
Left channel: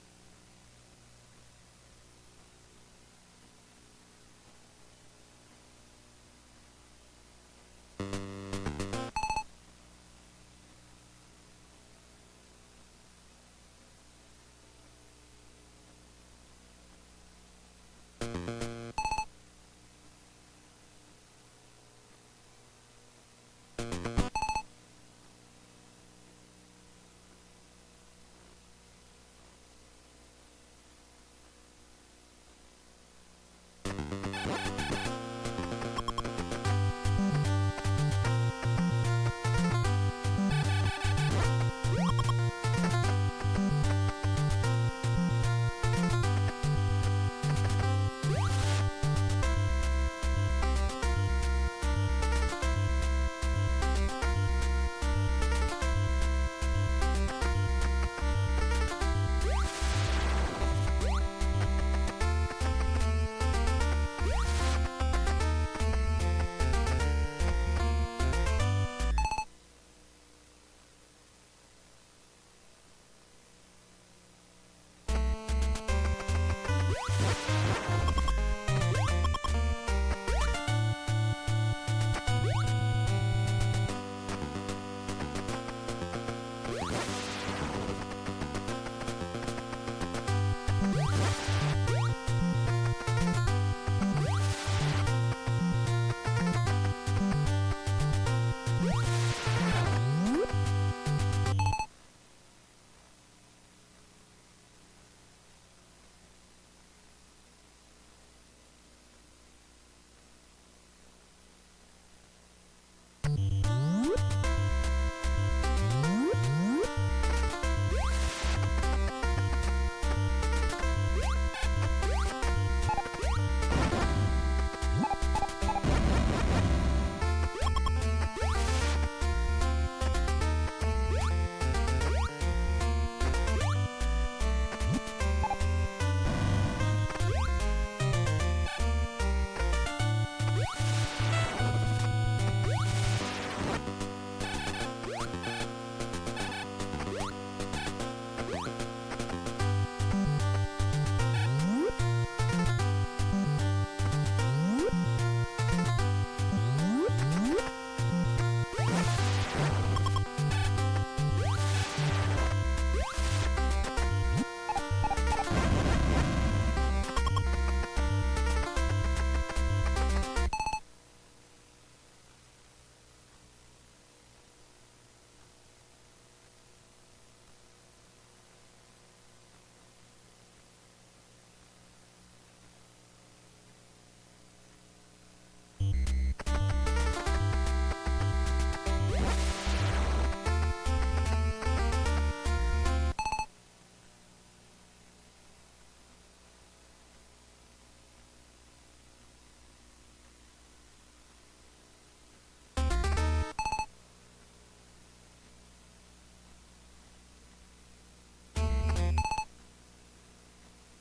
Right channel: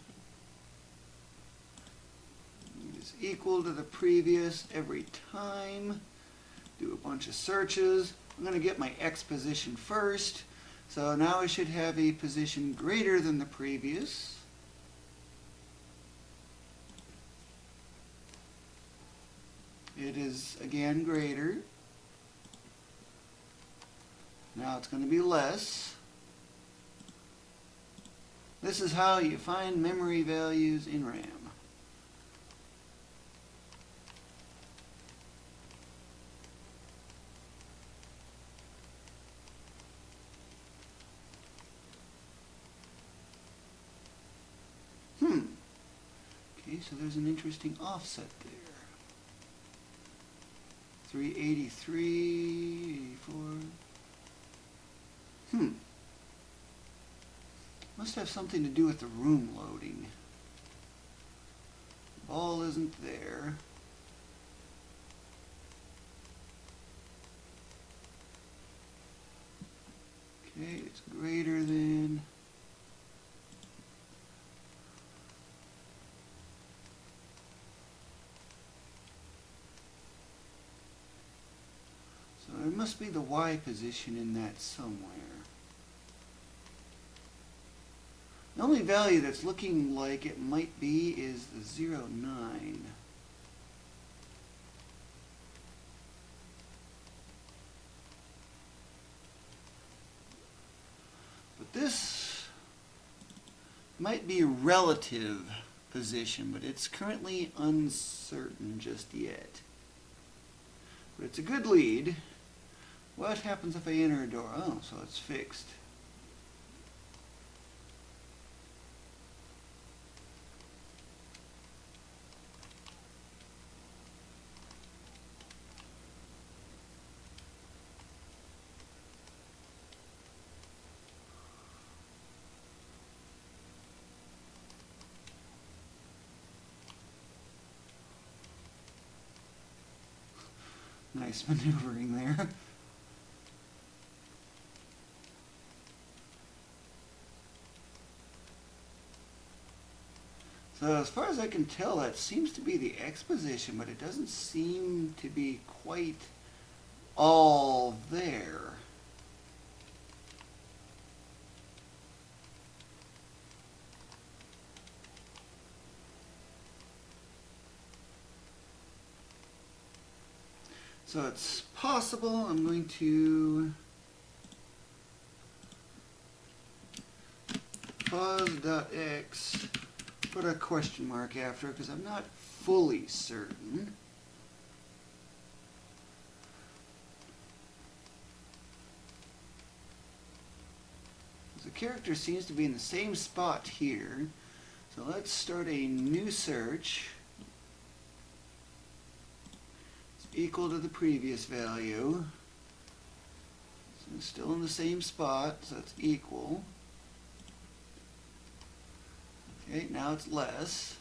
It's equal to the previous every time. Do a bunch of searches. I'm going to get my X position first. So now I should have a position greater than the previous. It is again greater. Now it's going to be less. This is how you find memory values in RAM. The only value that's looking like it might be 0.9. This might be relative position, but it's currently uncertain just yet. But it's a good lead. What happens if I enter a door? Oh, so it's fixed. As far as I can tell, that seems to be the X position, but it doesn't seem to be quite all there. So it's possible I'm going to pause.x, put a question mark after it because I'm not fully certain. The character seems to be in the same spot here. So let's start a new search. It's equal to the previous value. So it's still in the same spot, so it's equal. Okay, now it's less.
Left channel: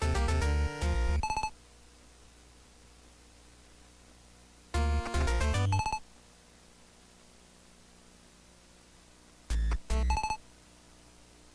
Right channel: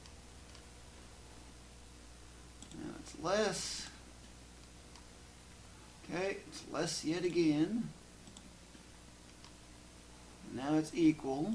Now it's less. Okay, it's less yet again. Now it's equal.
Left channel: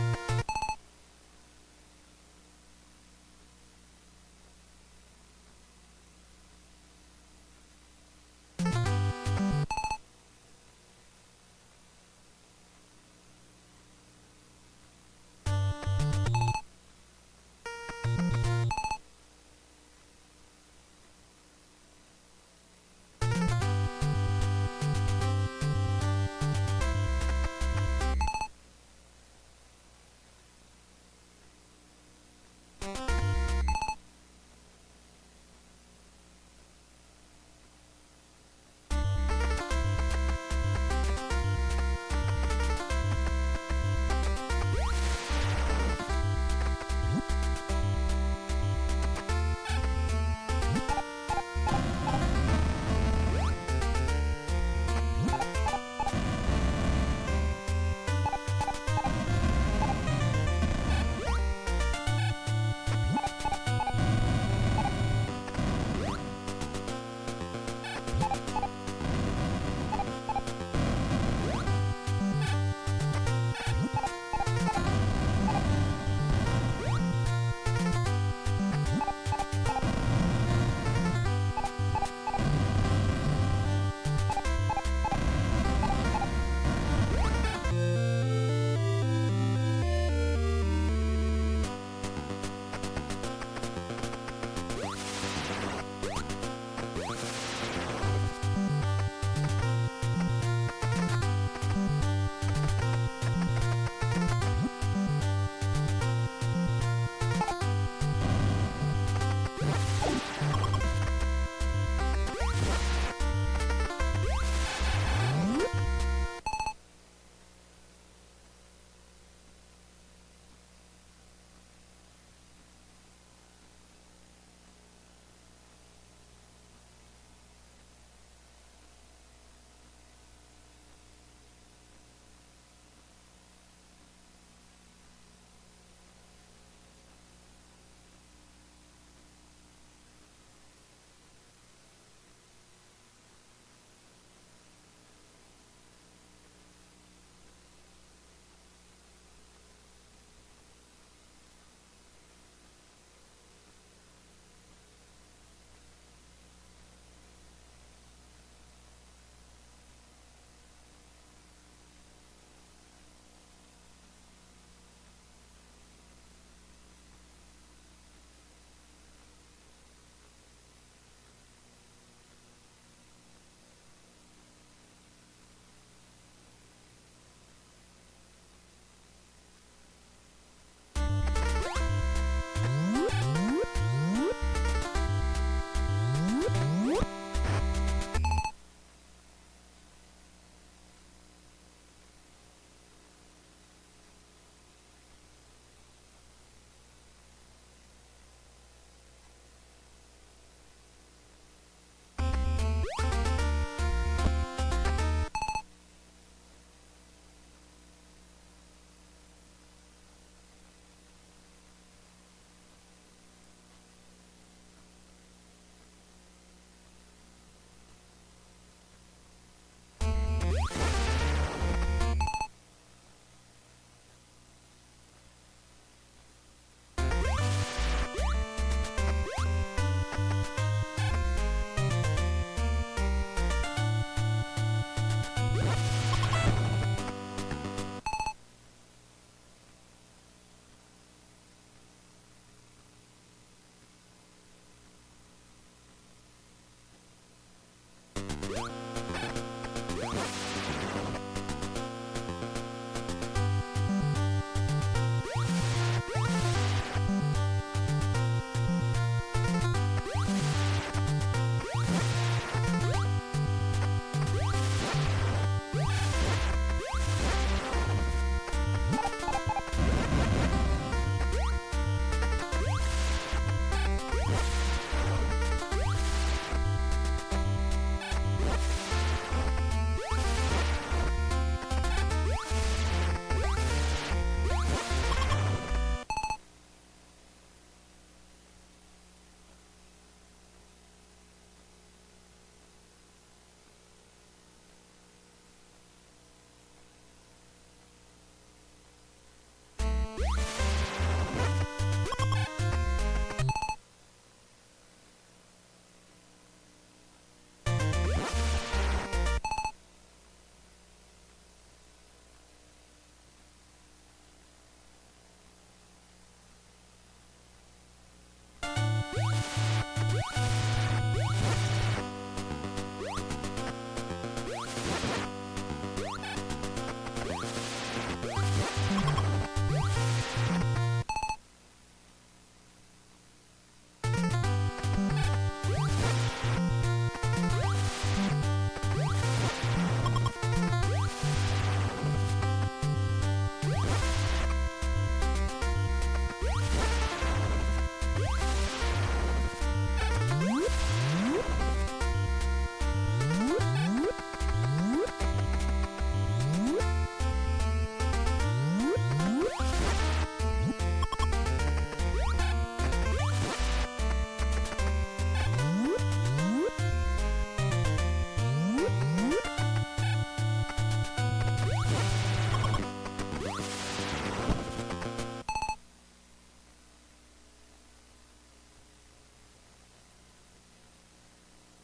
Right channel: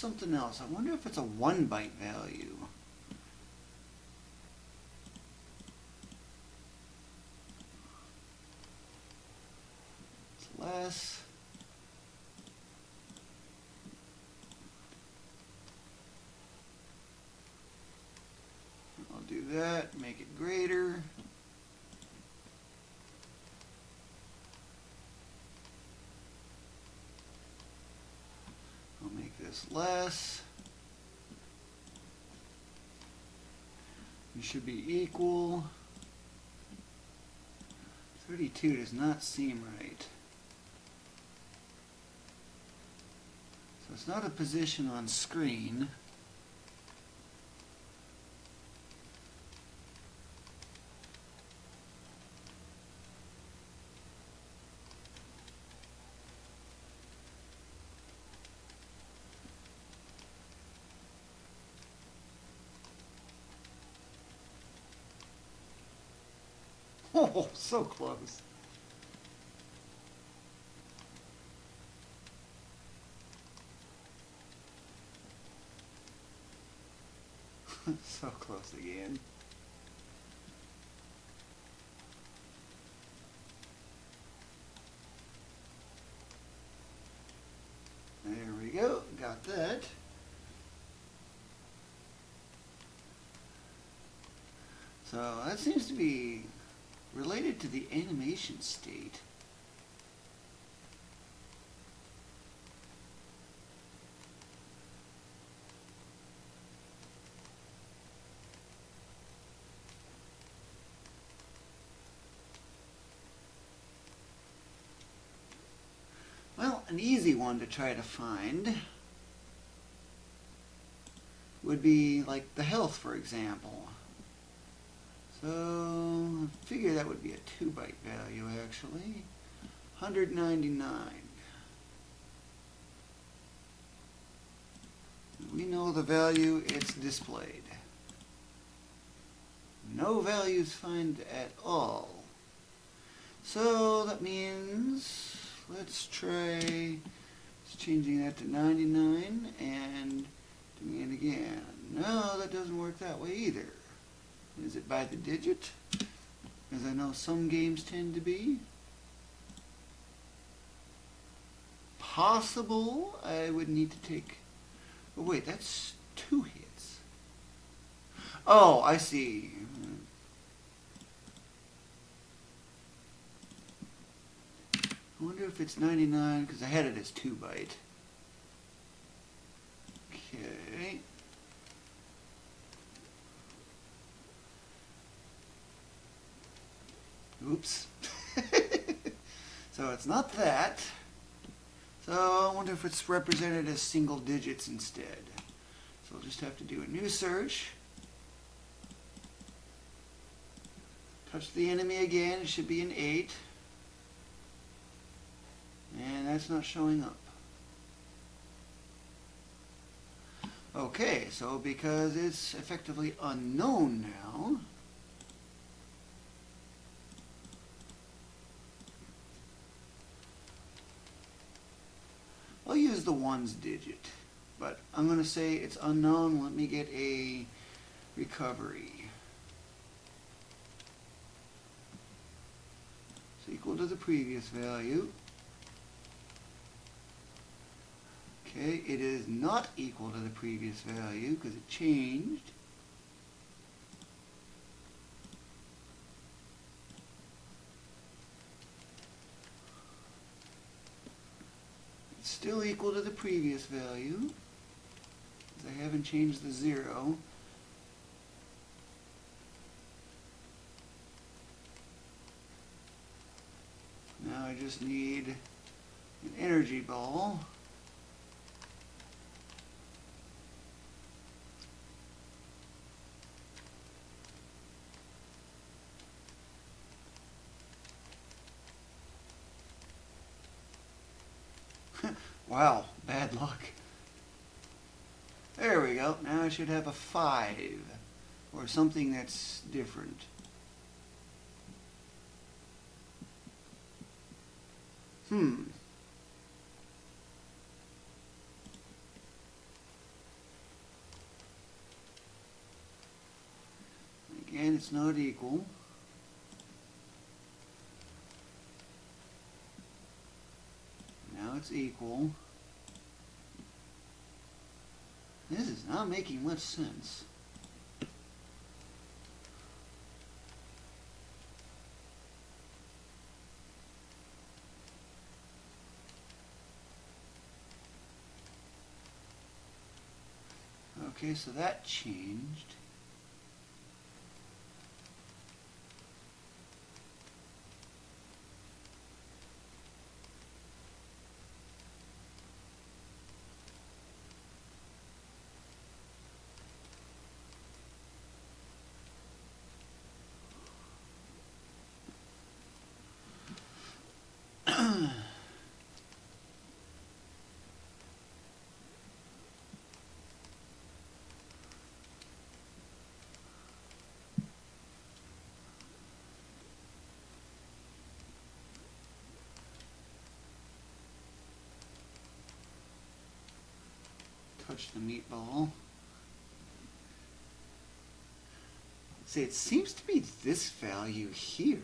Something else. I wonder if it's a 1 byte value. It's less. I'll do that, make it greater. Less. You should be equal. 32 does not seem right. It's not a position on screen. Oh, so close. One to try to find would be like the health, for example. So I figure that would be a 2-byte value actually. 199. We know the value it's displayed. No values found at all. So that means let's try changing that to 99 and doing it again. No, that doesn't work that way either. Is it by the digit? As I know some games tend to be. Possible, I would need to take... Oh wait, that's 2 hits. Oh, I see. I wonder if it's 99, because I had it as 2-byte. Okay. Oops. So it's not that. So I wonder if it's represented as single digits instead. So I'll just have to do a new search. Touch the enemy again, it should be an 8. That's not showing up. Okay, so because it's effectively unknown now, I'll use the 1's digit, but I'm going to say it's unknown. Let me get a recovery. Equal to the previous value. It is not equal to the previous value because it changed. It's still equal to the previous value. And changed to 0. Energy ball. Wow, bad luck. There we go. Now I should have a 5 or something that's different. Again, it's not equal. Now it's equal. This is not making much sense. Okay, so that changed. say it seems to be this value here.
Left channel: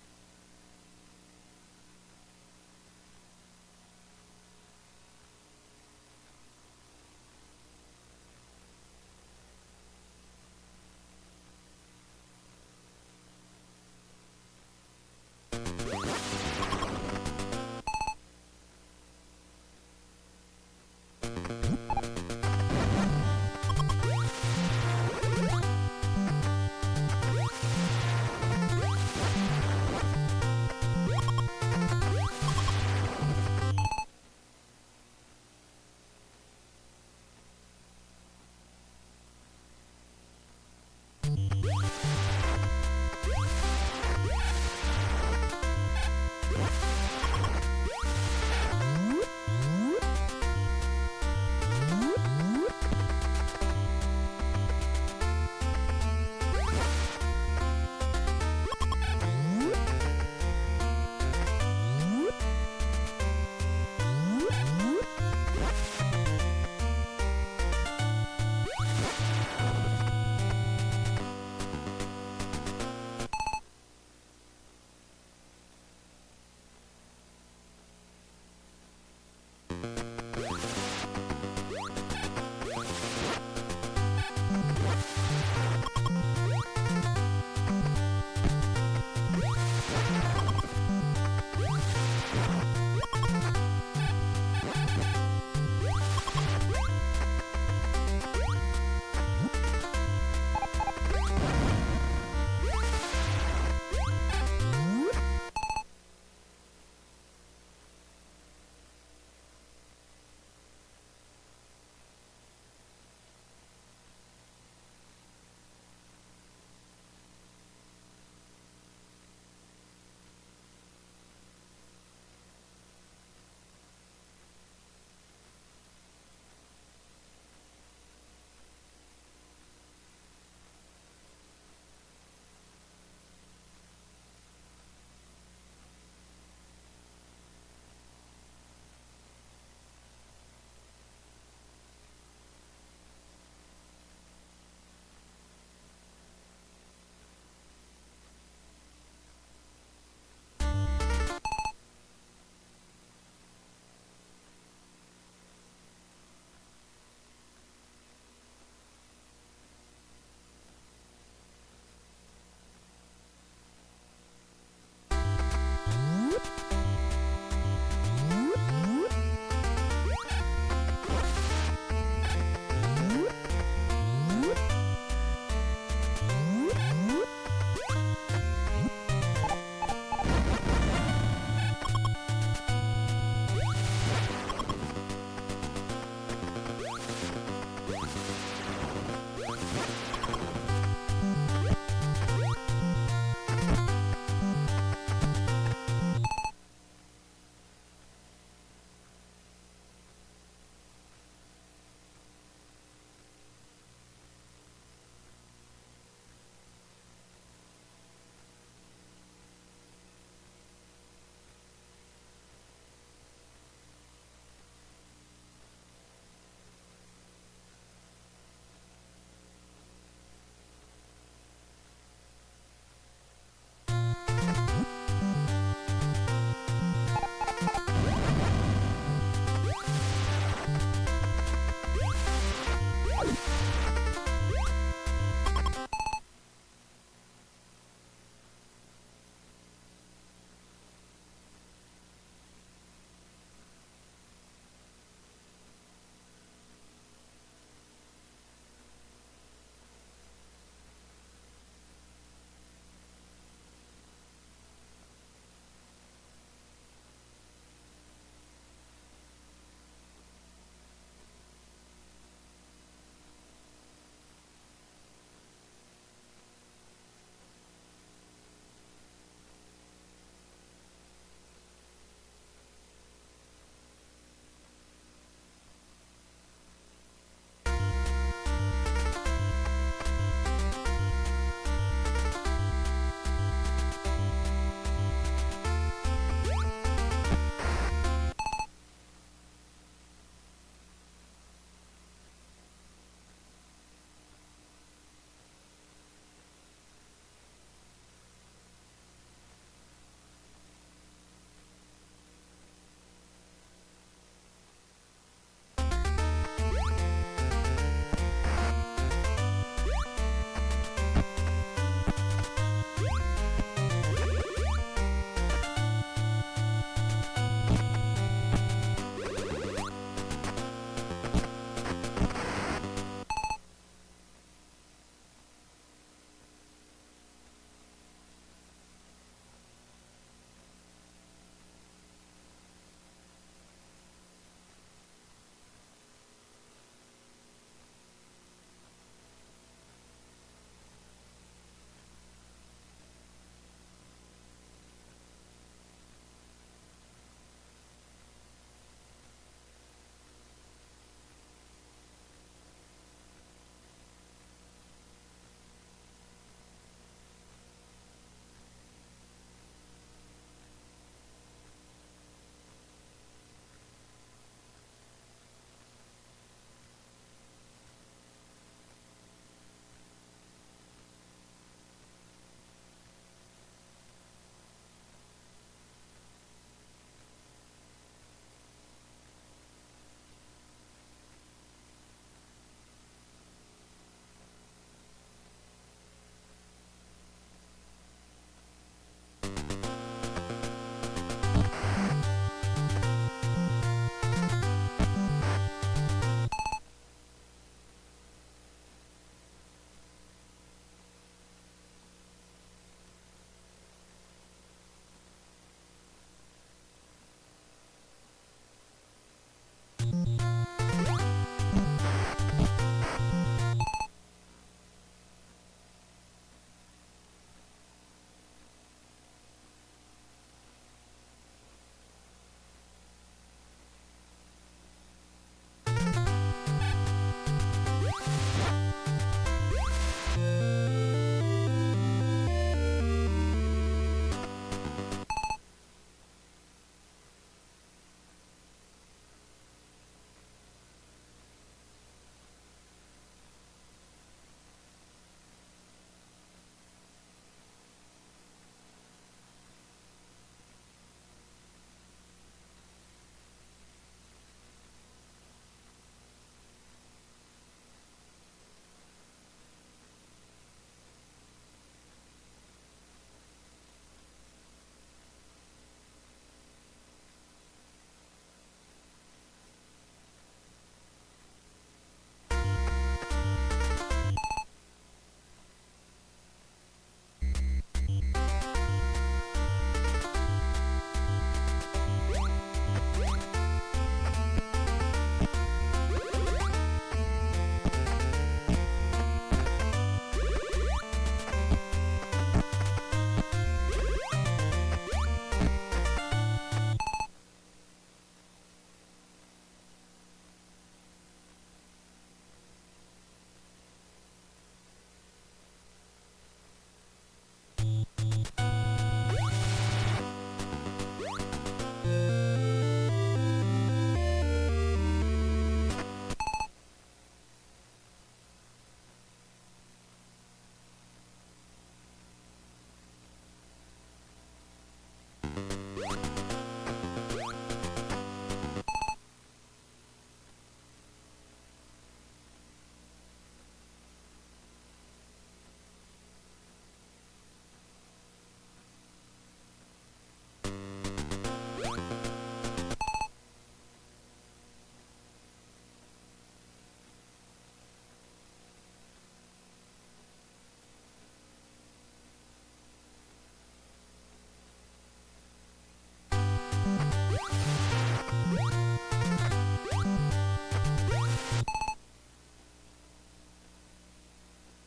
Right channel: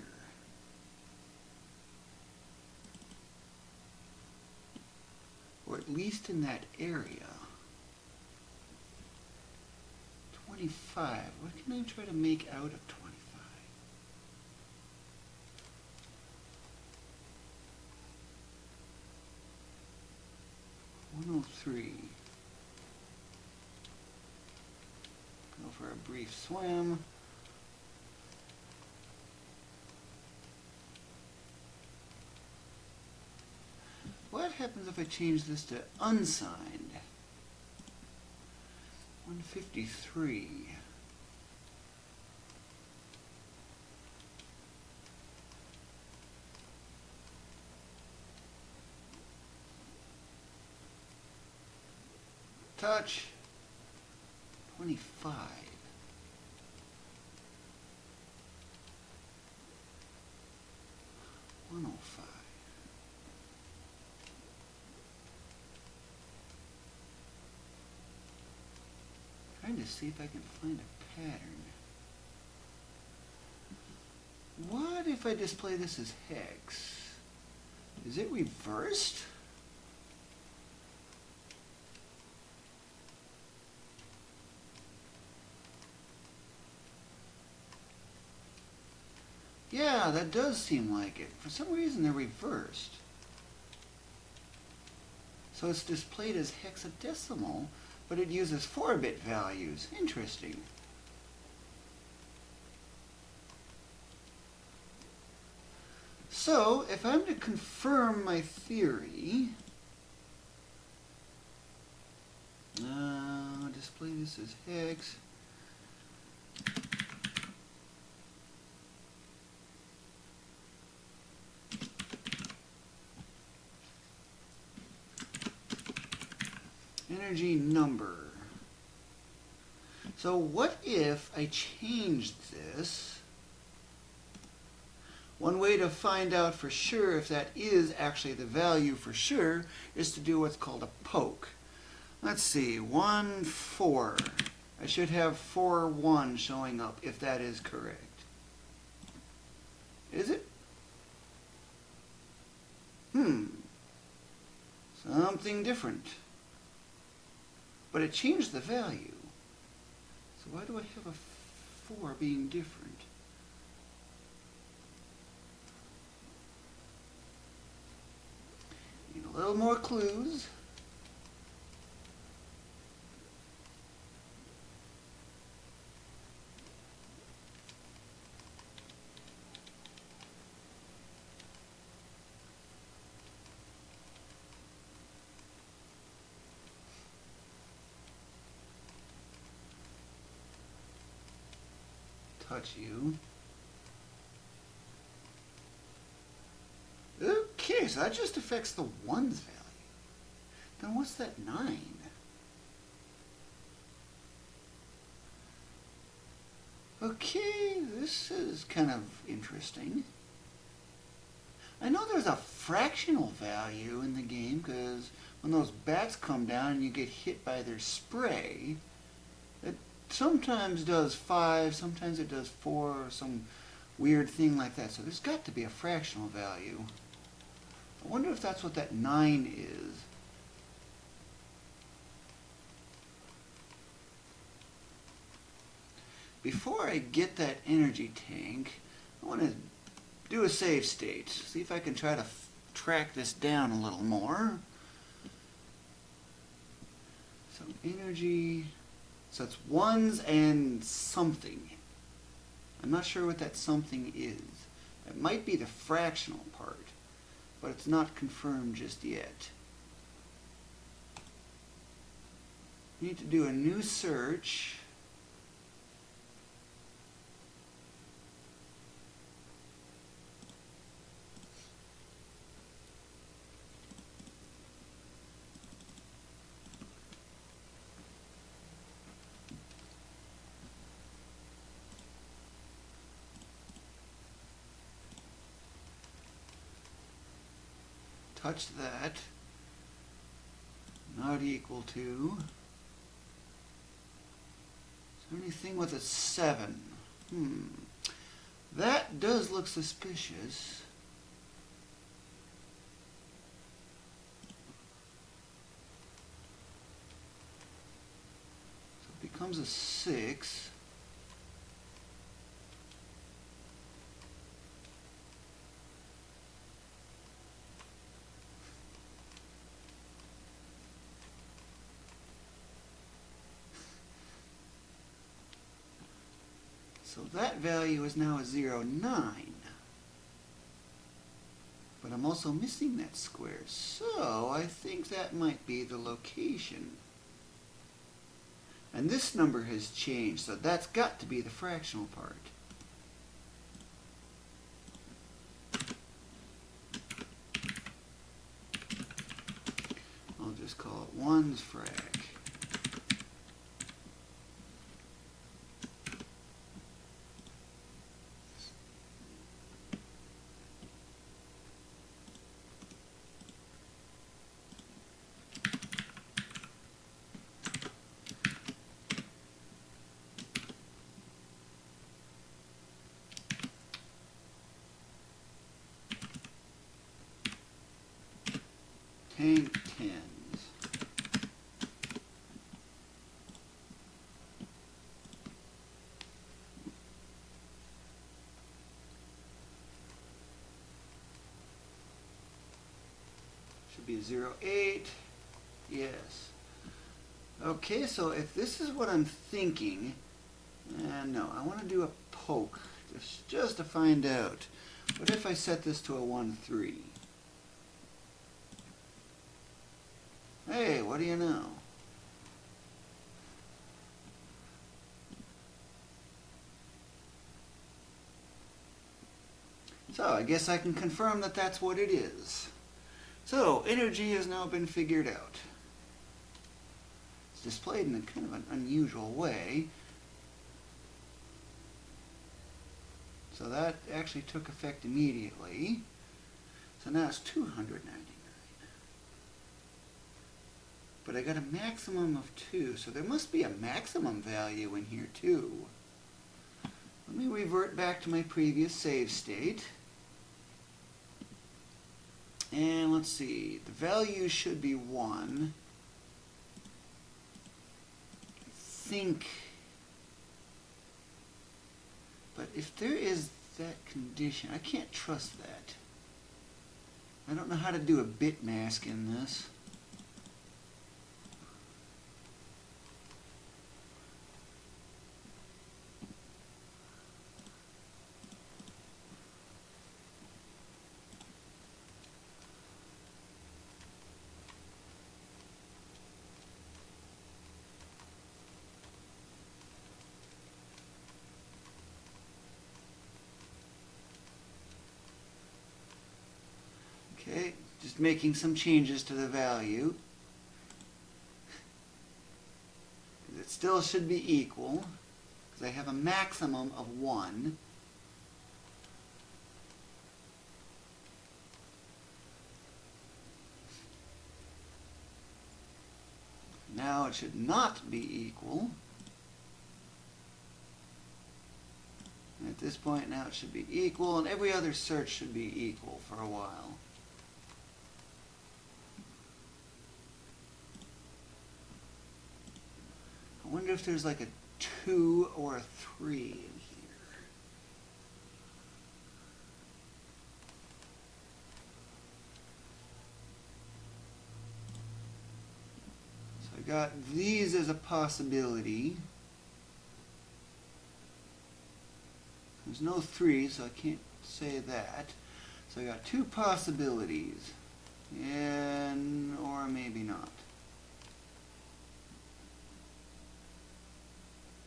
Or at least in that area. 25. What can I try to make out of 25? 103. What happens if I change this to unsigned? 153. Touch. 85. What if I display this as hex? Is it reversed? Yeah, that does seem like it. For some reason reversed. So it's displayed as hexadecimal, but it uses 4-bit values. Interesting. So, if I'm to confirm my theory, display this as hex. Energy number. So what if I changed this? One way to find out for sure if that is actually the value for sure is to do what's called a poke. Let's see, 1, 4. I should have 4, 1 showing up if that is correct. Is it? Something different. But it changed the value. So why do I have a 4 being different? A little more clues. So that just affects the 1's value. Now what's that 9? Okay, this is kind of interesting. I know there's a fractional value in the game because when those bats come down and you get hit by their spray, it sometimes does 5, sometimes it does 4, or some weird thing like that. So there's got to be a fractional value. I wonder if that's what that 9 is. Before I get that energy tank, I want to do a save state. See if I can try to track this down a little more. So energy, so it's 1's and something. I'm not sure what that something is. It might be the fractional part, but it's not confirmed just yet. We need to do a new search. Equal to, is there anything with a 7? That does look suspicious. Comes a 6. So that value is now a 0, 9. But I'm also missing that square, so I think that might be the location. And this number has changed, so that's got to be the fractional part. I'll just call it 1's frac. Tank 10s. Okay, so if this is what I'm thinking, no, I want to do a poke just to find out. What if I set this to a 1, 3? Hey, what do you know? So I guess I can confirm that that's what it is. So energy has now been figured out. Displayed in an unusual way. So that actually took effect immediately. So now it's 299. But I got a maximum of 2, so there must be a maximum value in here too. Let me revert back to my previous save state. And let's see, the value should be 1. Think, but if there is that condition, I can't trust that. I don't know how to do a bit mask in this. Making some changes to the value. It still should be equal, because I have a maximum of 1. Now it should not be equal. At this point now it should be equal, and every other search should be equal for a while. I wonder if there's like a 2 or a 3 in here. So I got these as a possibility. There's no 3, so I can't say that. So I got 2 possibilities. And, or maybe not.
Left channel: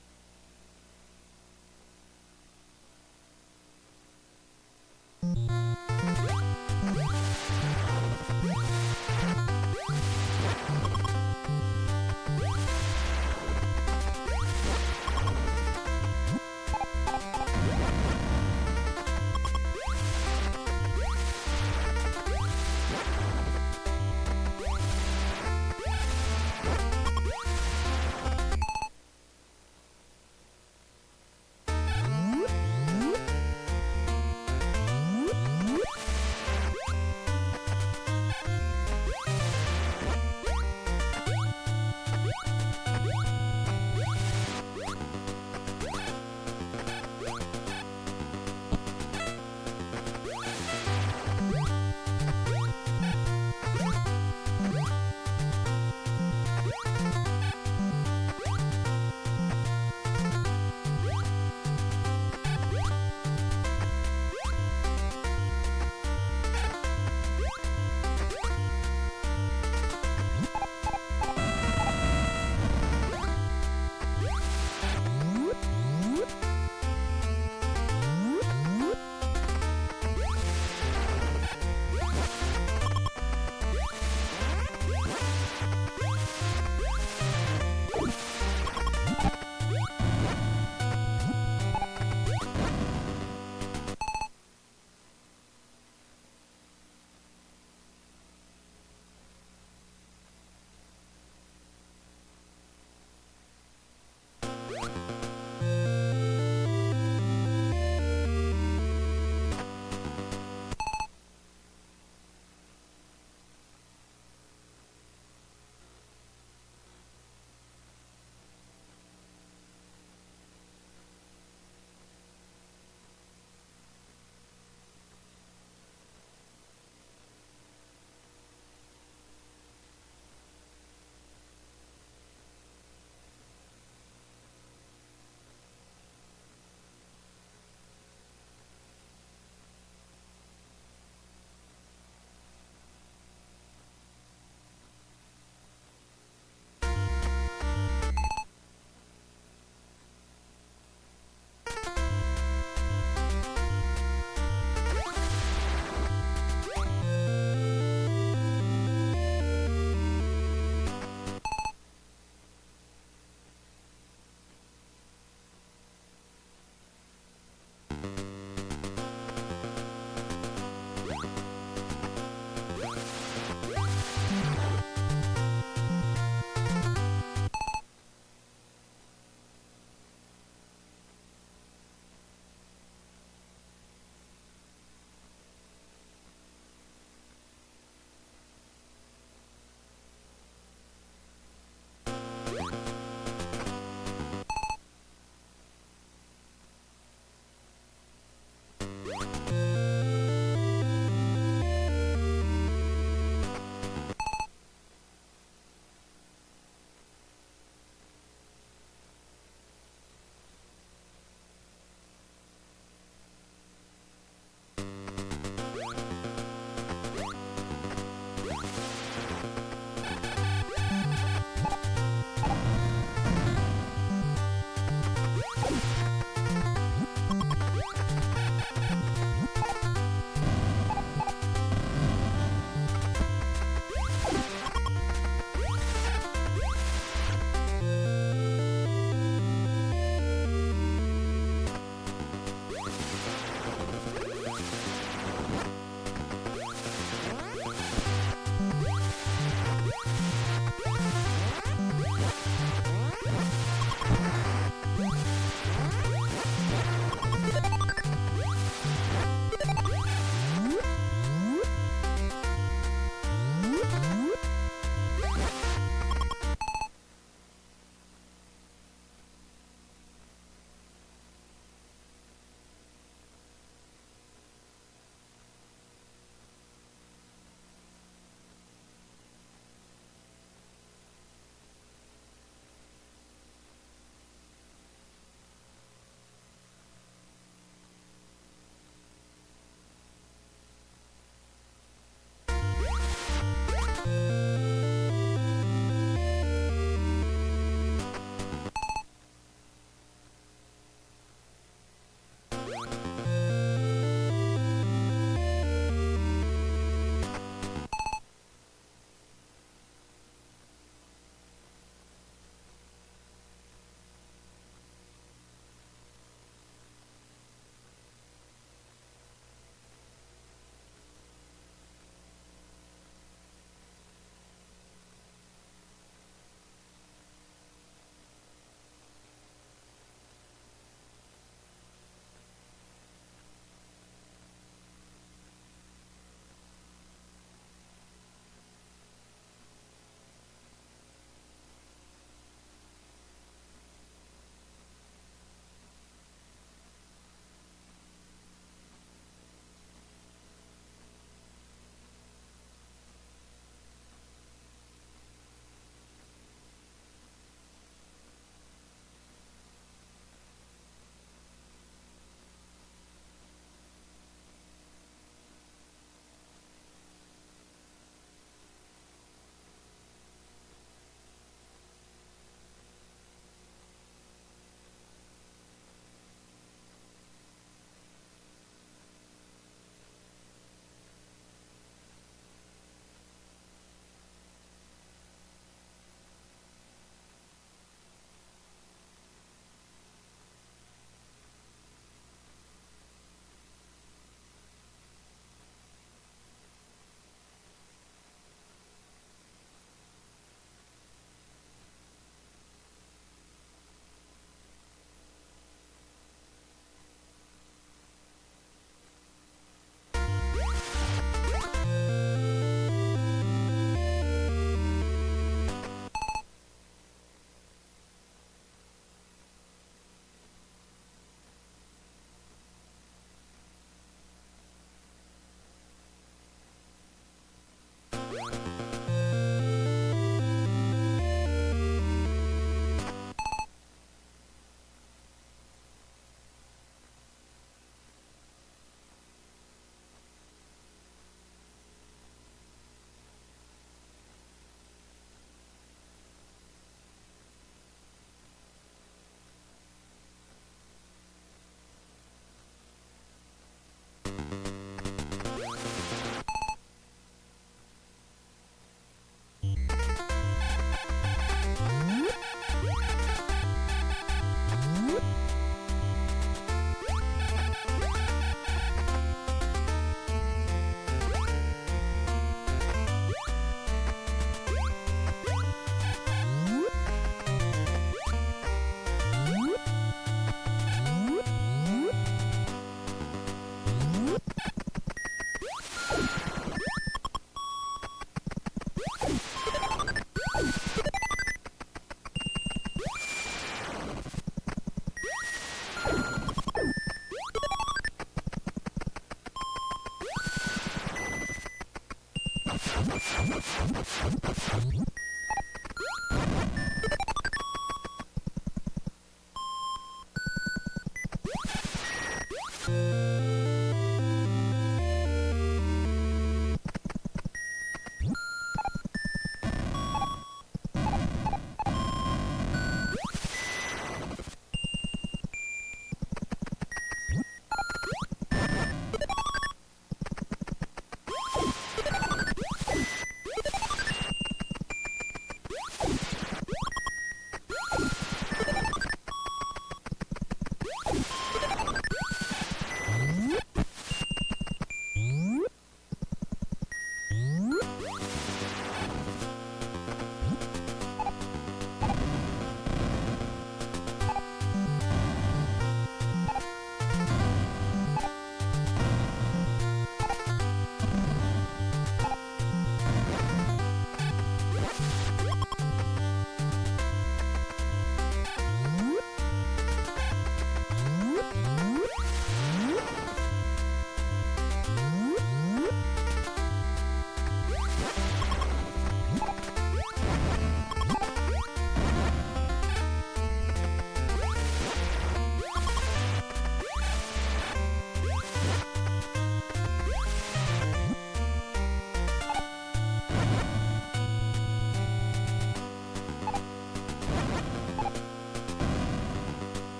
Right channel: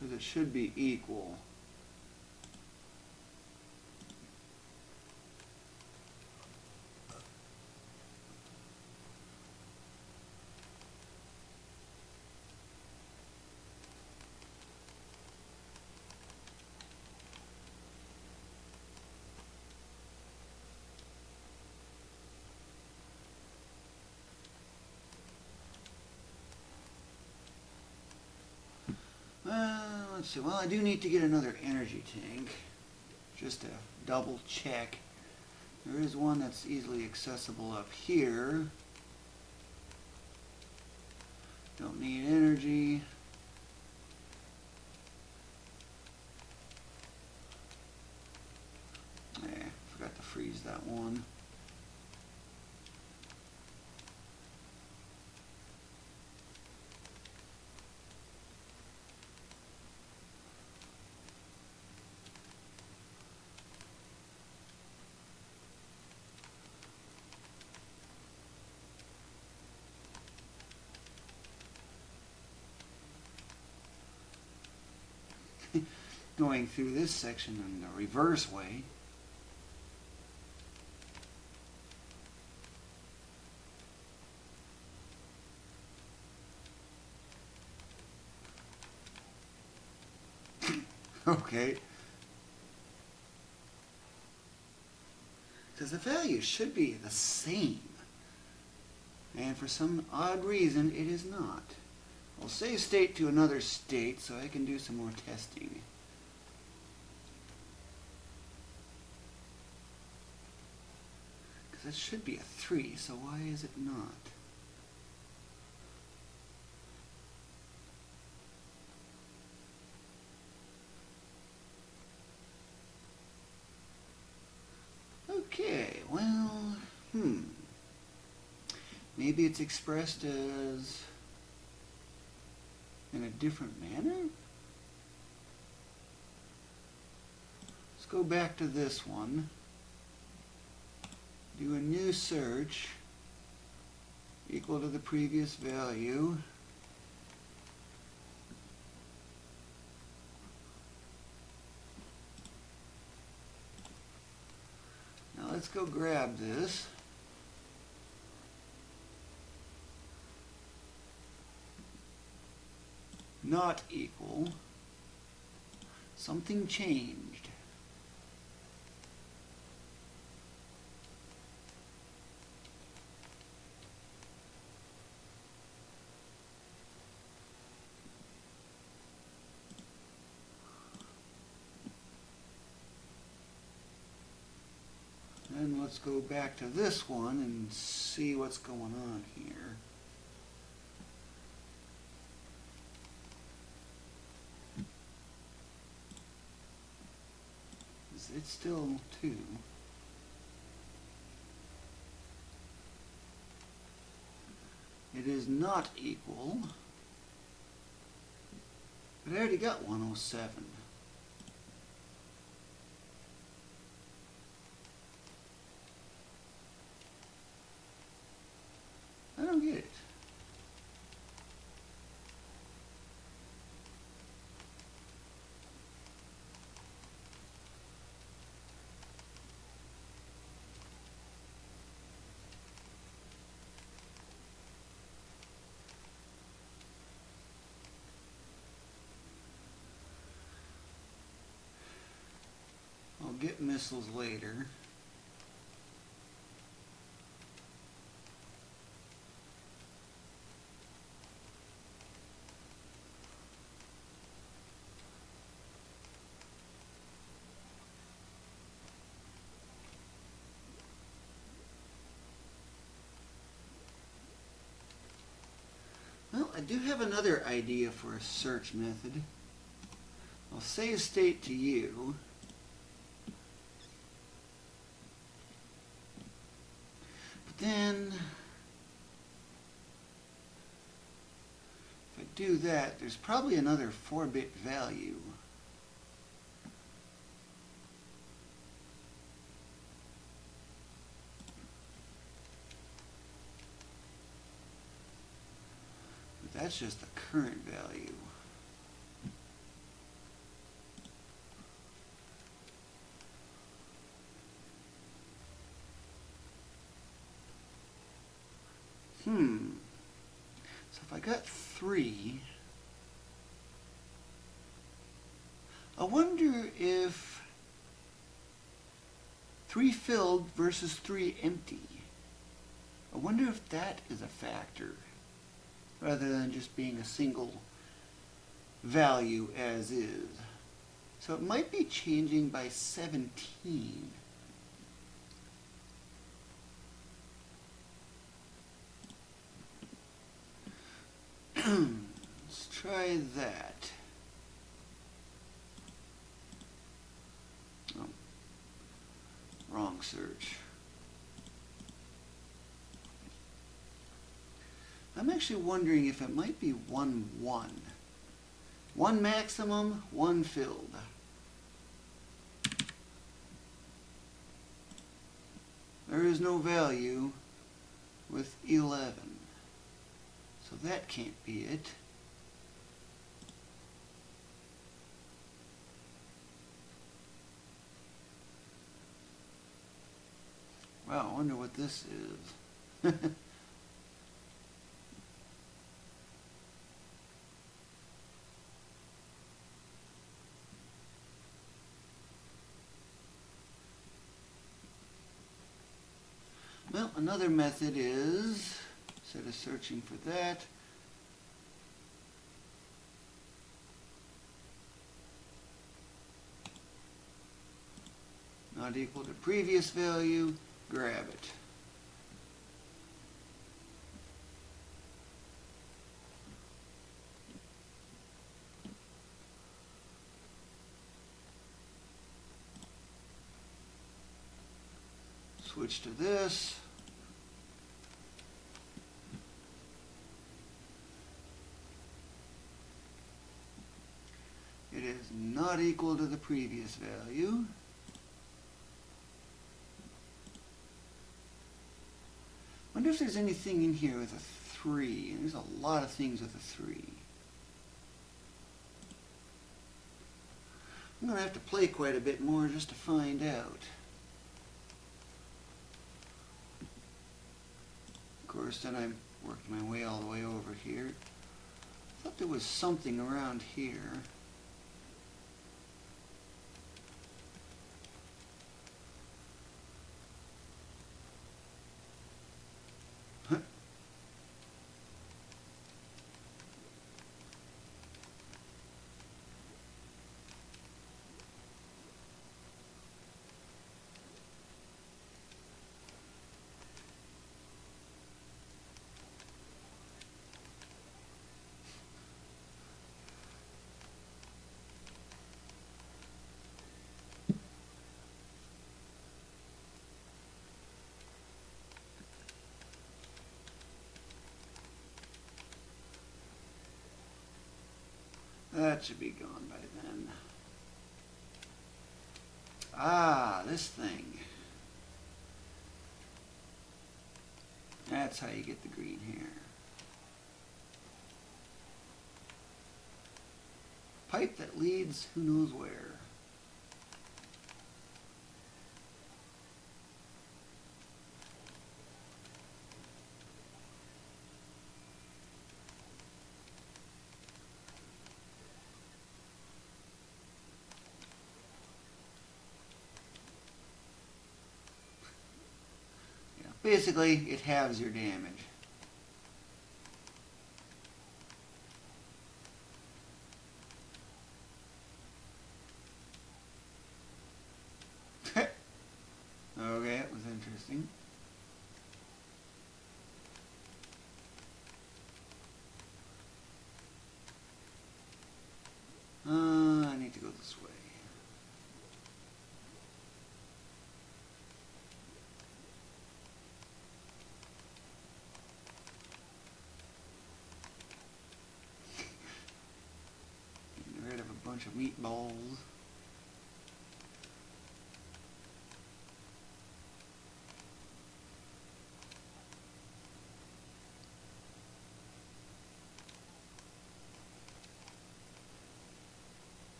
Because it should be equal. Well, I do need to get another energy. values should be the same. And for some odd reason, it is not. I'll save state to another state so I can do some more testing. Because that should be a 3, so why is it not? Okay, well, maybe it's expressed as in a different manner? Let's go back to this one. Do a new search equal to the previous value. Not equal. Something changed. And let's go back to this one and see what's going on here. It's still equal. It is not equal. But I already got 107. Another idea for a search method. I'll save state to you. But then, if I do that, there's probably another 4-bit value. So if I got 3, I wonder if 3 filled versus 3 empty. I wonder if that is a factor rather than just being a single value as is. So it might be changing by 17. Let's try that. Oh, wrong search. I'm actually wondering if it might be 1, 1. 1 maximum, 1 filled. There is no value with 11. So that can't be it. Wow, I wonder what this is. another method is, instead of searching for that, not equal to previous value, switch to this. It is not equal to the previous value. Wonder if there's anything in here with a 3. There's a lot of things with a 3. I'm going to have to play quite a bit more just to find out. Of course, then I'm working my way all the way over here. There was something around here. That should be gone by then. Ah, this thing. That's how you get the green here. A pipe that leads who knows where. Basically, it has your name.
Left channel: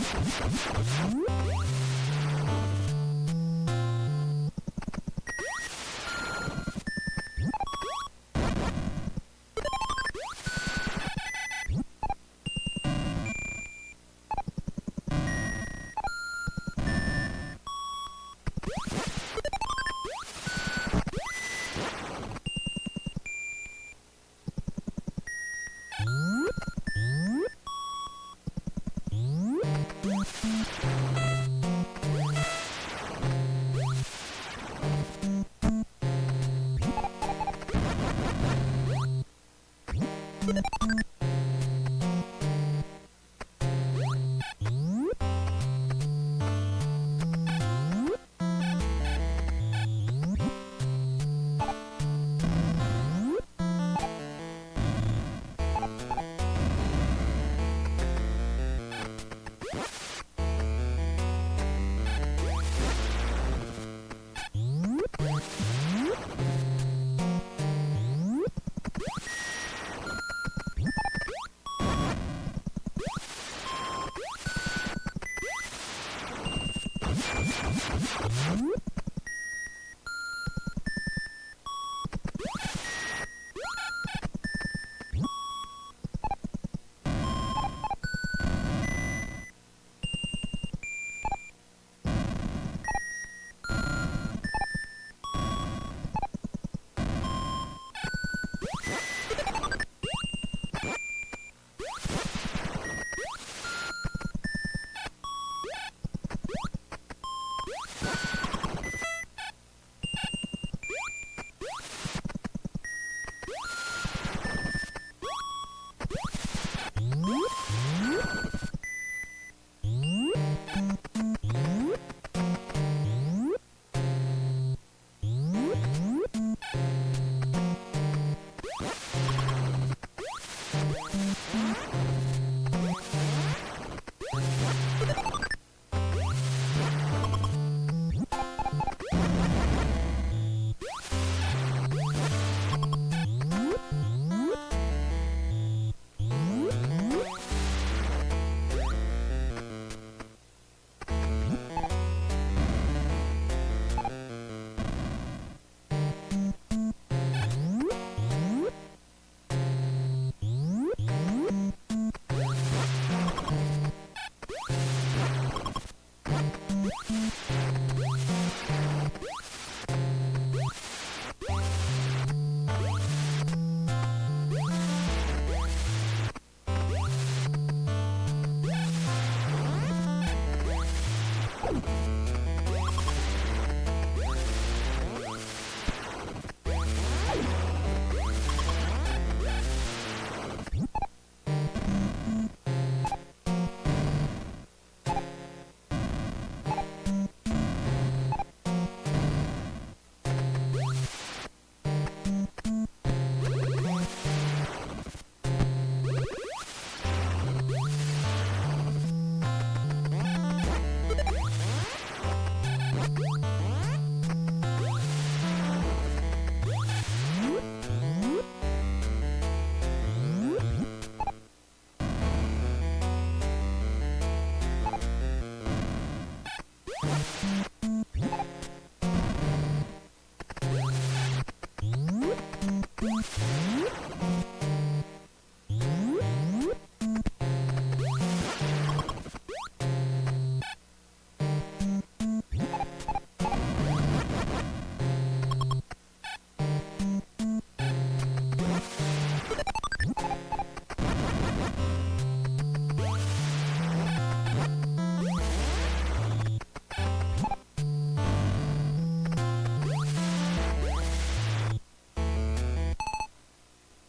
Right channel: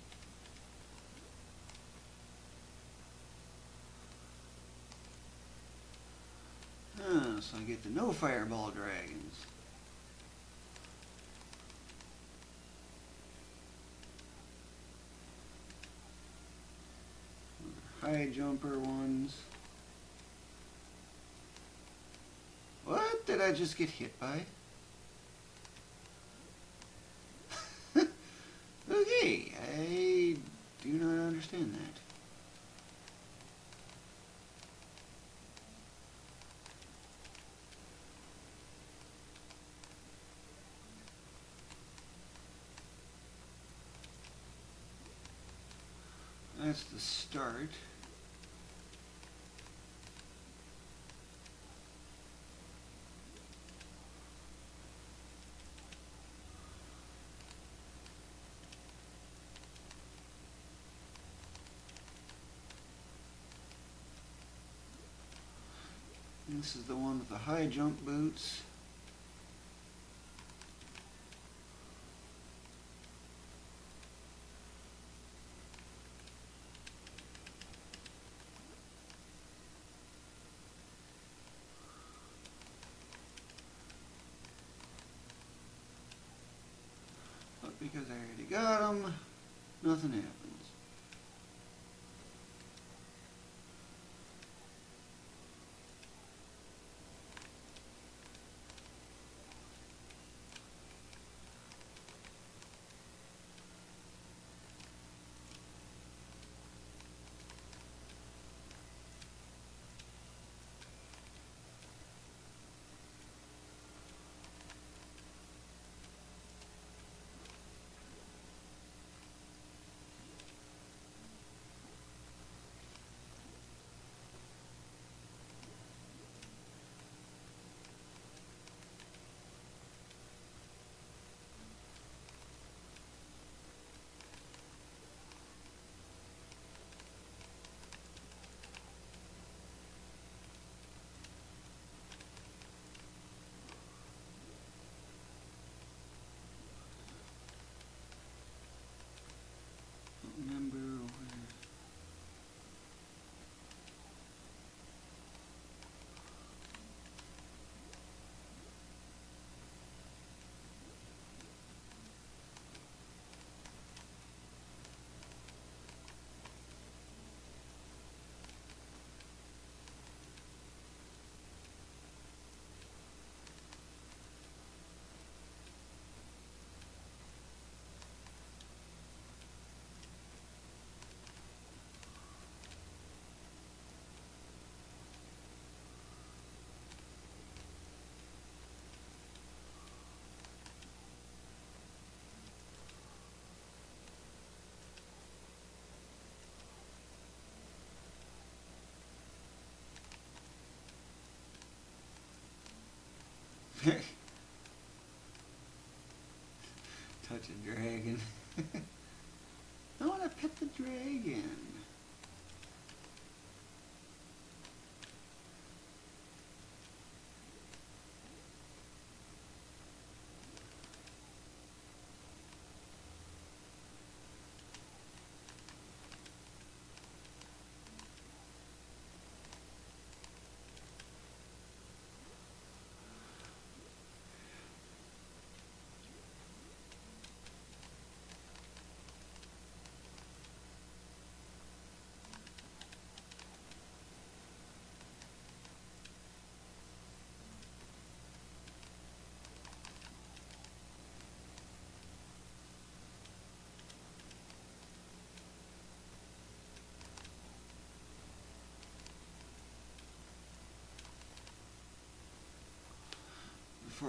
So I get the no fireball dragons. High jumper one. What did I just get hit by? Okay. Nothing happens.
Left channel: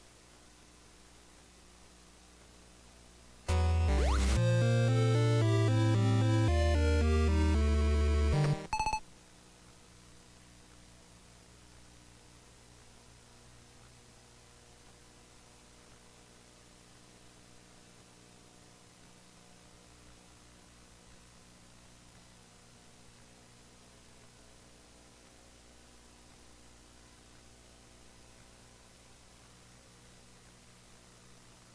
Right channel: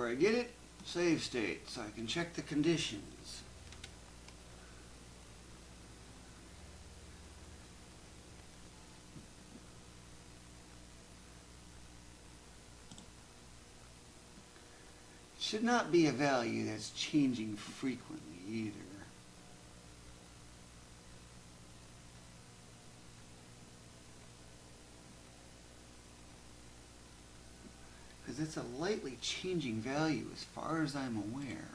I get it, save state, so I can check the conditions. Should not be a value that's changing frequently either. Because it's a lightly changing value as far as I'm aware.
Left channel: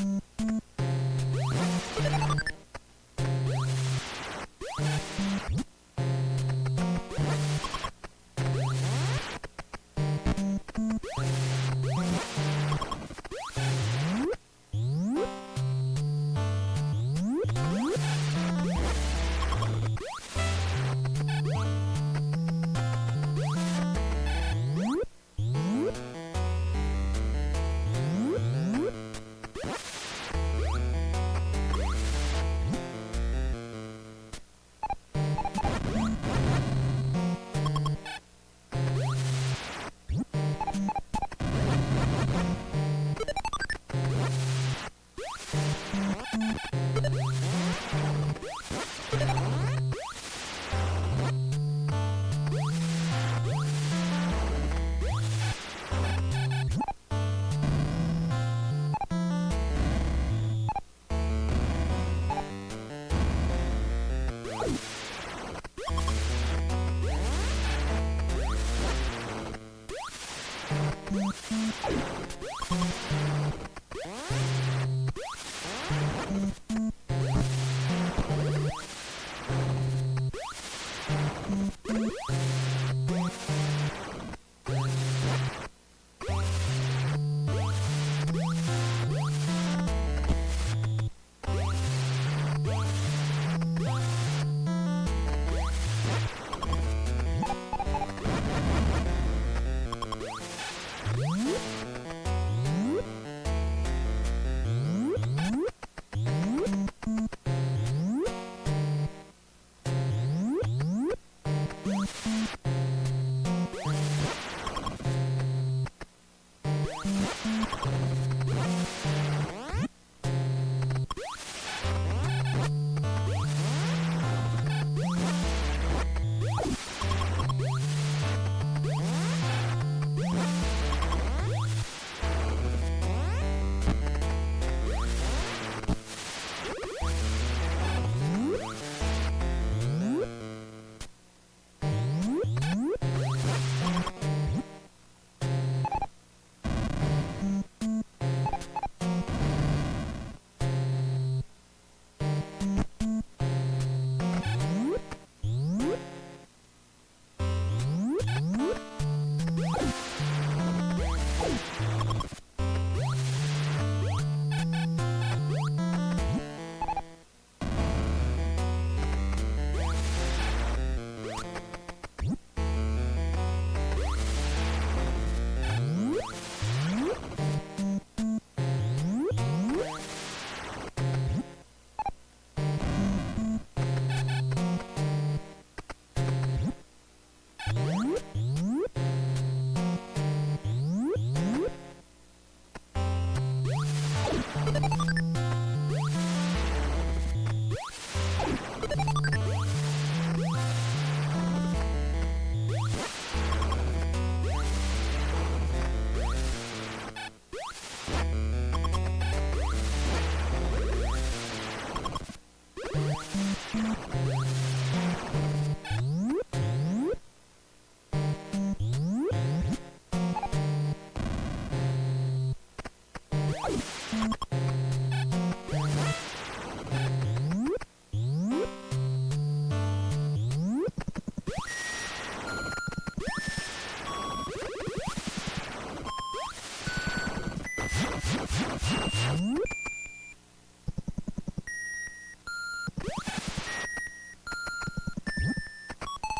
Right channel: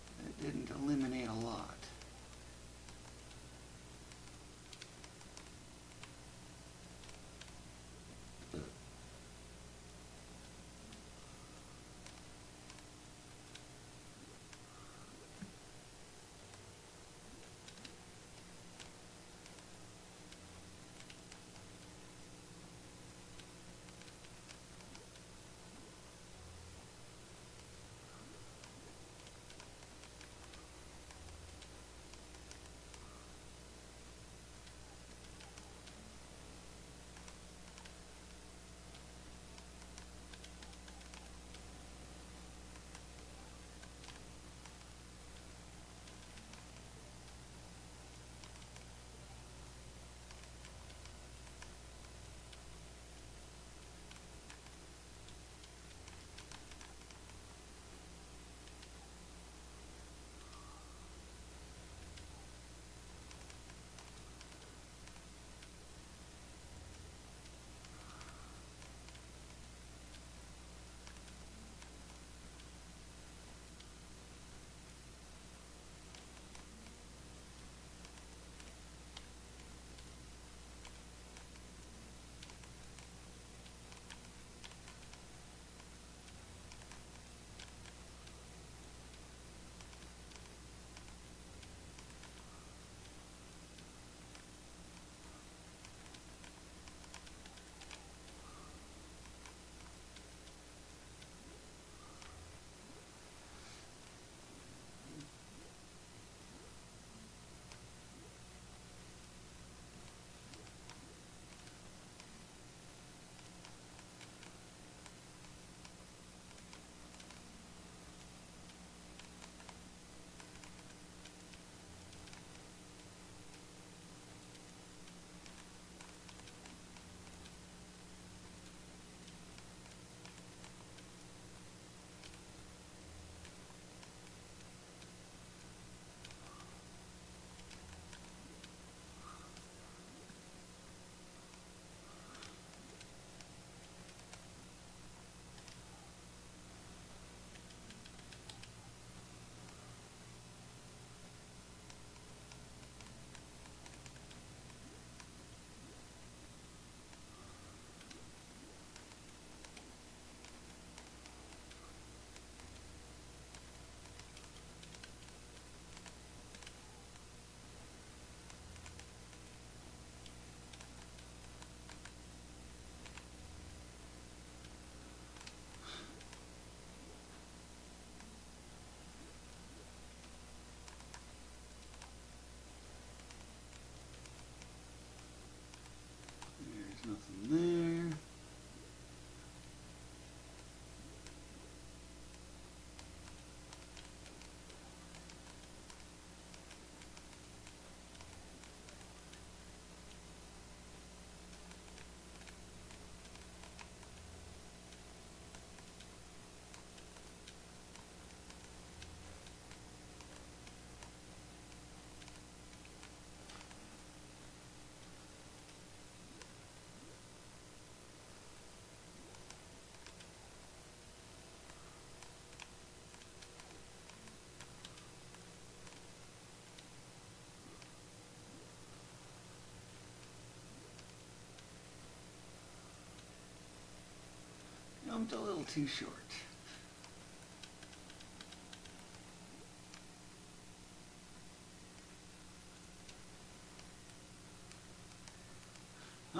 It didn't eliminate I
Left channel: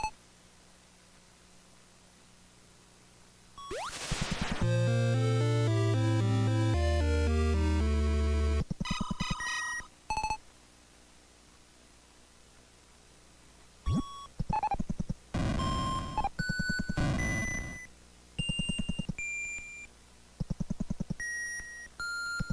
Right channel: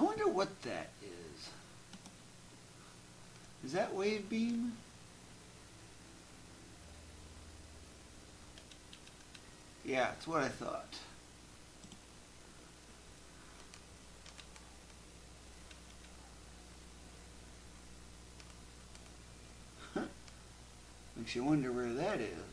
wonder what that is. Is that wave beam? Yeah, that's what I thought. Makes you wonder where that is.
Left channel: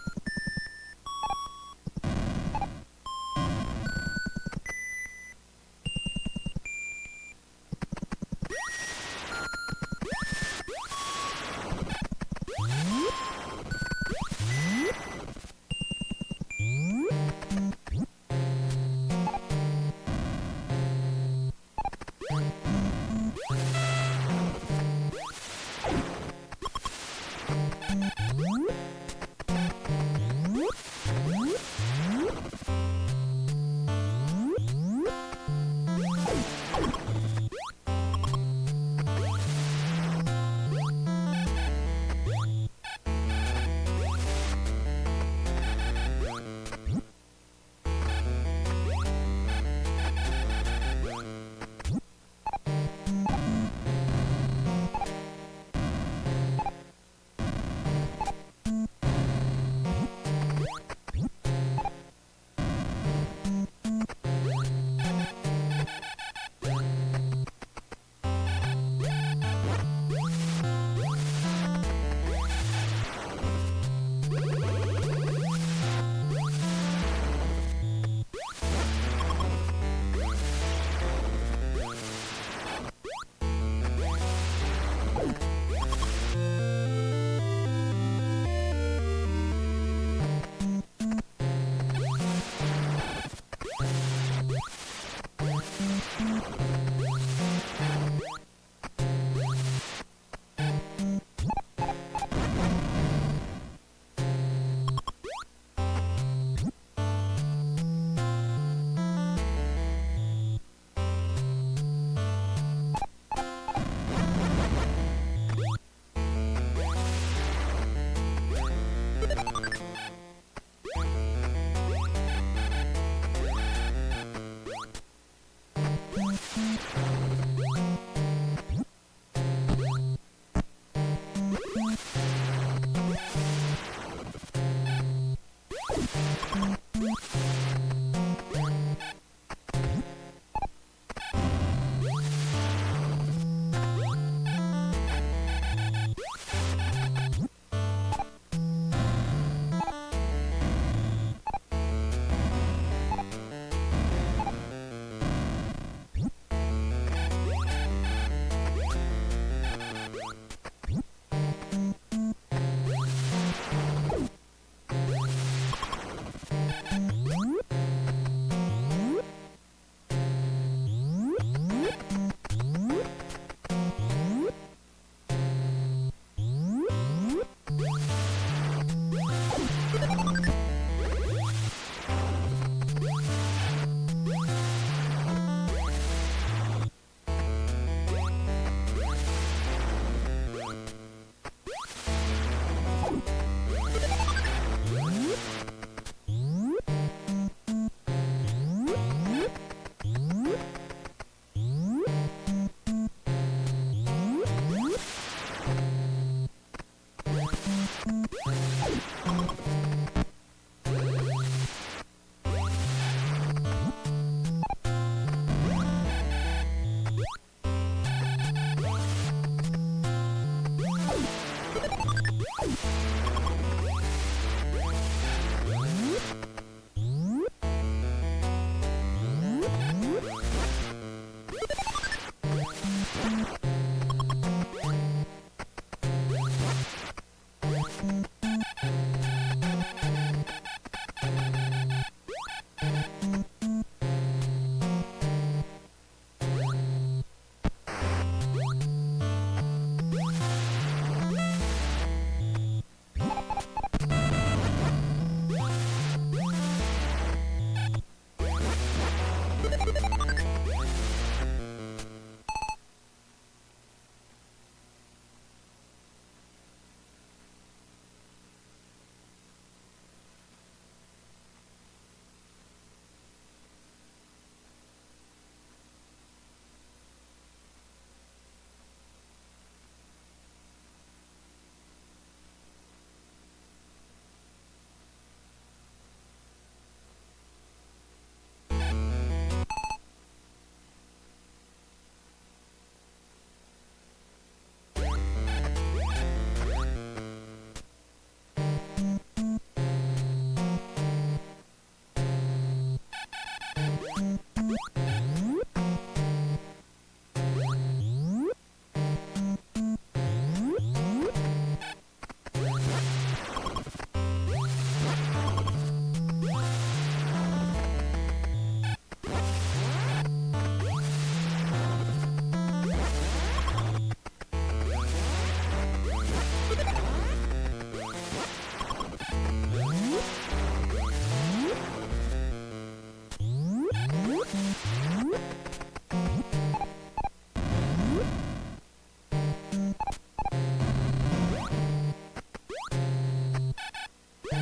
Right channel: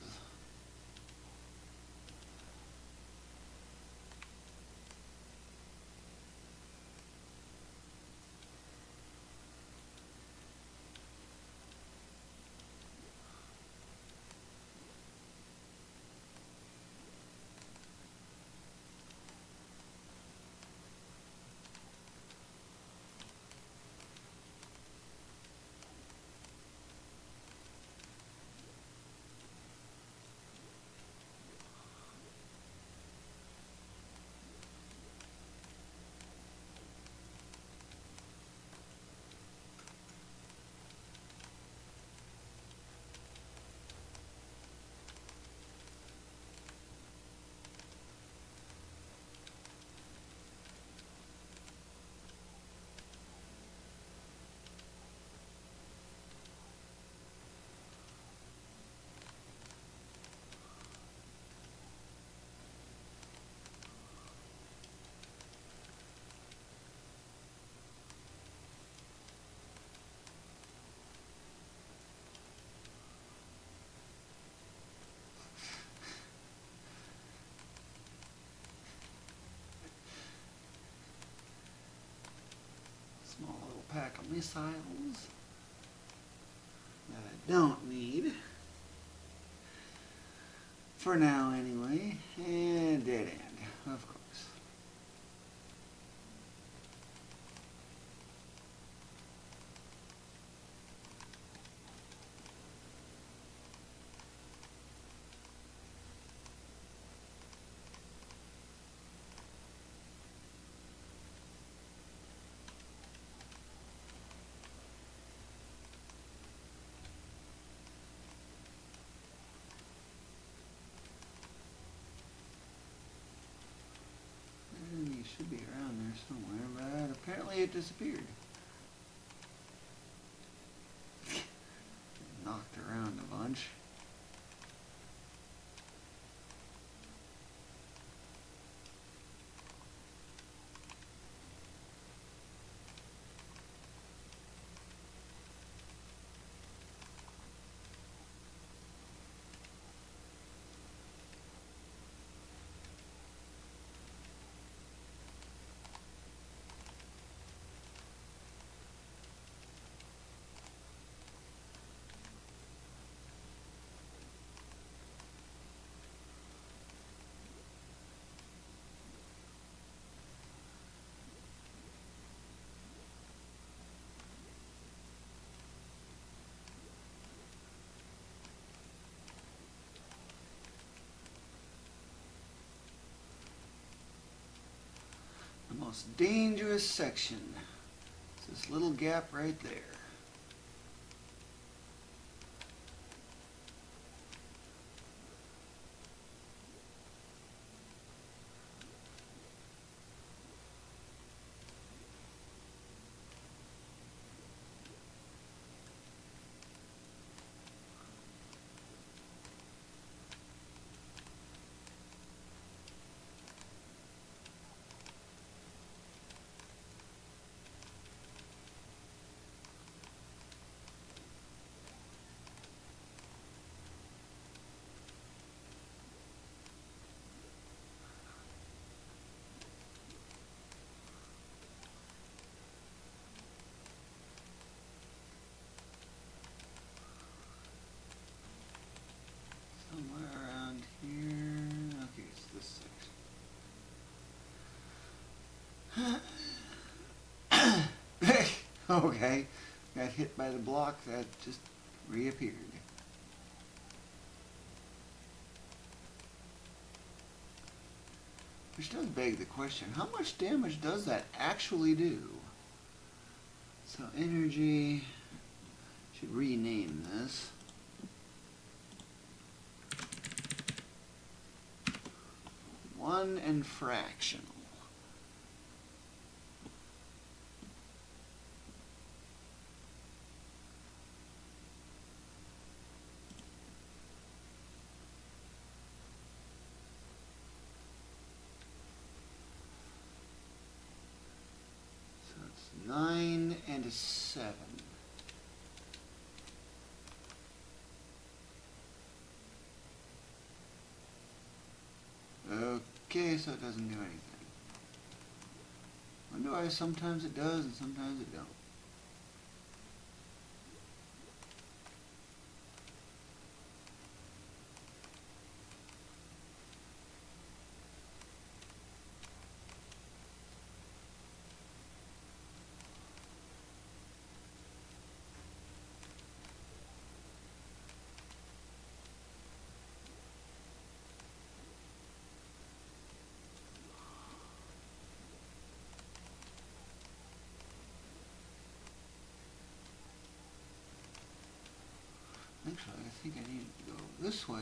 1 and fractional. So it's 9 and a 7. Sometimes it does, sometimes it doesn't. This way.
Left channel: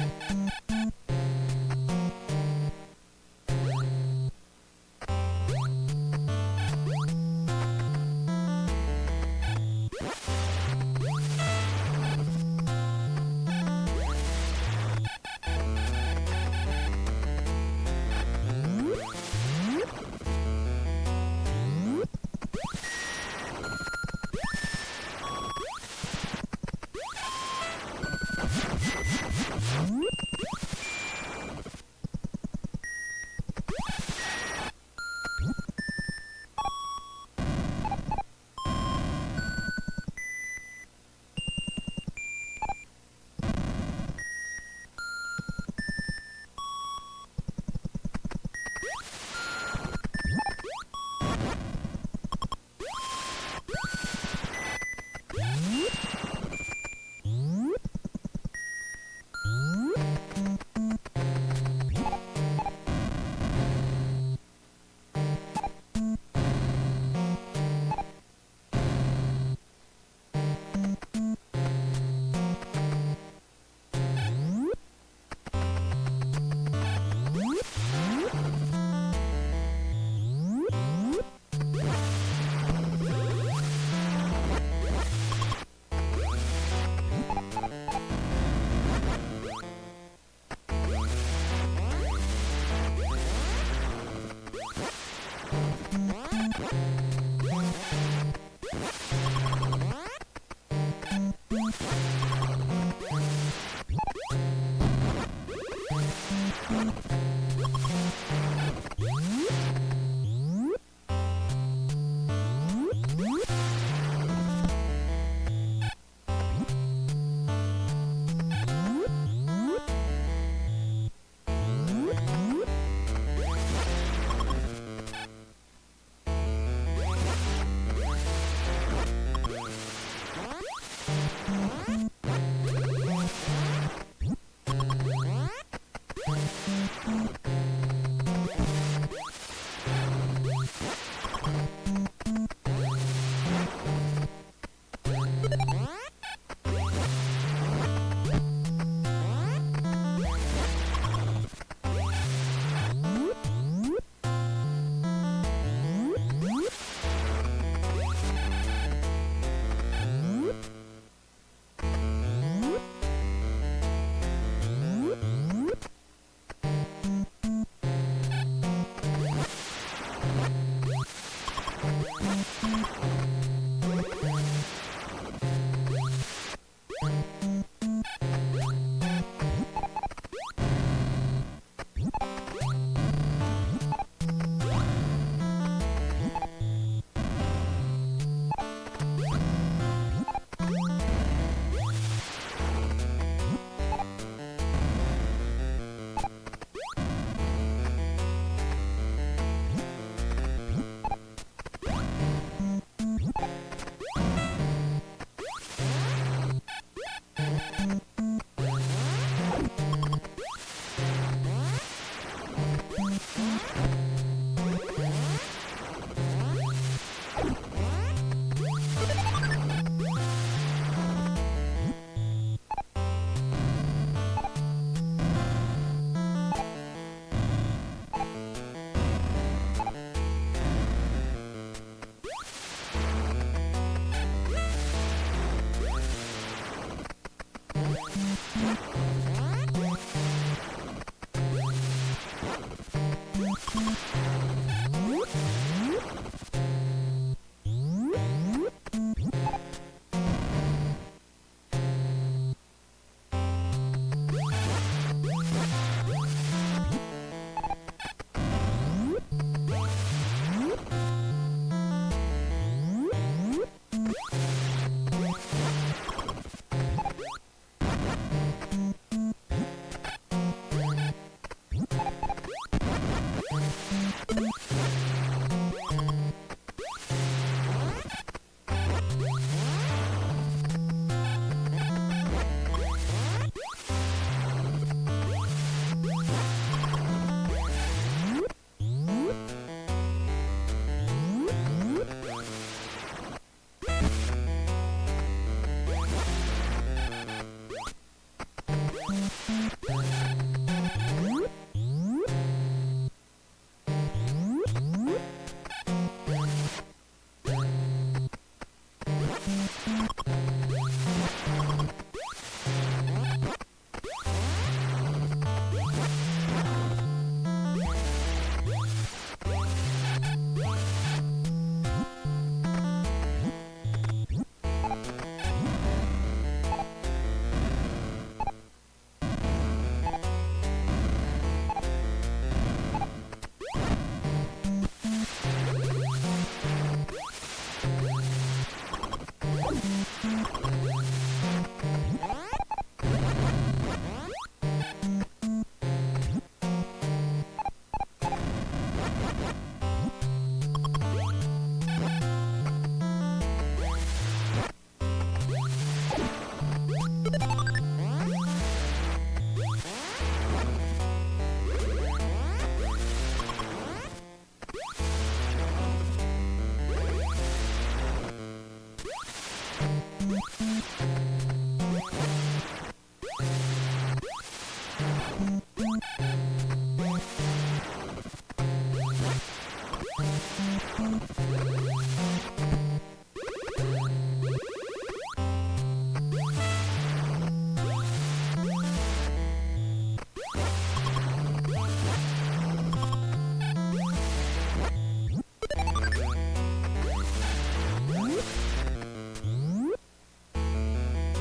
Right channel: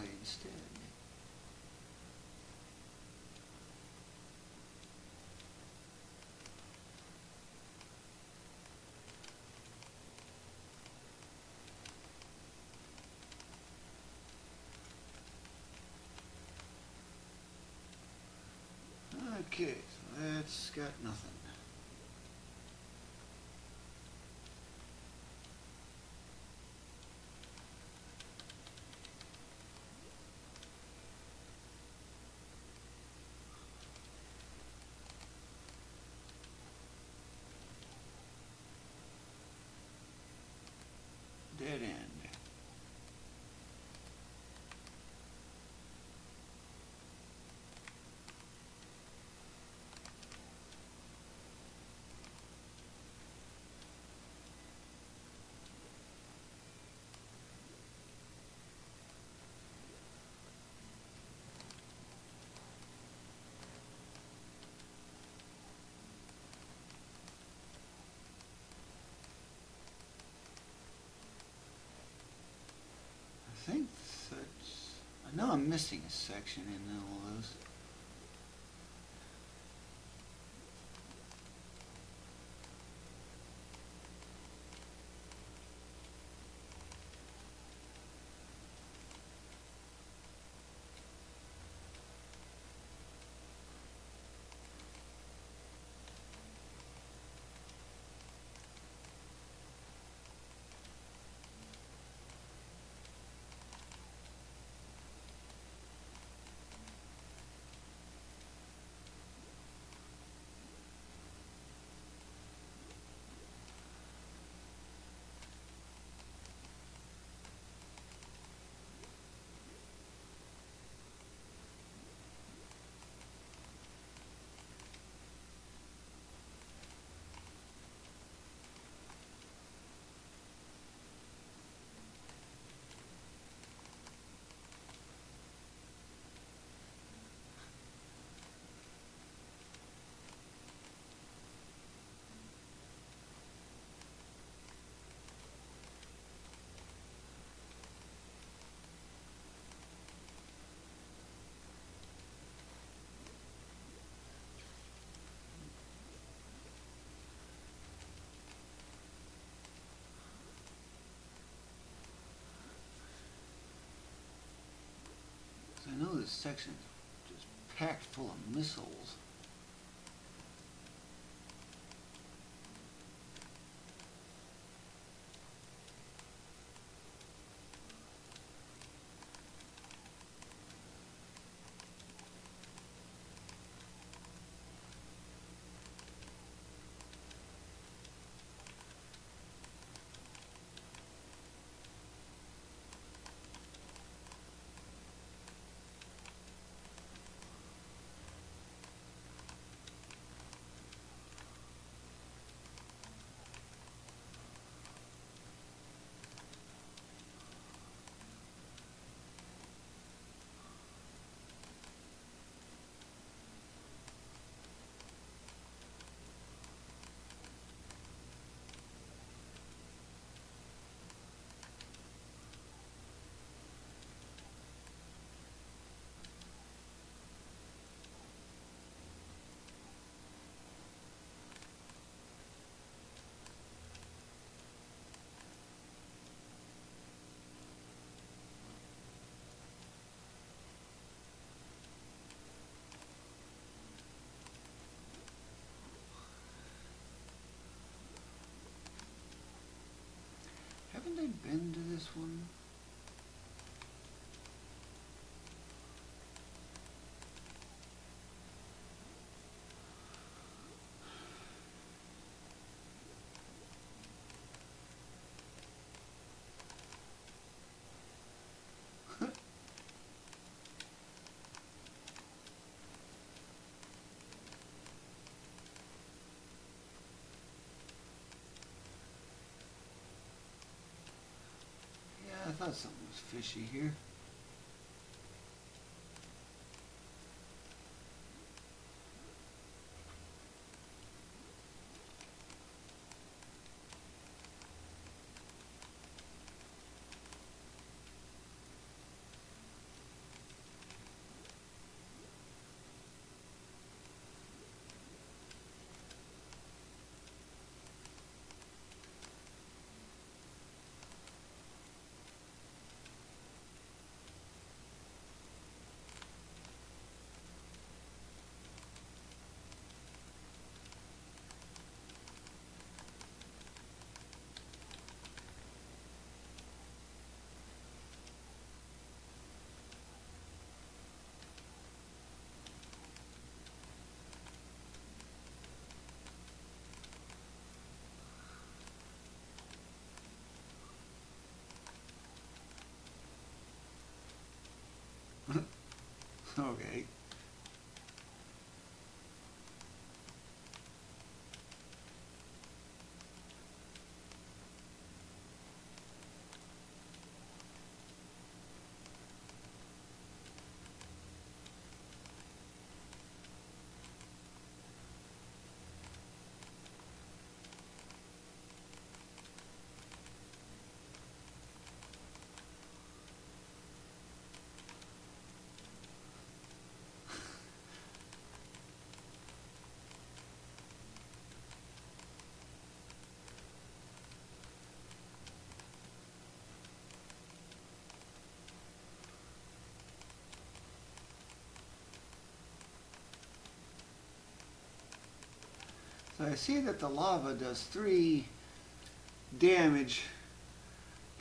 Damage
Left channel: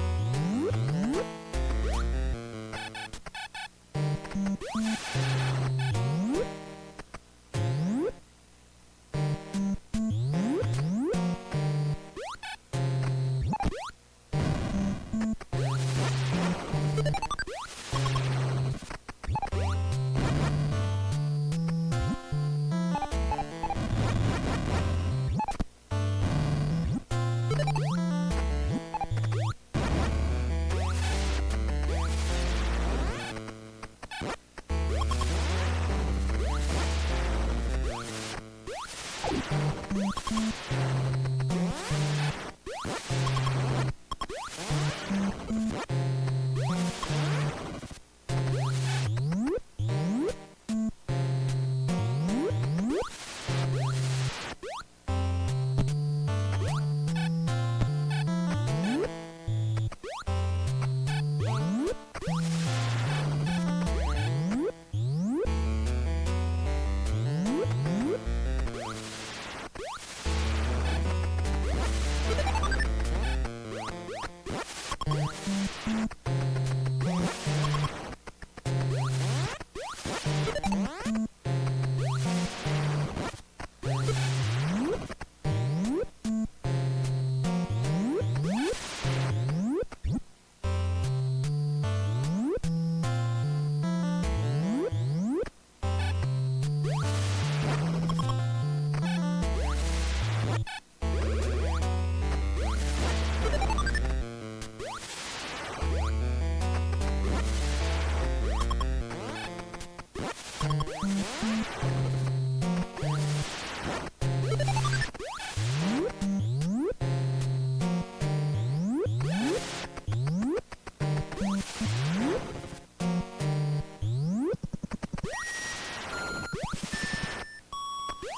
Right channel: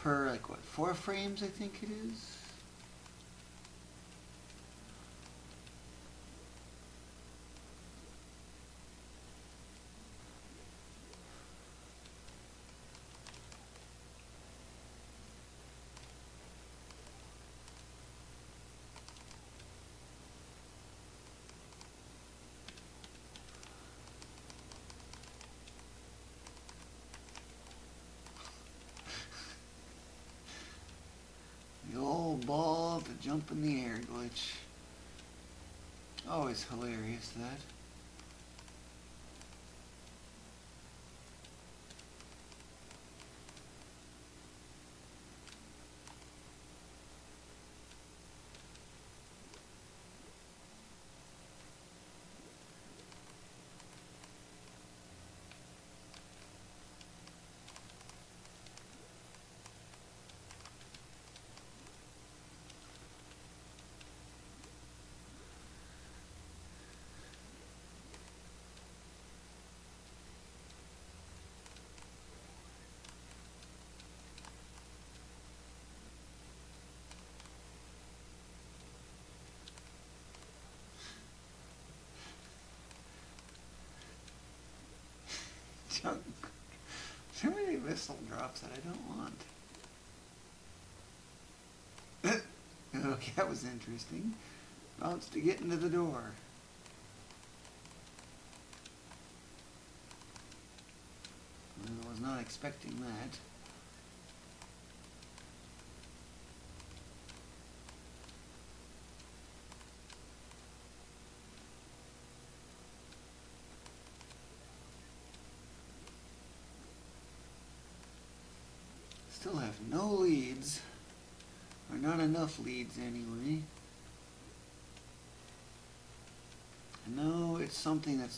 per 4 frames, I think. Something that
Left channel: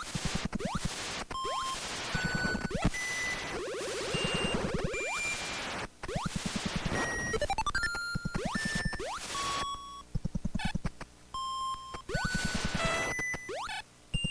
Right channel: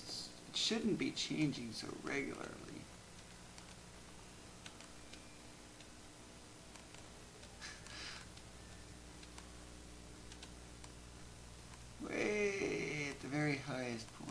shouldn't be changing so way at the very highest point.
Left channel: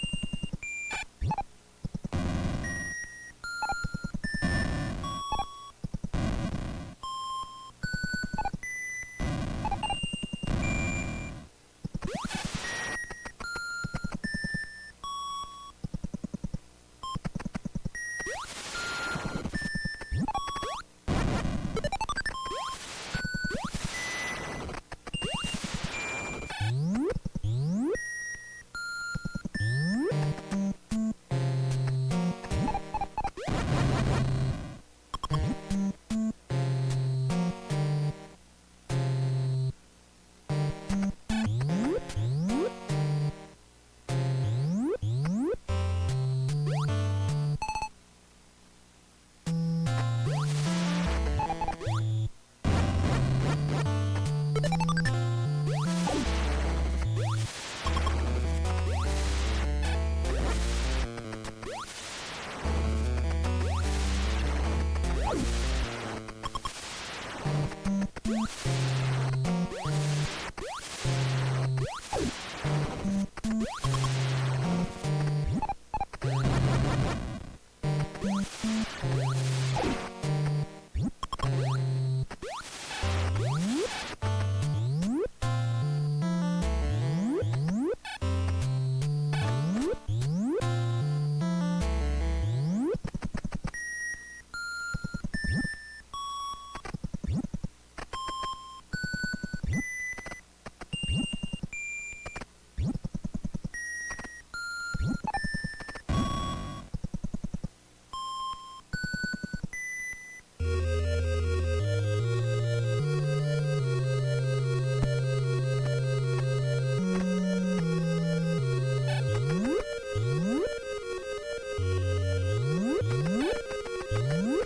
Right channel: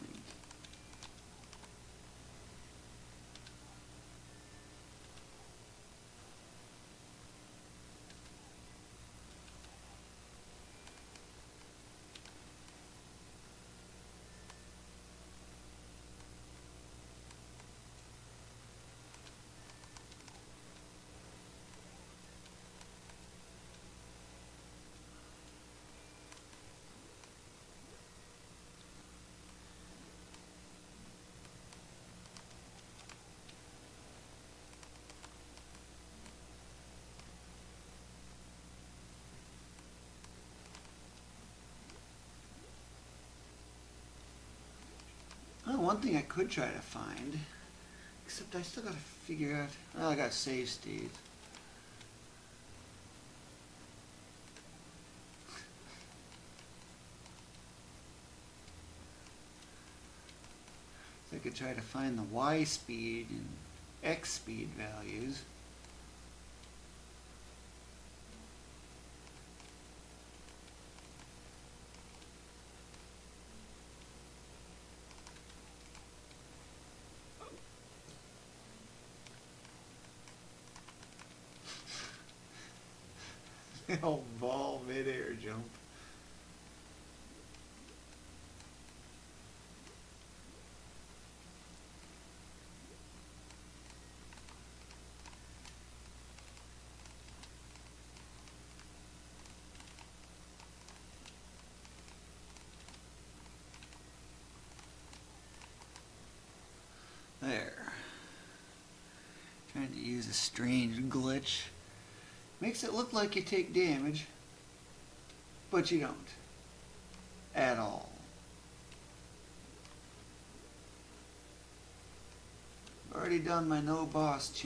Try to find. Except I still gotta figure out how I got saved. I could try to find the Y speed, X speed. Strange glitch. Makes it look like you take damage, but you don't. At all. Already done my no boss challenge.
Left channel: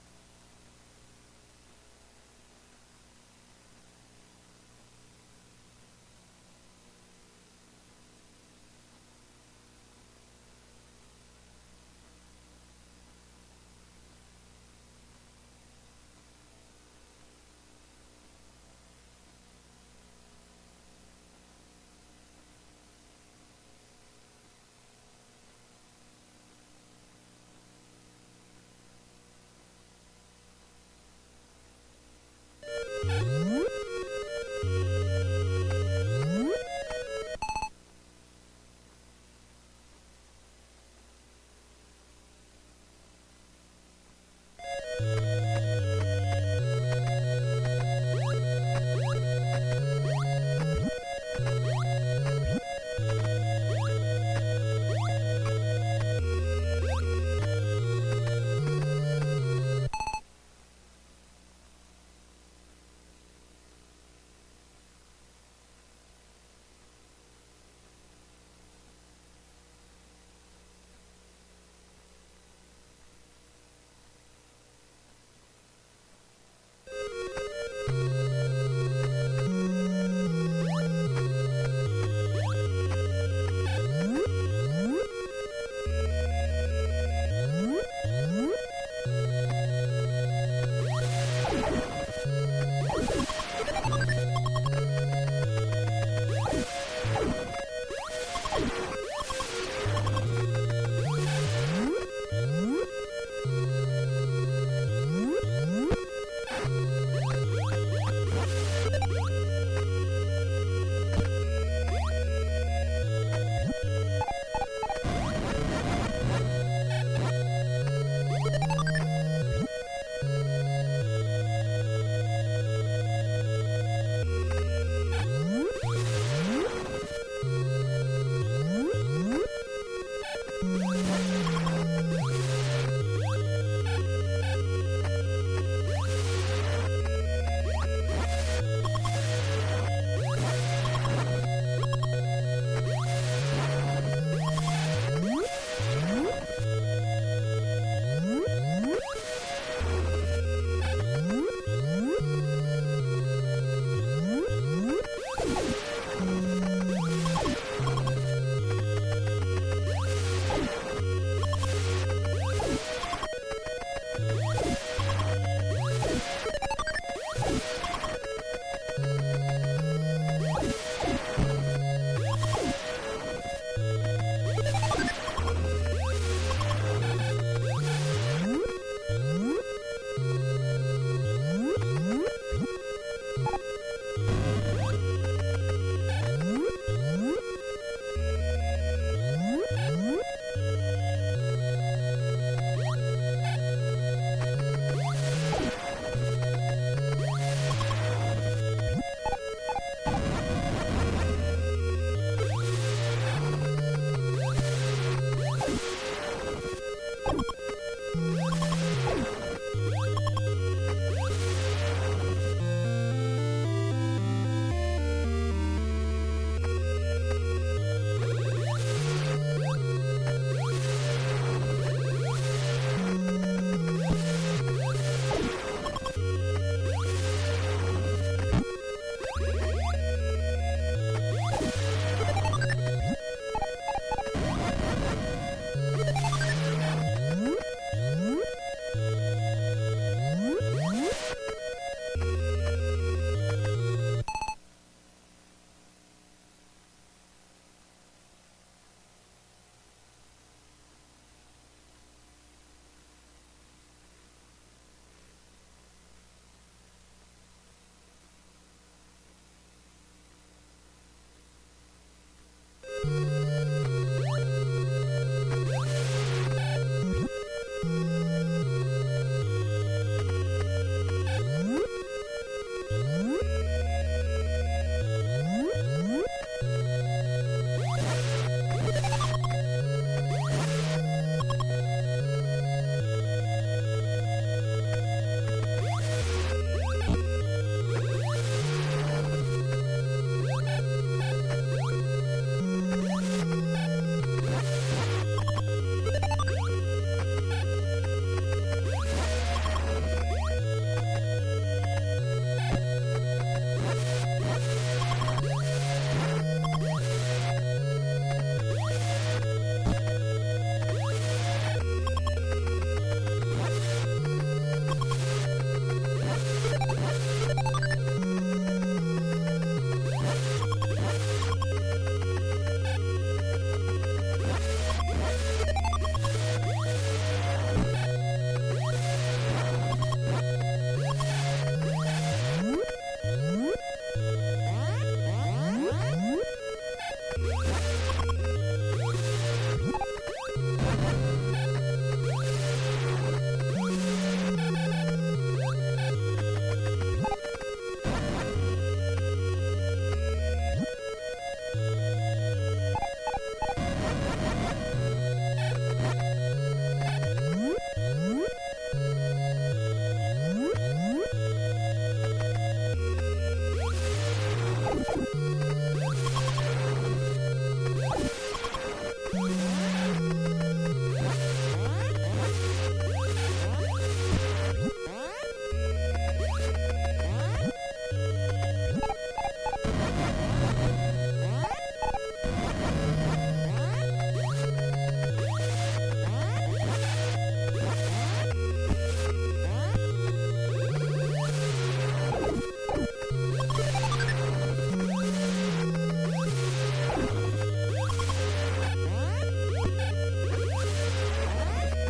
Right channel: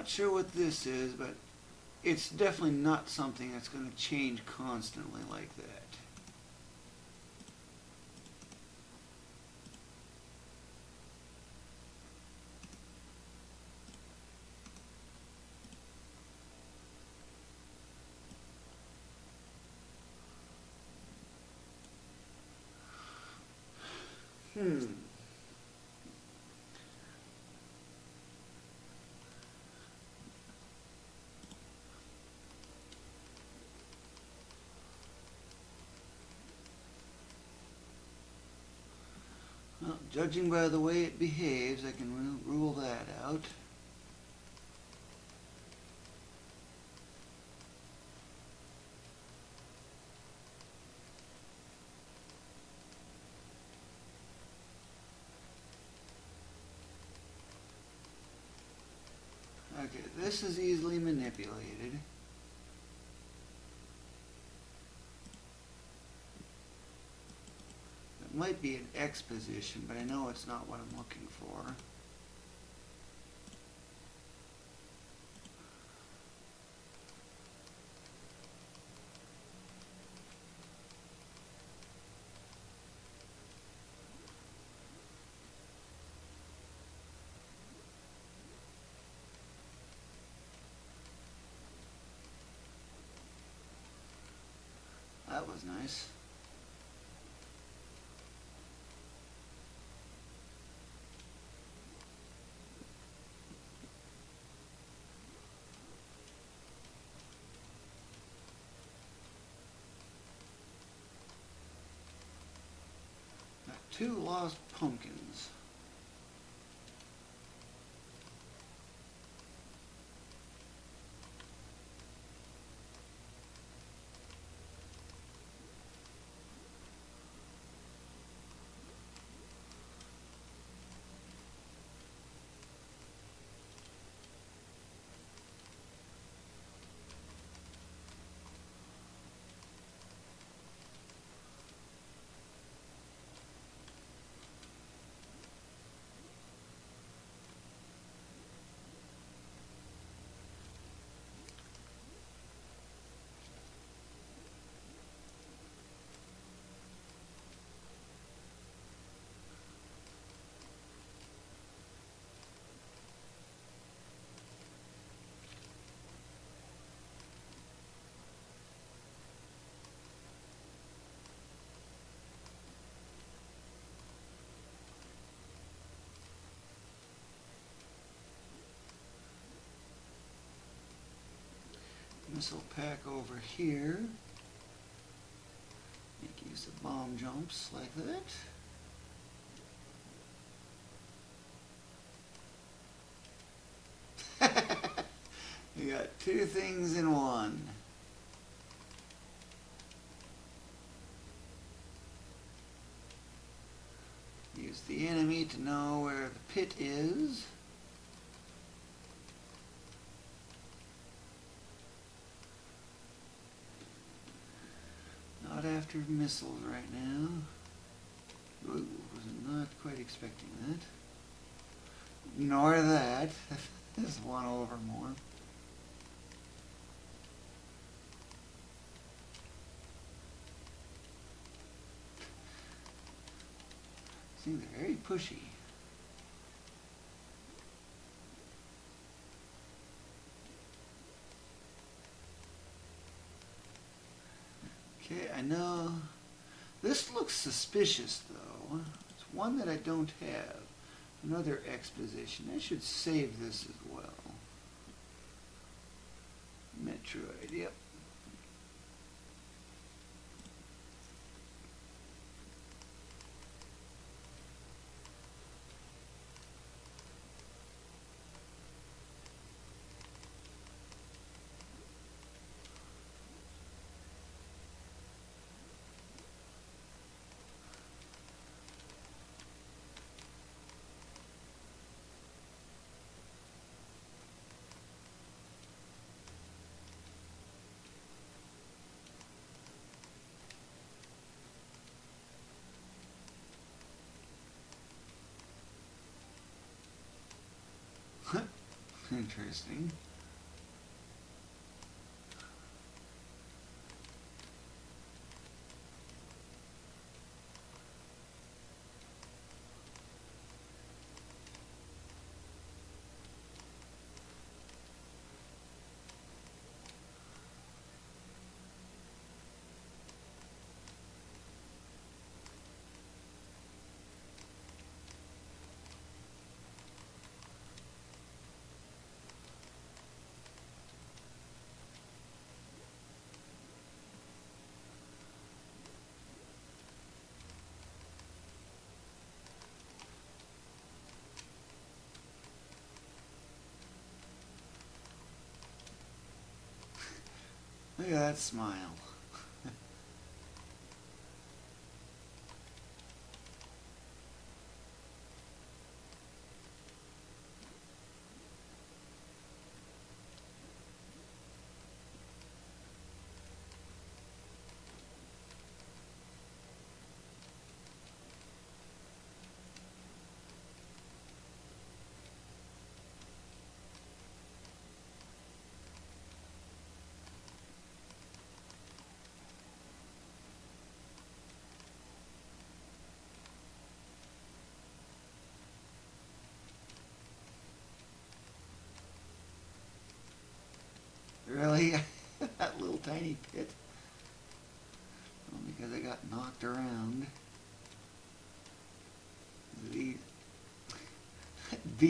Not sure what this is, but it's definitely not something that's going to change constantly like that. Well, judging by the way it behaves, I can rule that out. This is easily manipulated. It might be an X position, but I know it's not what I'm looking for. Two things in one. You need to know where it is. This looks suspicious, though. It's one that I don't have. Another exposition. I should save this as well. Metroid, yep.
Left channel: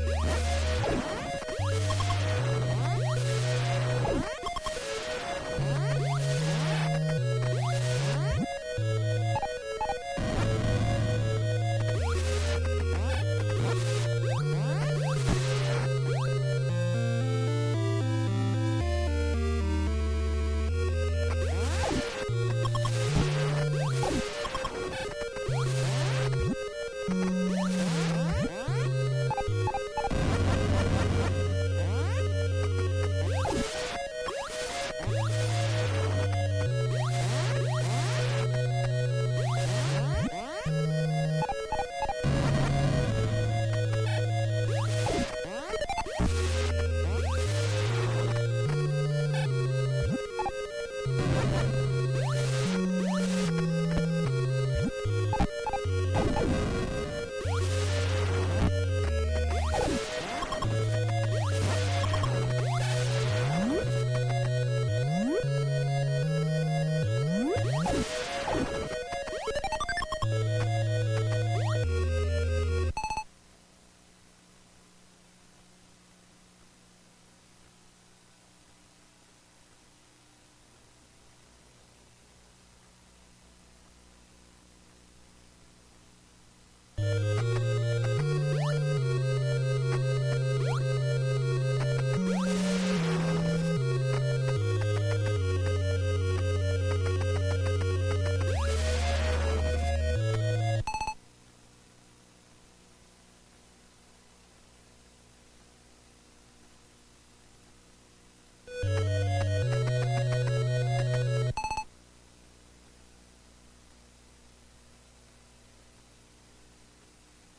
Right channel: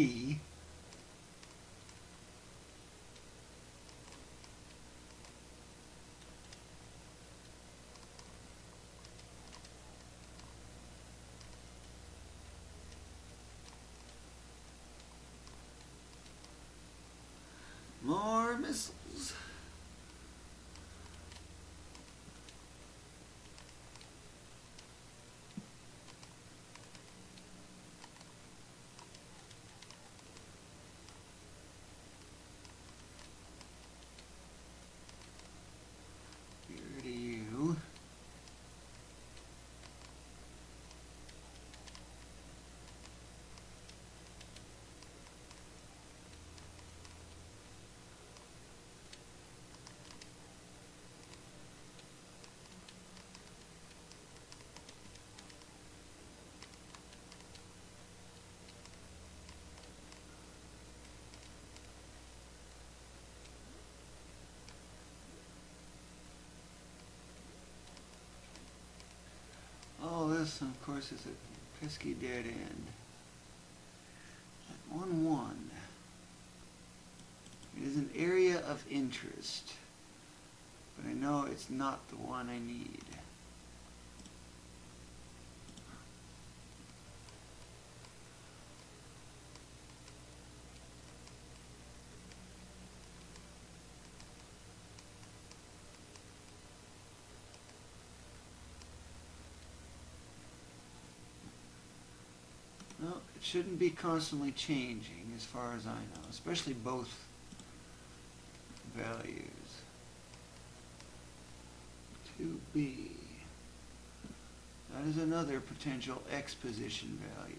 B. More missiles. Oh, this, of course, is keep adding. 1-1. It is an area of interest, but I know it's not the one I need. Well, it shouldn't be constantly changing as far as I know, especially both values. 2B. That is another potential X position value.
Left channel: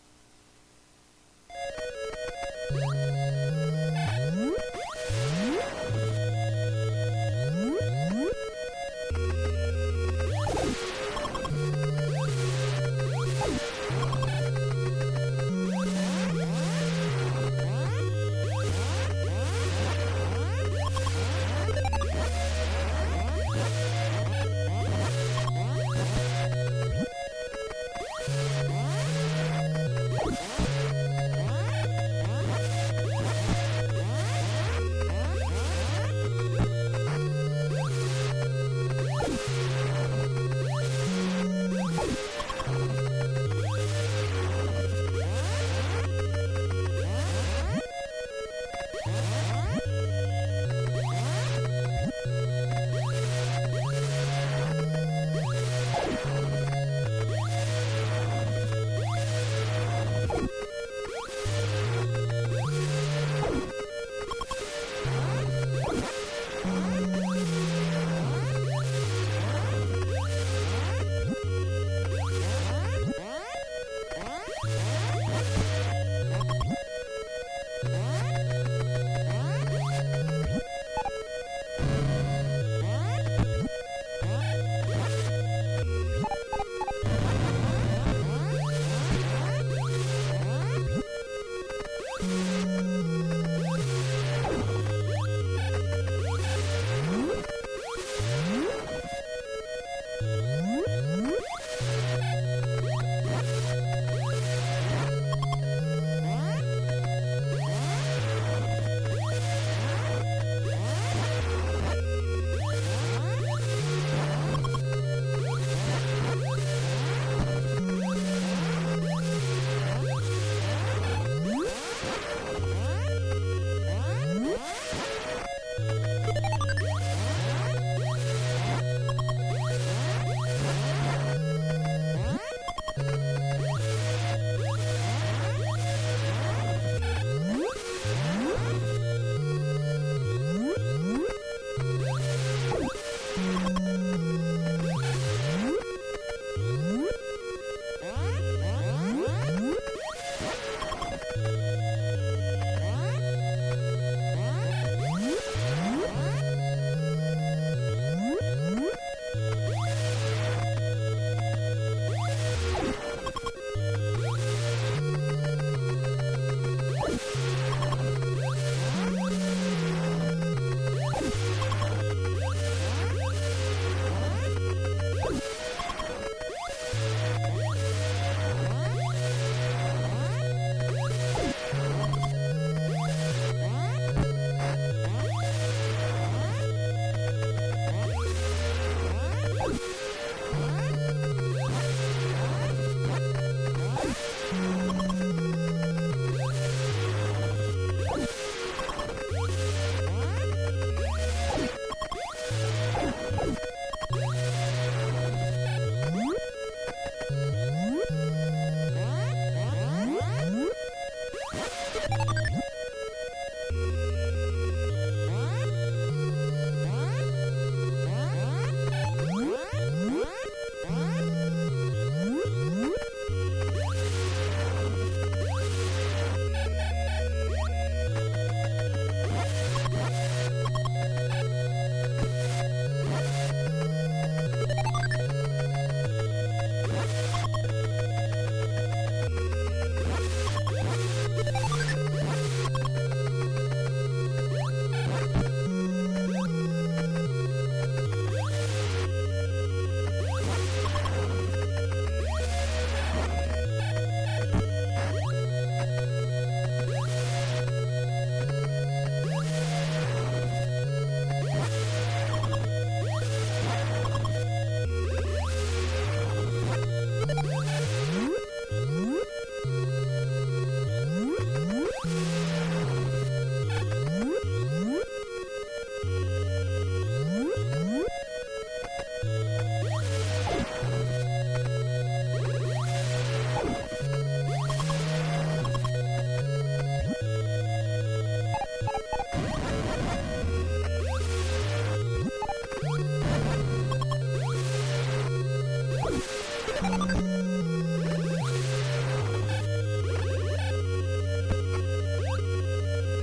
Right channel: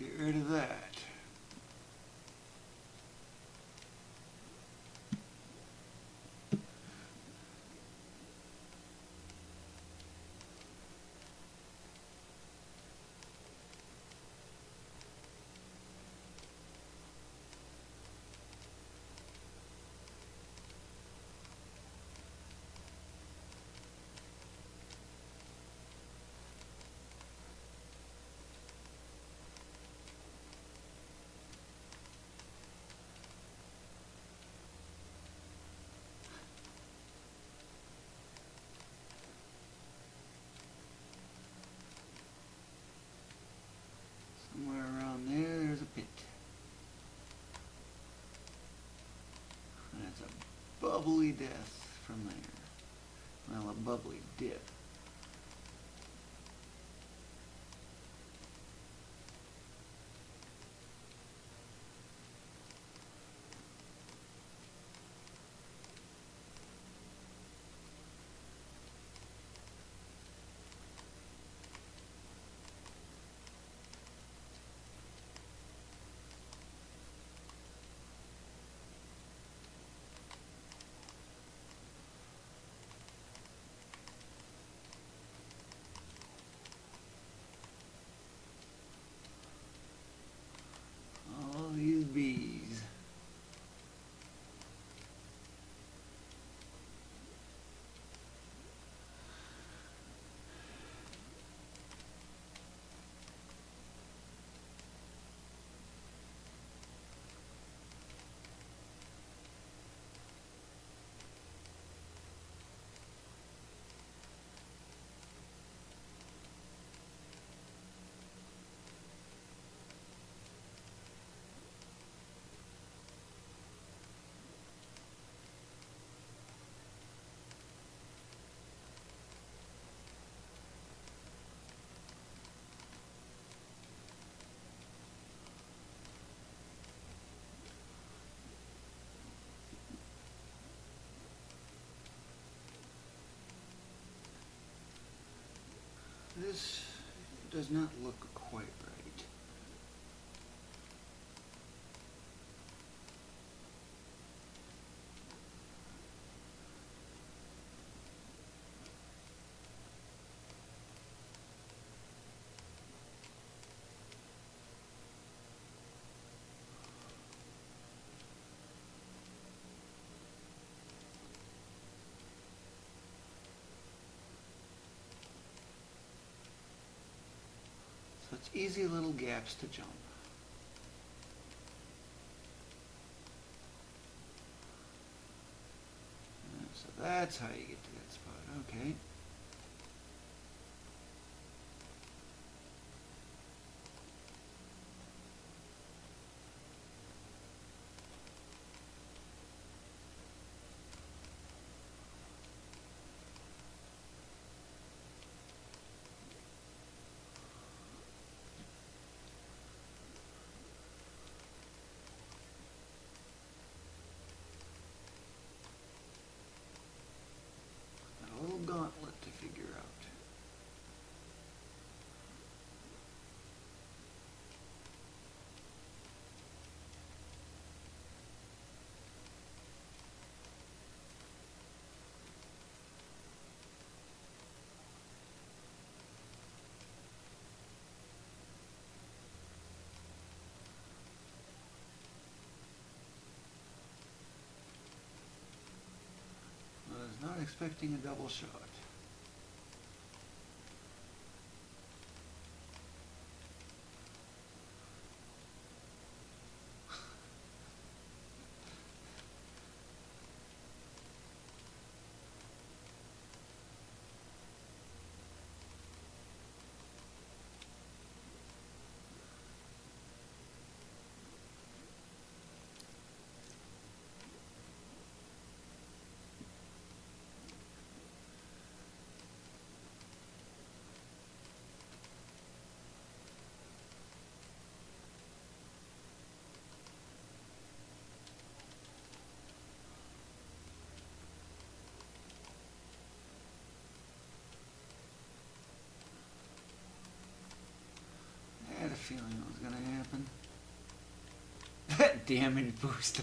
Get rid of that.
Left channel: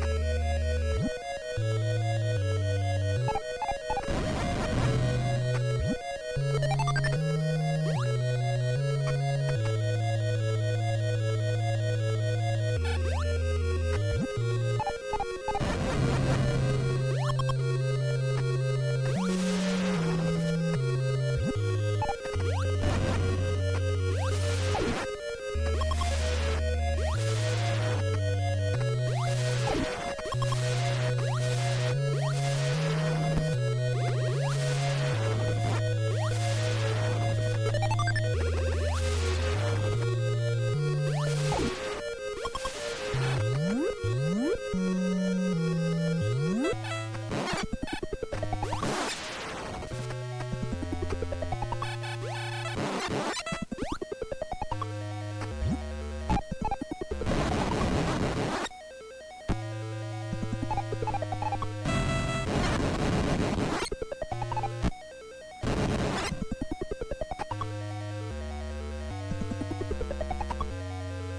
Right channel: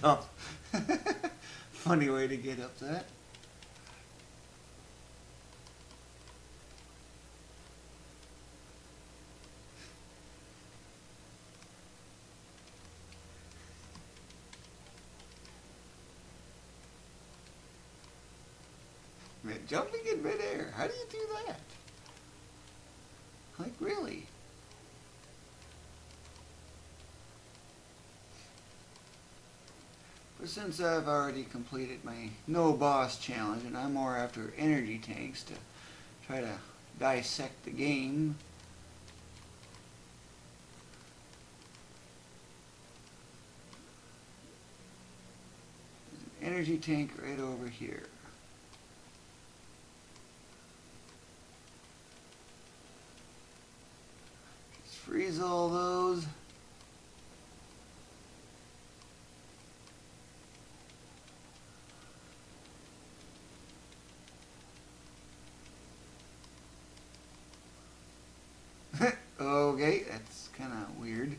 Up. Funny way to get up that. Boss challenge, and I'm more after energy dissect the game. Energy tank right over here. Let's freeze all those. Okay, that's kind of weird.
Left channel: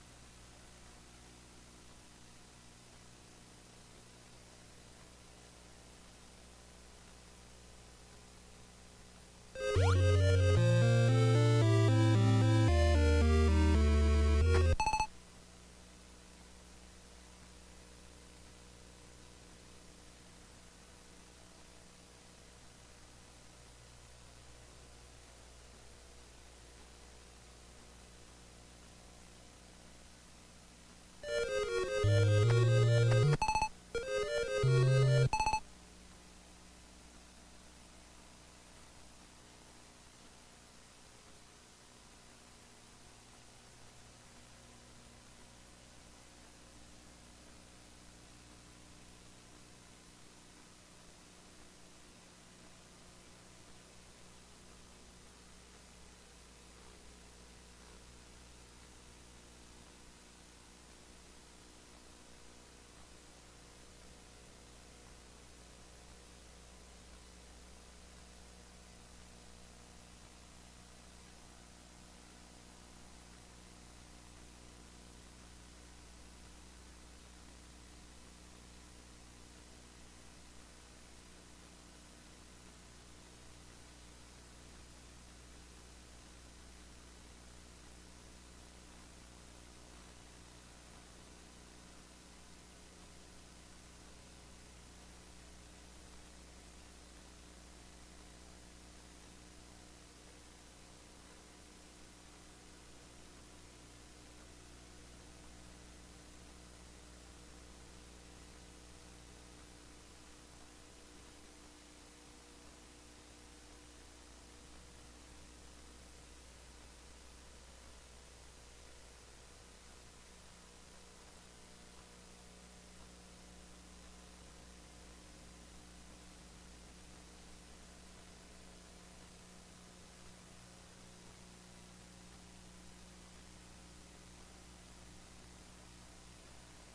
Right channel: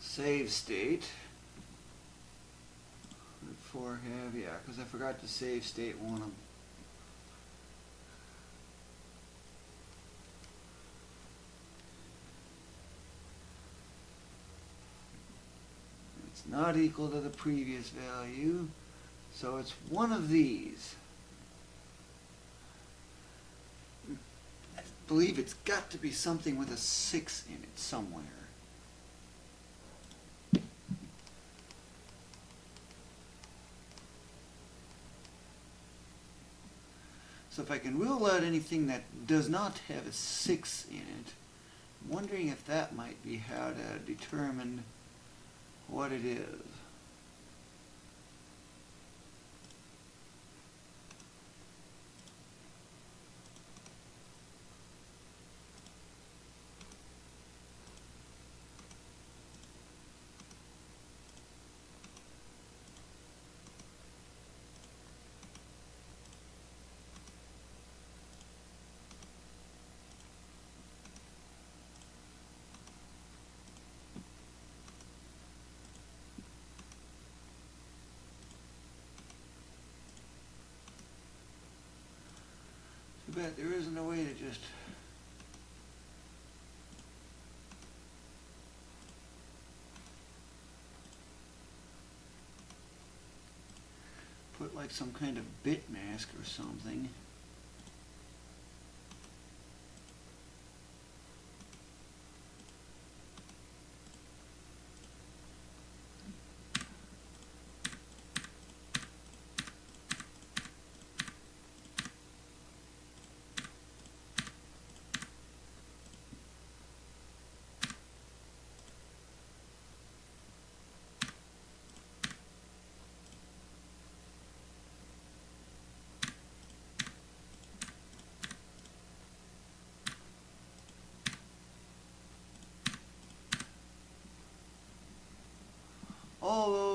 Save state. Before have, yeah, because I forgot to save state one of them. It's not equal to the previous value, so it's one of these. I believe it's got to be something with a 6 in it somewhere. So if I can rule out anything that does not have a 6 in it, I'm wondering if that might be how to determine what it is. But there isn't a way to just put like some kind of bit mask or something.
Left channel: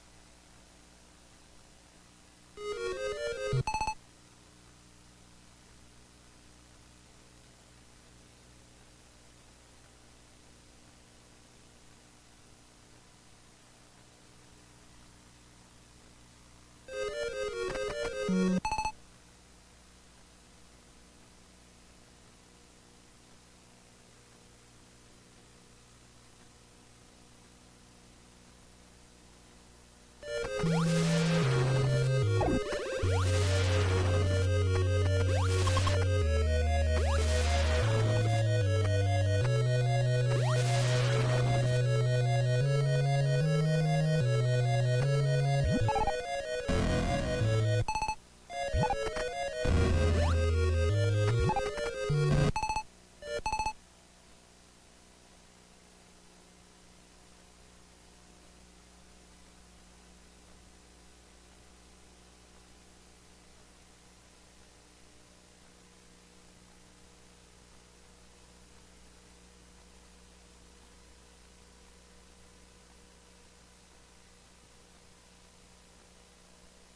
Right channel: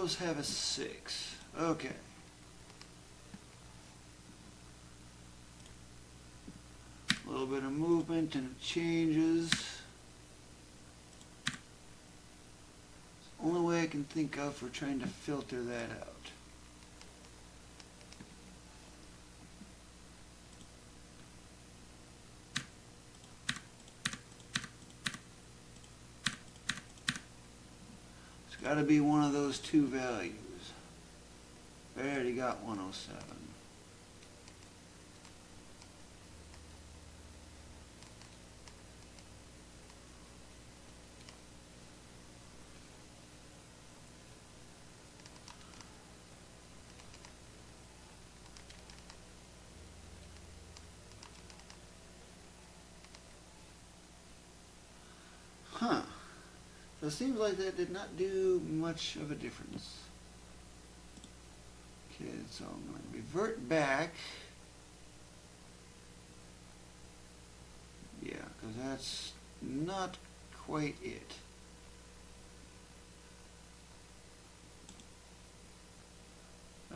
those have a 6. Okay. A little bit of movement and it changes. Only way I can think of for trying to filter that out. It's got to be one of those two values. There you go. Huh. So it seems like that did not do much of a difference. Okay, so I'm going to revert back. Yeah, because that's not quite it.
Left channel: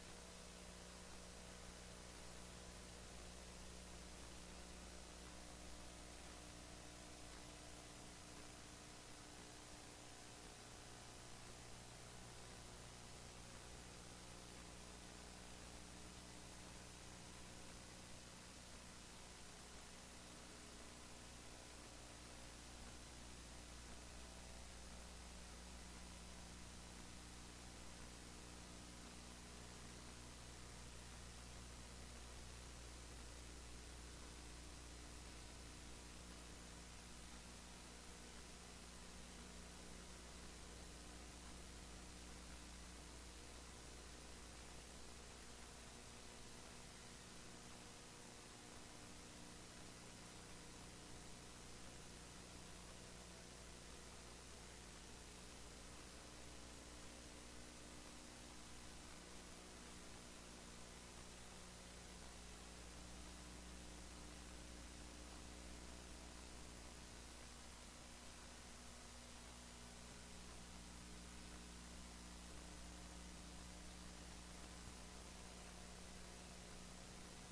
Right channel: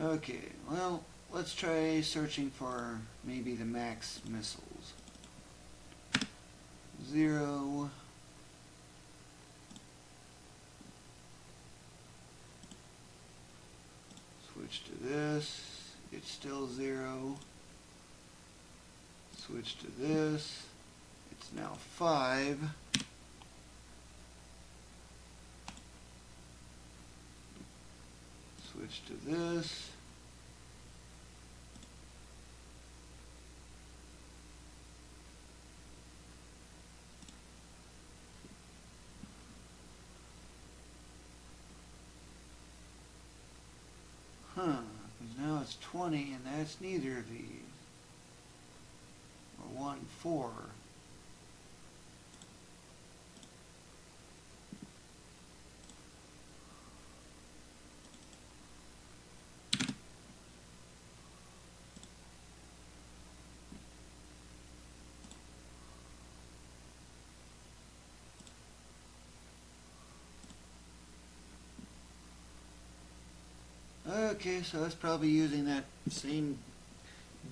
Okay, well, let's try searching for maybe the max missiles. 0. Switch to this, it's still 0. Switch to this, it's now 5. Switch to this. Now it's 20, and that's neither of these. A 1, 4. Okay, so that's probably using that same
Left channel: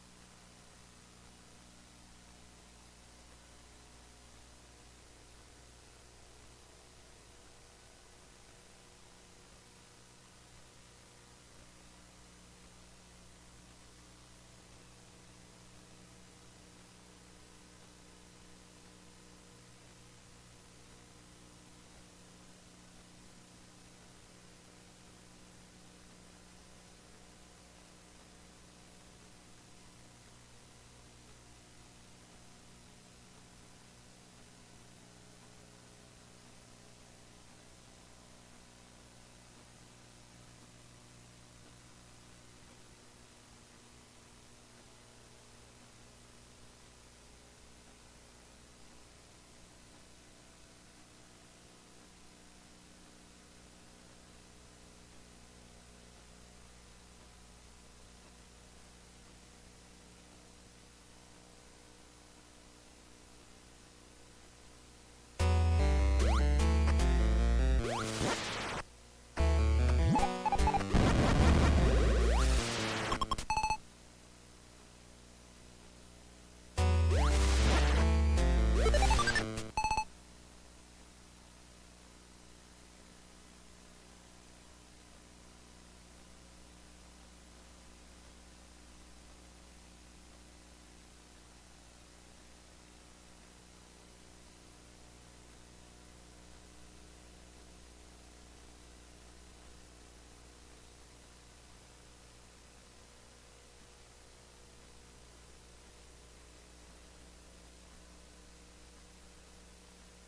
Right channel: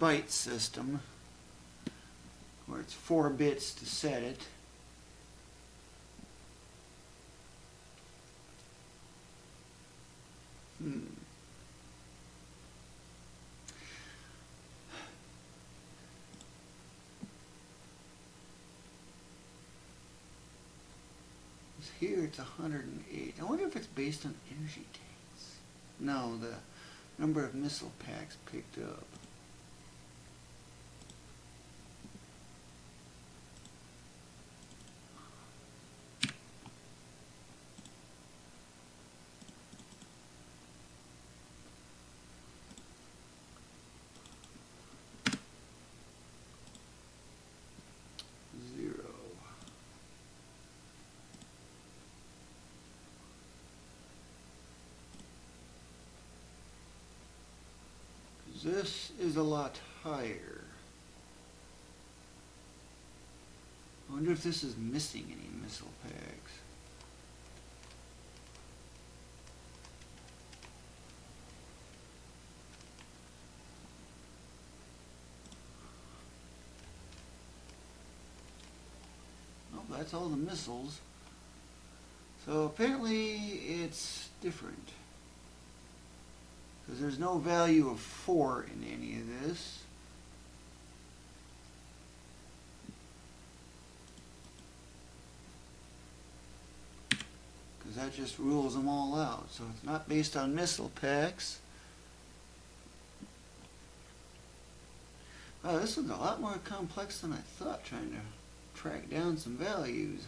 byte system, where it's 4 bits to set it. Here it's 108. I wonder if it's based on energy tanks. No, the number of missile packs picked up. This is a lot higher. I wonder if this is missing anything. That's all the missiles. So apparently it's different. Because there's no value of 4 in any of this. Because that just rules them all out. So it's not based on missile packs. Oh, this is a lot more complex than I thought, trying to track down some values.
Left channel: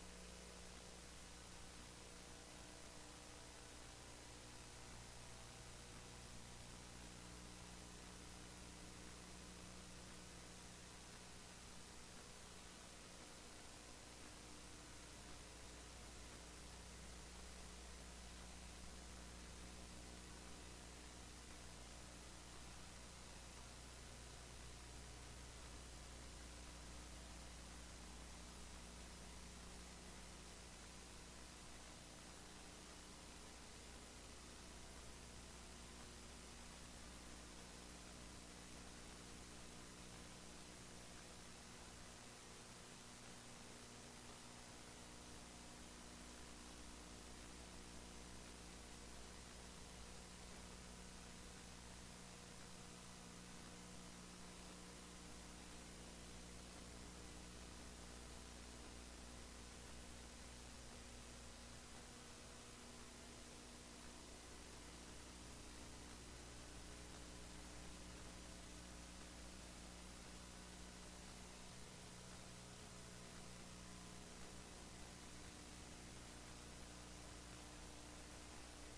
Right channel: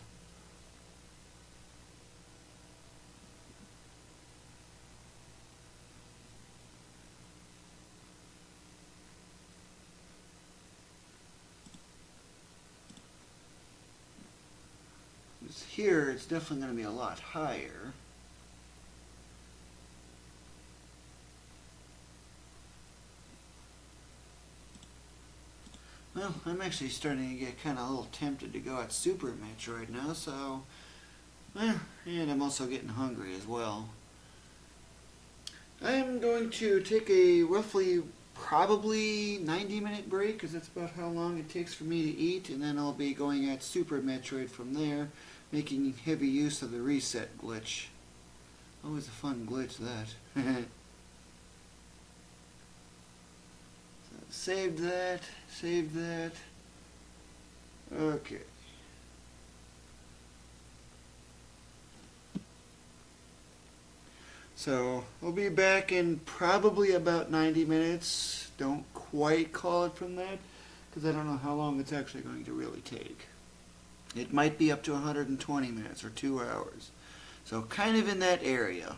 Here, it's definitely going to be a lot higher. Well, I'm actually starting to get kind of a little tempted to go at Super Metroid now, so... and I'm also getting hungry as well. I am going to take a roughly probably 90-minute break because that's about how long it takes for me to eat, and then I'll be going at Super Metroid from there, making heavy use of the reset glitch. Always a fun glitch, that. Save that, save that. Okay. So, we'll be back in probably about 90 minutes. Don't quite call it from that, because I don't know how long it's actually going to really take. It might be up to 120 minutes or 2 hours. So, kind of in that area.